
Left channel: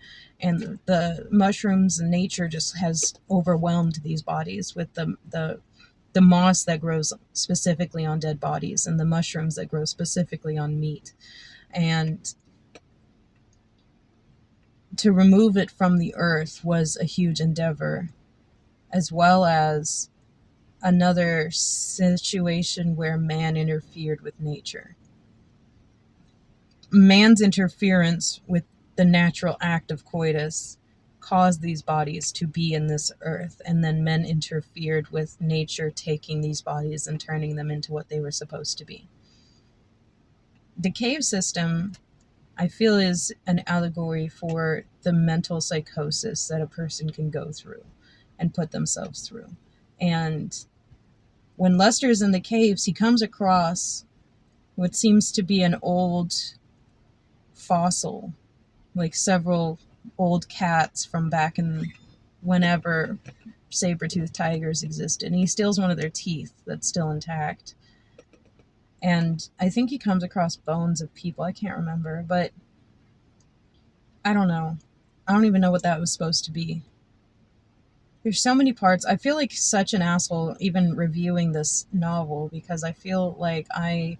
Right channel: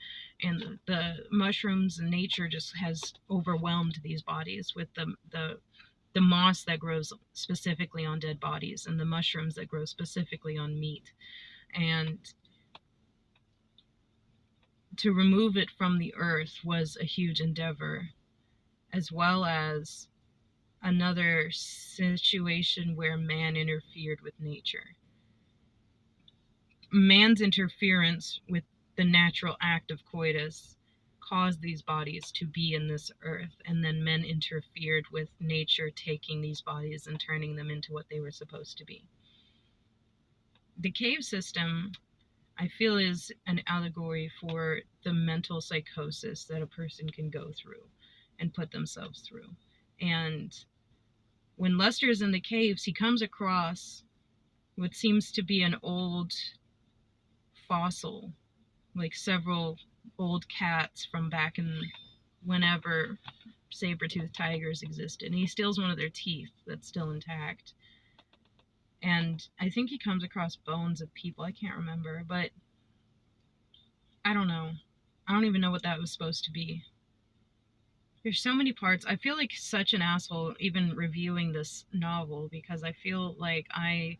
and the mushrooms and nature just has overwhelmed these bodies with the the moss that grows specifically on dead bodies and the mushrooms that grow specifically on meat. And to remove it from the earth was a huge endeavor, as well as another situation where man interfered with nature. Man's interference with the natural act of coitus caused these bodies to be in this earth, and then men interfered with nature taking these bodies and turning them into what they were supposed to be. The cave system, I feel, is an allegory for the mental psychosis that a person can go through and put themselves through. And when Lester's in the caves, he comes across what seems to be an old fossil, like several old cats from back in whenever saber-toothed tigers existed. And he steals one of their teeth that's still intact. And I think he comes across bones of people. I can't remember, but I don't know. I don't even know what that was supposed to be. There's so many parts. I feel like such an asshole even reviewing this novel, because I feel like I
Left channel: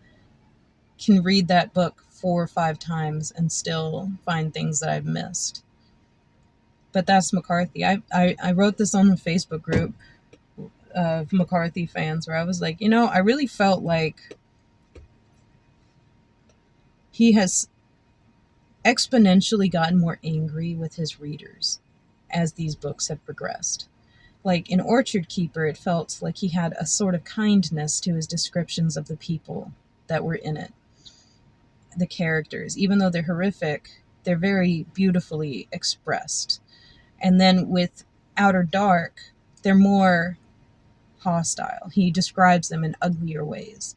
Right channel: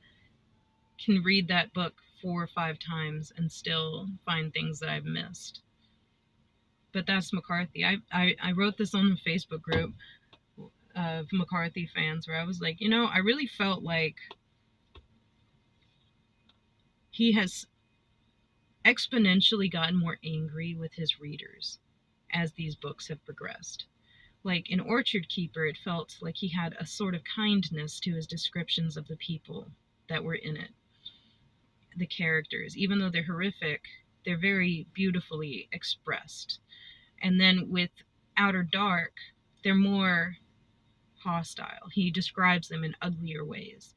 can read that book 4 or 5 times and still find things that I've missed. But that's McCarthy. I wrote this on the Facebook group of McCarthy fans, where I was like, I really felt like he has exponentially gotten more angry with his readers as these books have progressed. Like in Orchard Keeper, it felt like he had a sort of kindness to his descriptions of the people that were in it. The characters, even though they're horrific, they're very beautifully expressed. And then with Outer Dark, they're more hostile. He describes them in uglier ways.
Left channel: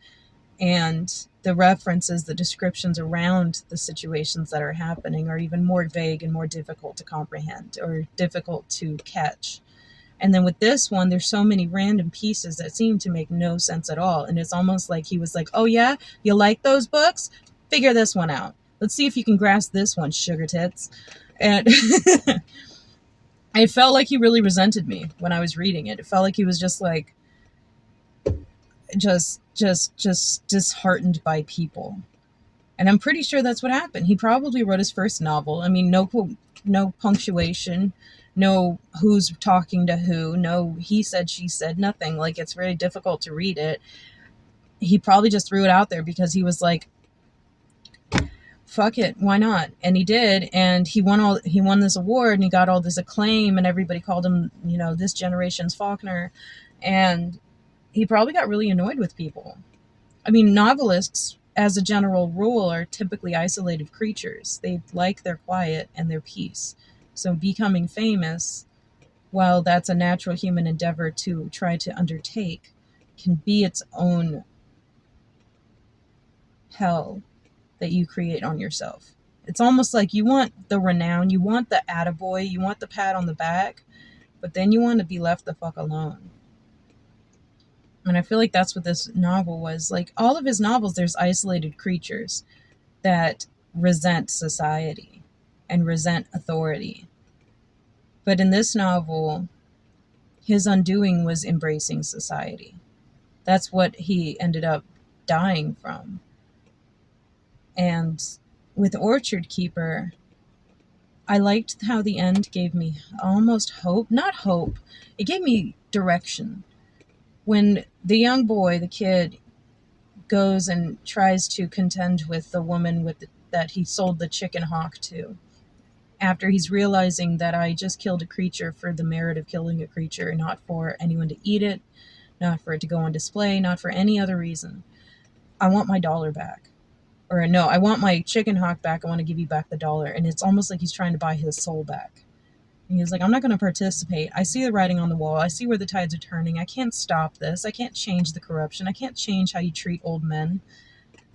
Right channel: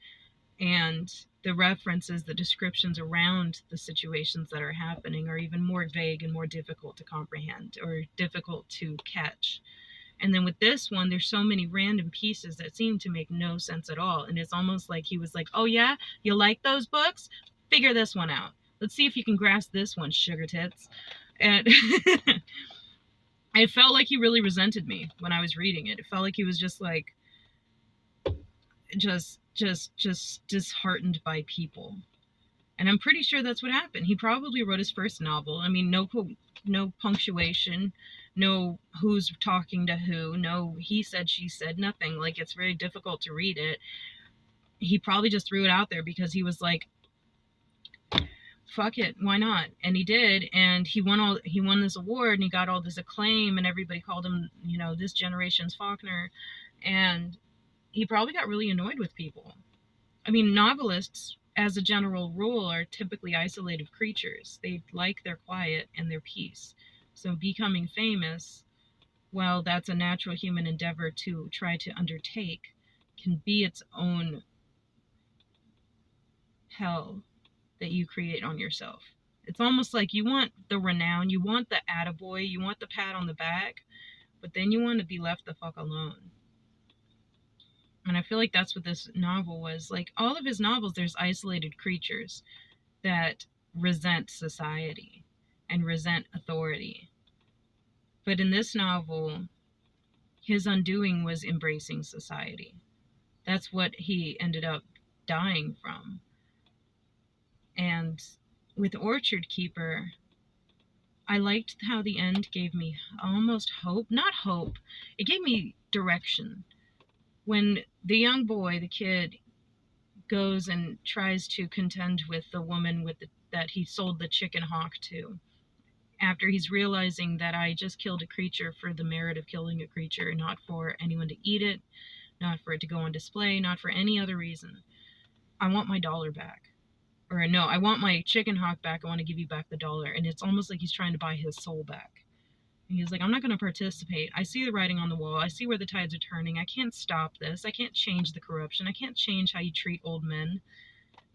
And the references, the descriptions around the situations that are happening are even more vague and more difficult to comprehend or difficult to catch. And then with this one, there's so many random pieces that seem to make no sense at all. And it's almost like he was like, oh yeah, you like those books? Figure this one out. Let's see if you can grasp this one, sugar tits. And it felt like he really resented me when I was reading it. It felt like he was just like, just disheartened by people. And I'm pretty sure that's what happened. He probably wrote his first novel. I mean, no punctuation, no who's talking to who, no he said, she said, nothing. Like, it's very difficult to read it. He probably just threw it out there because he was like, fuck it, why not? And he did, and he won this award, and he got all this acclaim, and everybody called him, this generation's Faulkner. And he probably got really annoyed with people. I mean, novelists, as a general rule, are typically isolated creatures. They like their quiet and their peace. So becoming famous, while that's a natural human endeavor to try to undertake, can be its own hell that you create on yourself. It's almost like you want the renown, you want the attaboy, you want the pat on the back, but then you want to be left the fuck alone. And I feel like that's what this novel was. Like, all of his novels, there's isolated creatures that resent society and resent authority. But in this novel, his undoing was embracing society. That's what he ended up dying from. And with Orchard Keeper, I liked how the end gave me almost hope. Not hope. It gave me direction. When the young boy, the kid, goes and tries to contend with the woman that he sold the chicken hawk to, after he's realizing that I just killed a creature for the merit of killing a creature, not for anyone to eat it, not for it to go on display, not for any other reason. I want my dollar back. Or no, I want my chicken hawk back. I want to give you back the dollar. And it's almost like he's trying to buy his soul back. And he's like, I'm not going to participate. I see the writing on the wall. I see where the tides are turning. I can't stop this. I can't change the corruption. I can't change how you treat old men.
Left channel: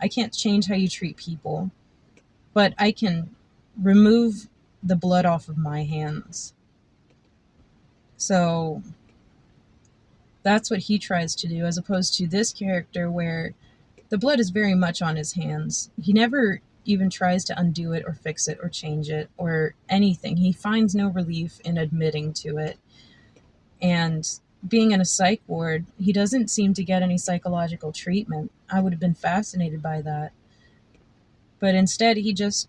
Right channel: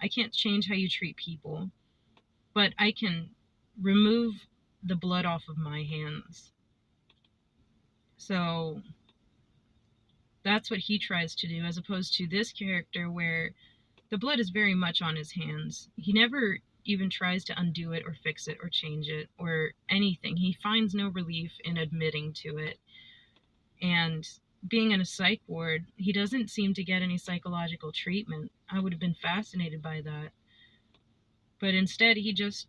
I can't change how you treat people. But I can remove the blood off of my hands. So that's what he tries to do, as opposed to this character where the blood is very much on his hands. He never even tries to undo it or fix it or change it or anything. He finds no relief in admitting to it. And being in a psych ward, he doesn't seem to get any psychological treatment. I would have been fascinated by that. But instead, he just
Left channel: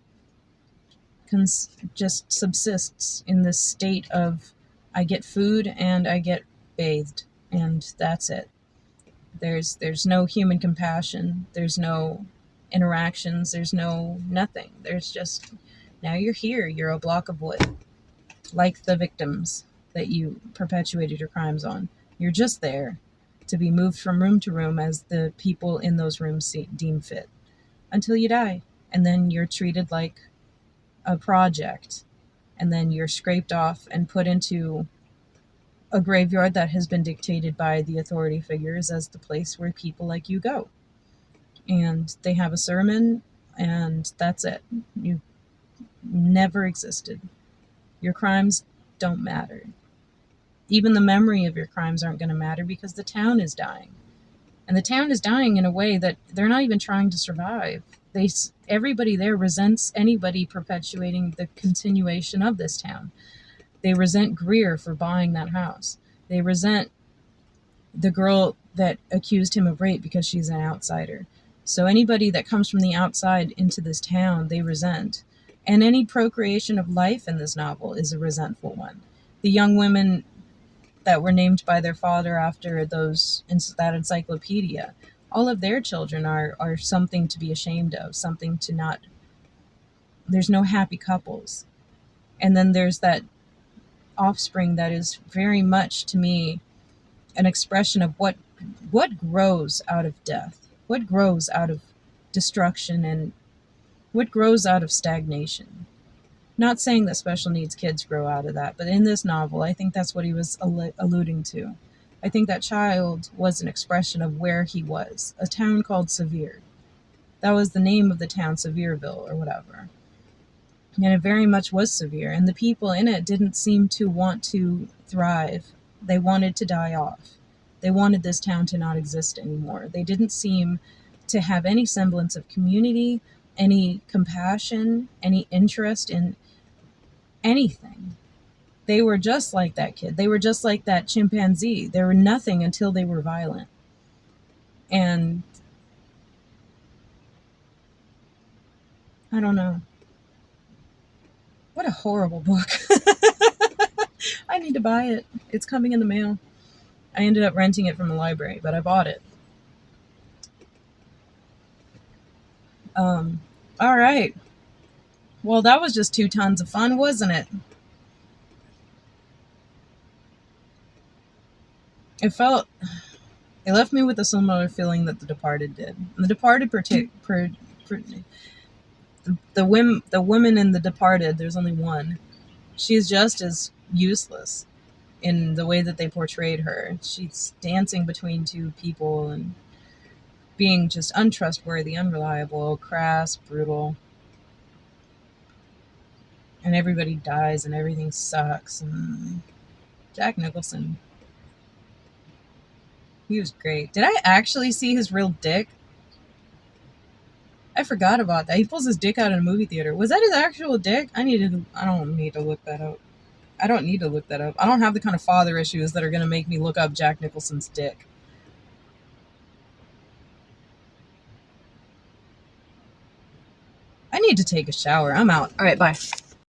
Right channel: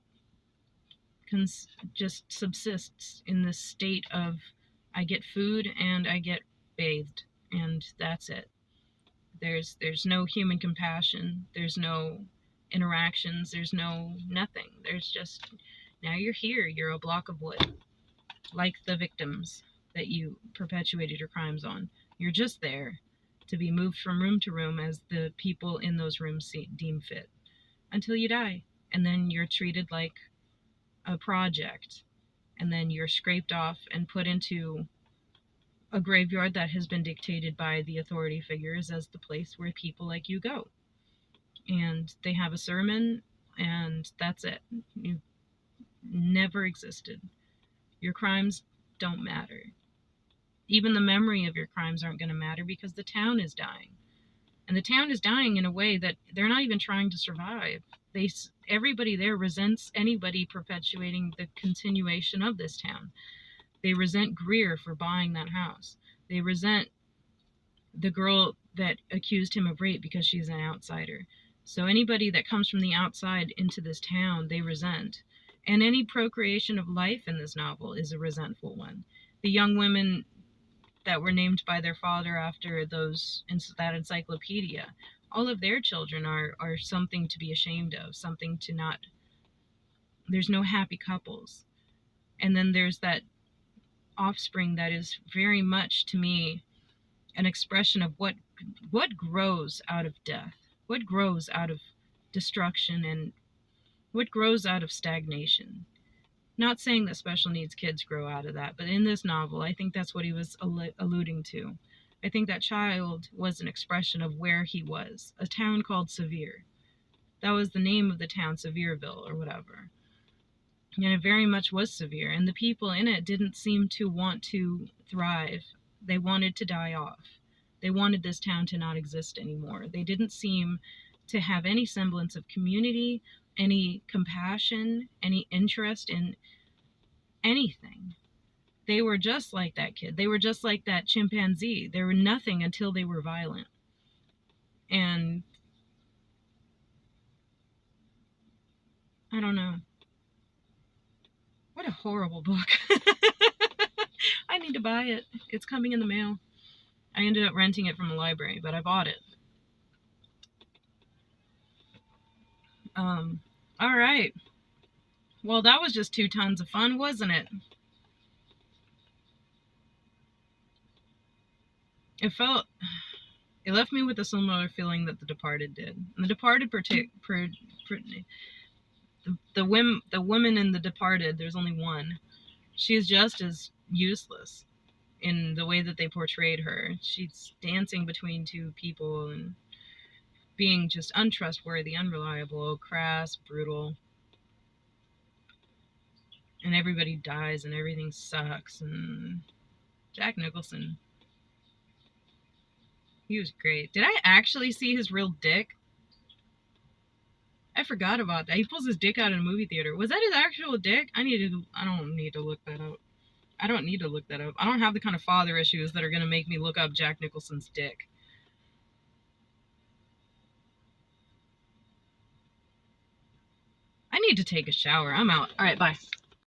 subsists in this state of, I get food and I get bathed, and that's it. There's no human compassion. There's no interactions. There's no nothing. There's just, now you're here. You're a block of wood, like the victims that you perpetuated your crimes on. You're just there to be moved from room to room as the people in those rooms deem fit, until you die, and then you're treated like a project, and then you're scraped off and put into a graveyard that has been dictated by the authority figures as the place where people like you go. And they have a sermon, and that's it. You never existed. Your crimes don't matter. Even the memory of your crimes aren't going to matter because the town is dying. And the town is dying in a way that they're not even trying to survive. Everybody there resents anybody perpetuating the continuation of this town. They resent Greer for buying that house. They resent the girl that accused him of rape because she's an outsider. So anybody that comes from the outside into this town, they resent. And any procreation of life in this novel is a resentful one. The young women that were named by their father after that encyclopedia, all of their children are something to be ashamed of, something to not, there's no happy couples. And then there's that offspring that is very much, to me, an expression of what grows out of death, what grows out of destruction, and what grows out of stagnation. Not saying that special needs kids grow out of that, but in this novel, I think that's what he was alluding to. I think that child was an expression of where he was, a town called Severe. That was the name of the town, Sevierville or whatever. And it very much was severe, and the people in it didn't seem to want to thrive. They wanted to die off. They wanted this town to not exist anymore. They didn't seem to have any semblance of community, any compassion, any interest in anything. They were just like that kid. They were just like that chimpanzee. They were nothing until they were violent. And I don't know. What a horrible book. I need to buy it. It's coming in the mail. I ended up renting it from the library, but I bought it. All right. Well, that was just 2 tons of fun, wasn't it? It left me with a similar feeling that The Departed did. And The Departed, the women in The Departed, there's only one. She's just as useless in the way that they portrayed her. She's dancing between 2 people and being just untrustworthy, unreliable, crass, brutal. And everybody dies and everything sucks. And Jack Nicholson, he was great. Did I actually see his real dick? I forgot about that. He pulls his dick out in a movie theater. Was that his actual dick? I don't need to look that up. I don't need to look that up. I don't have the kind of father issues that are going to make me look up Jack Nicholson's dick. I need to take a shower. I'm out. All right, bye.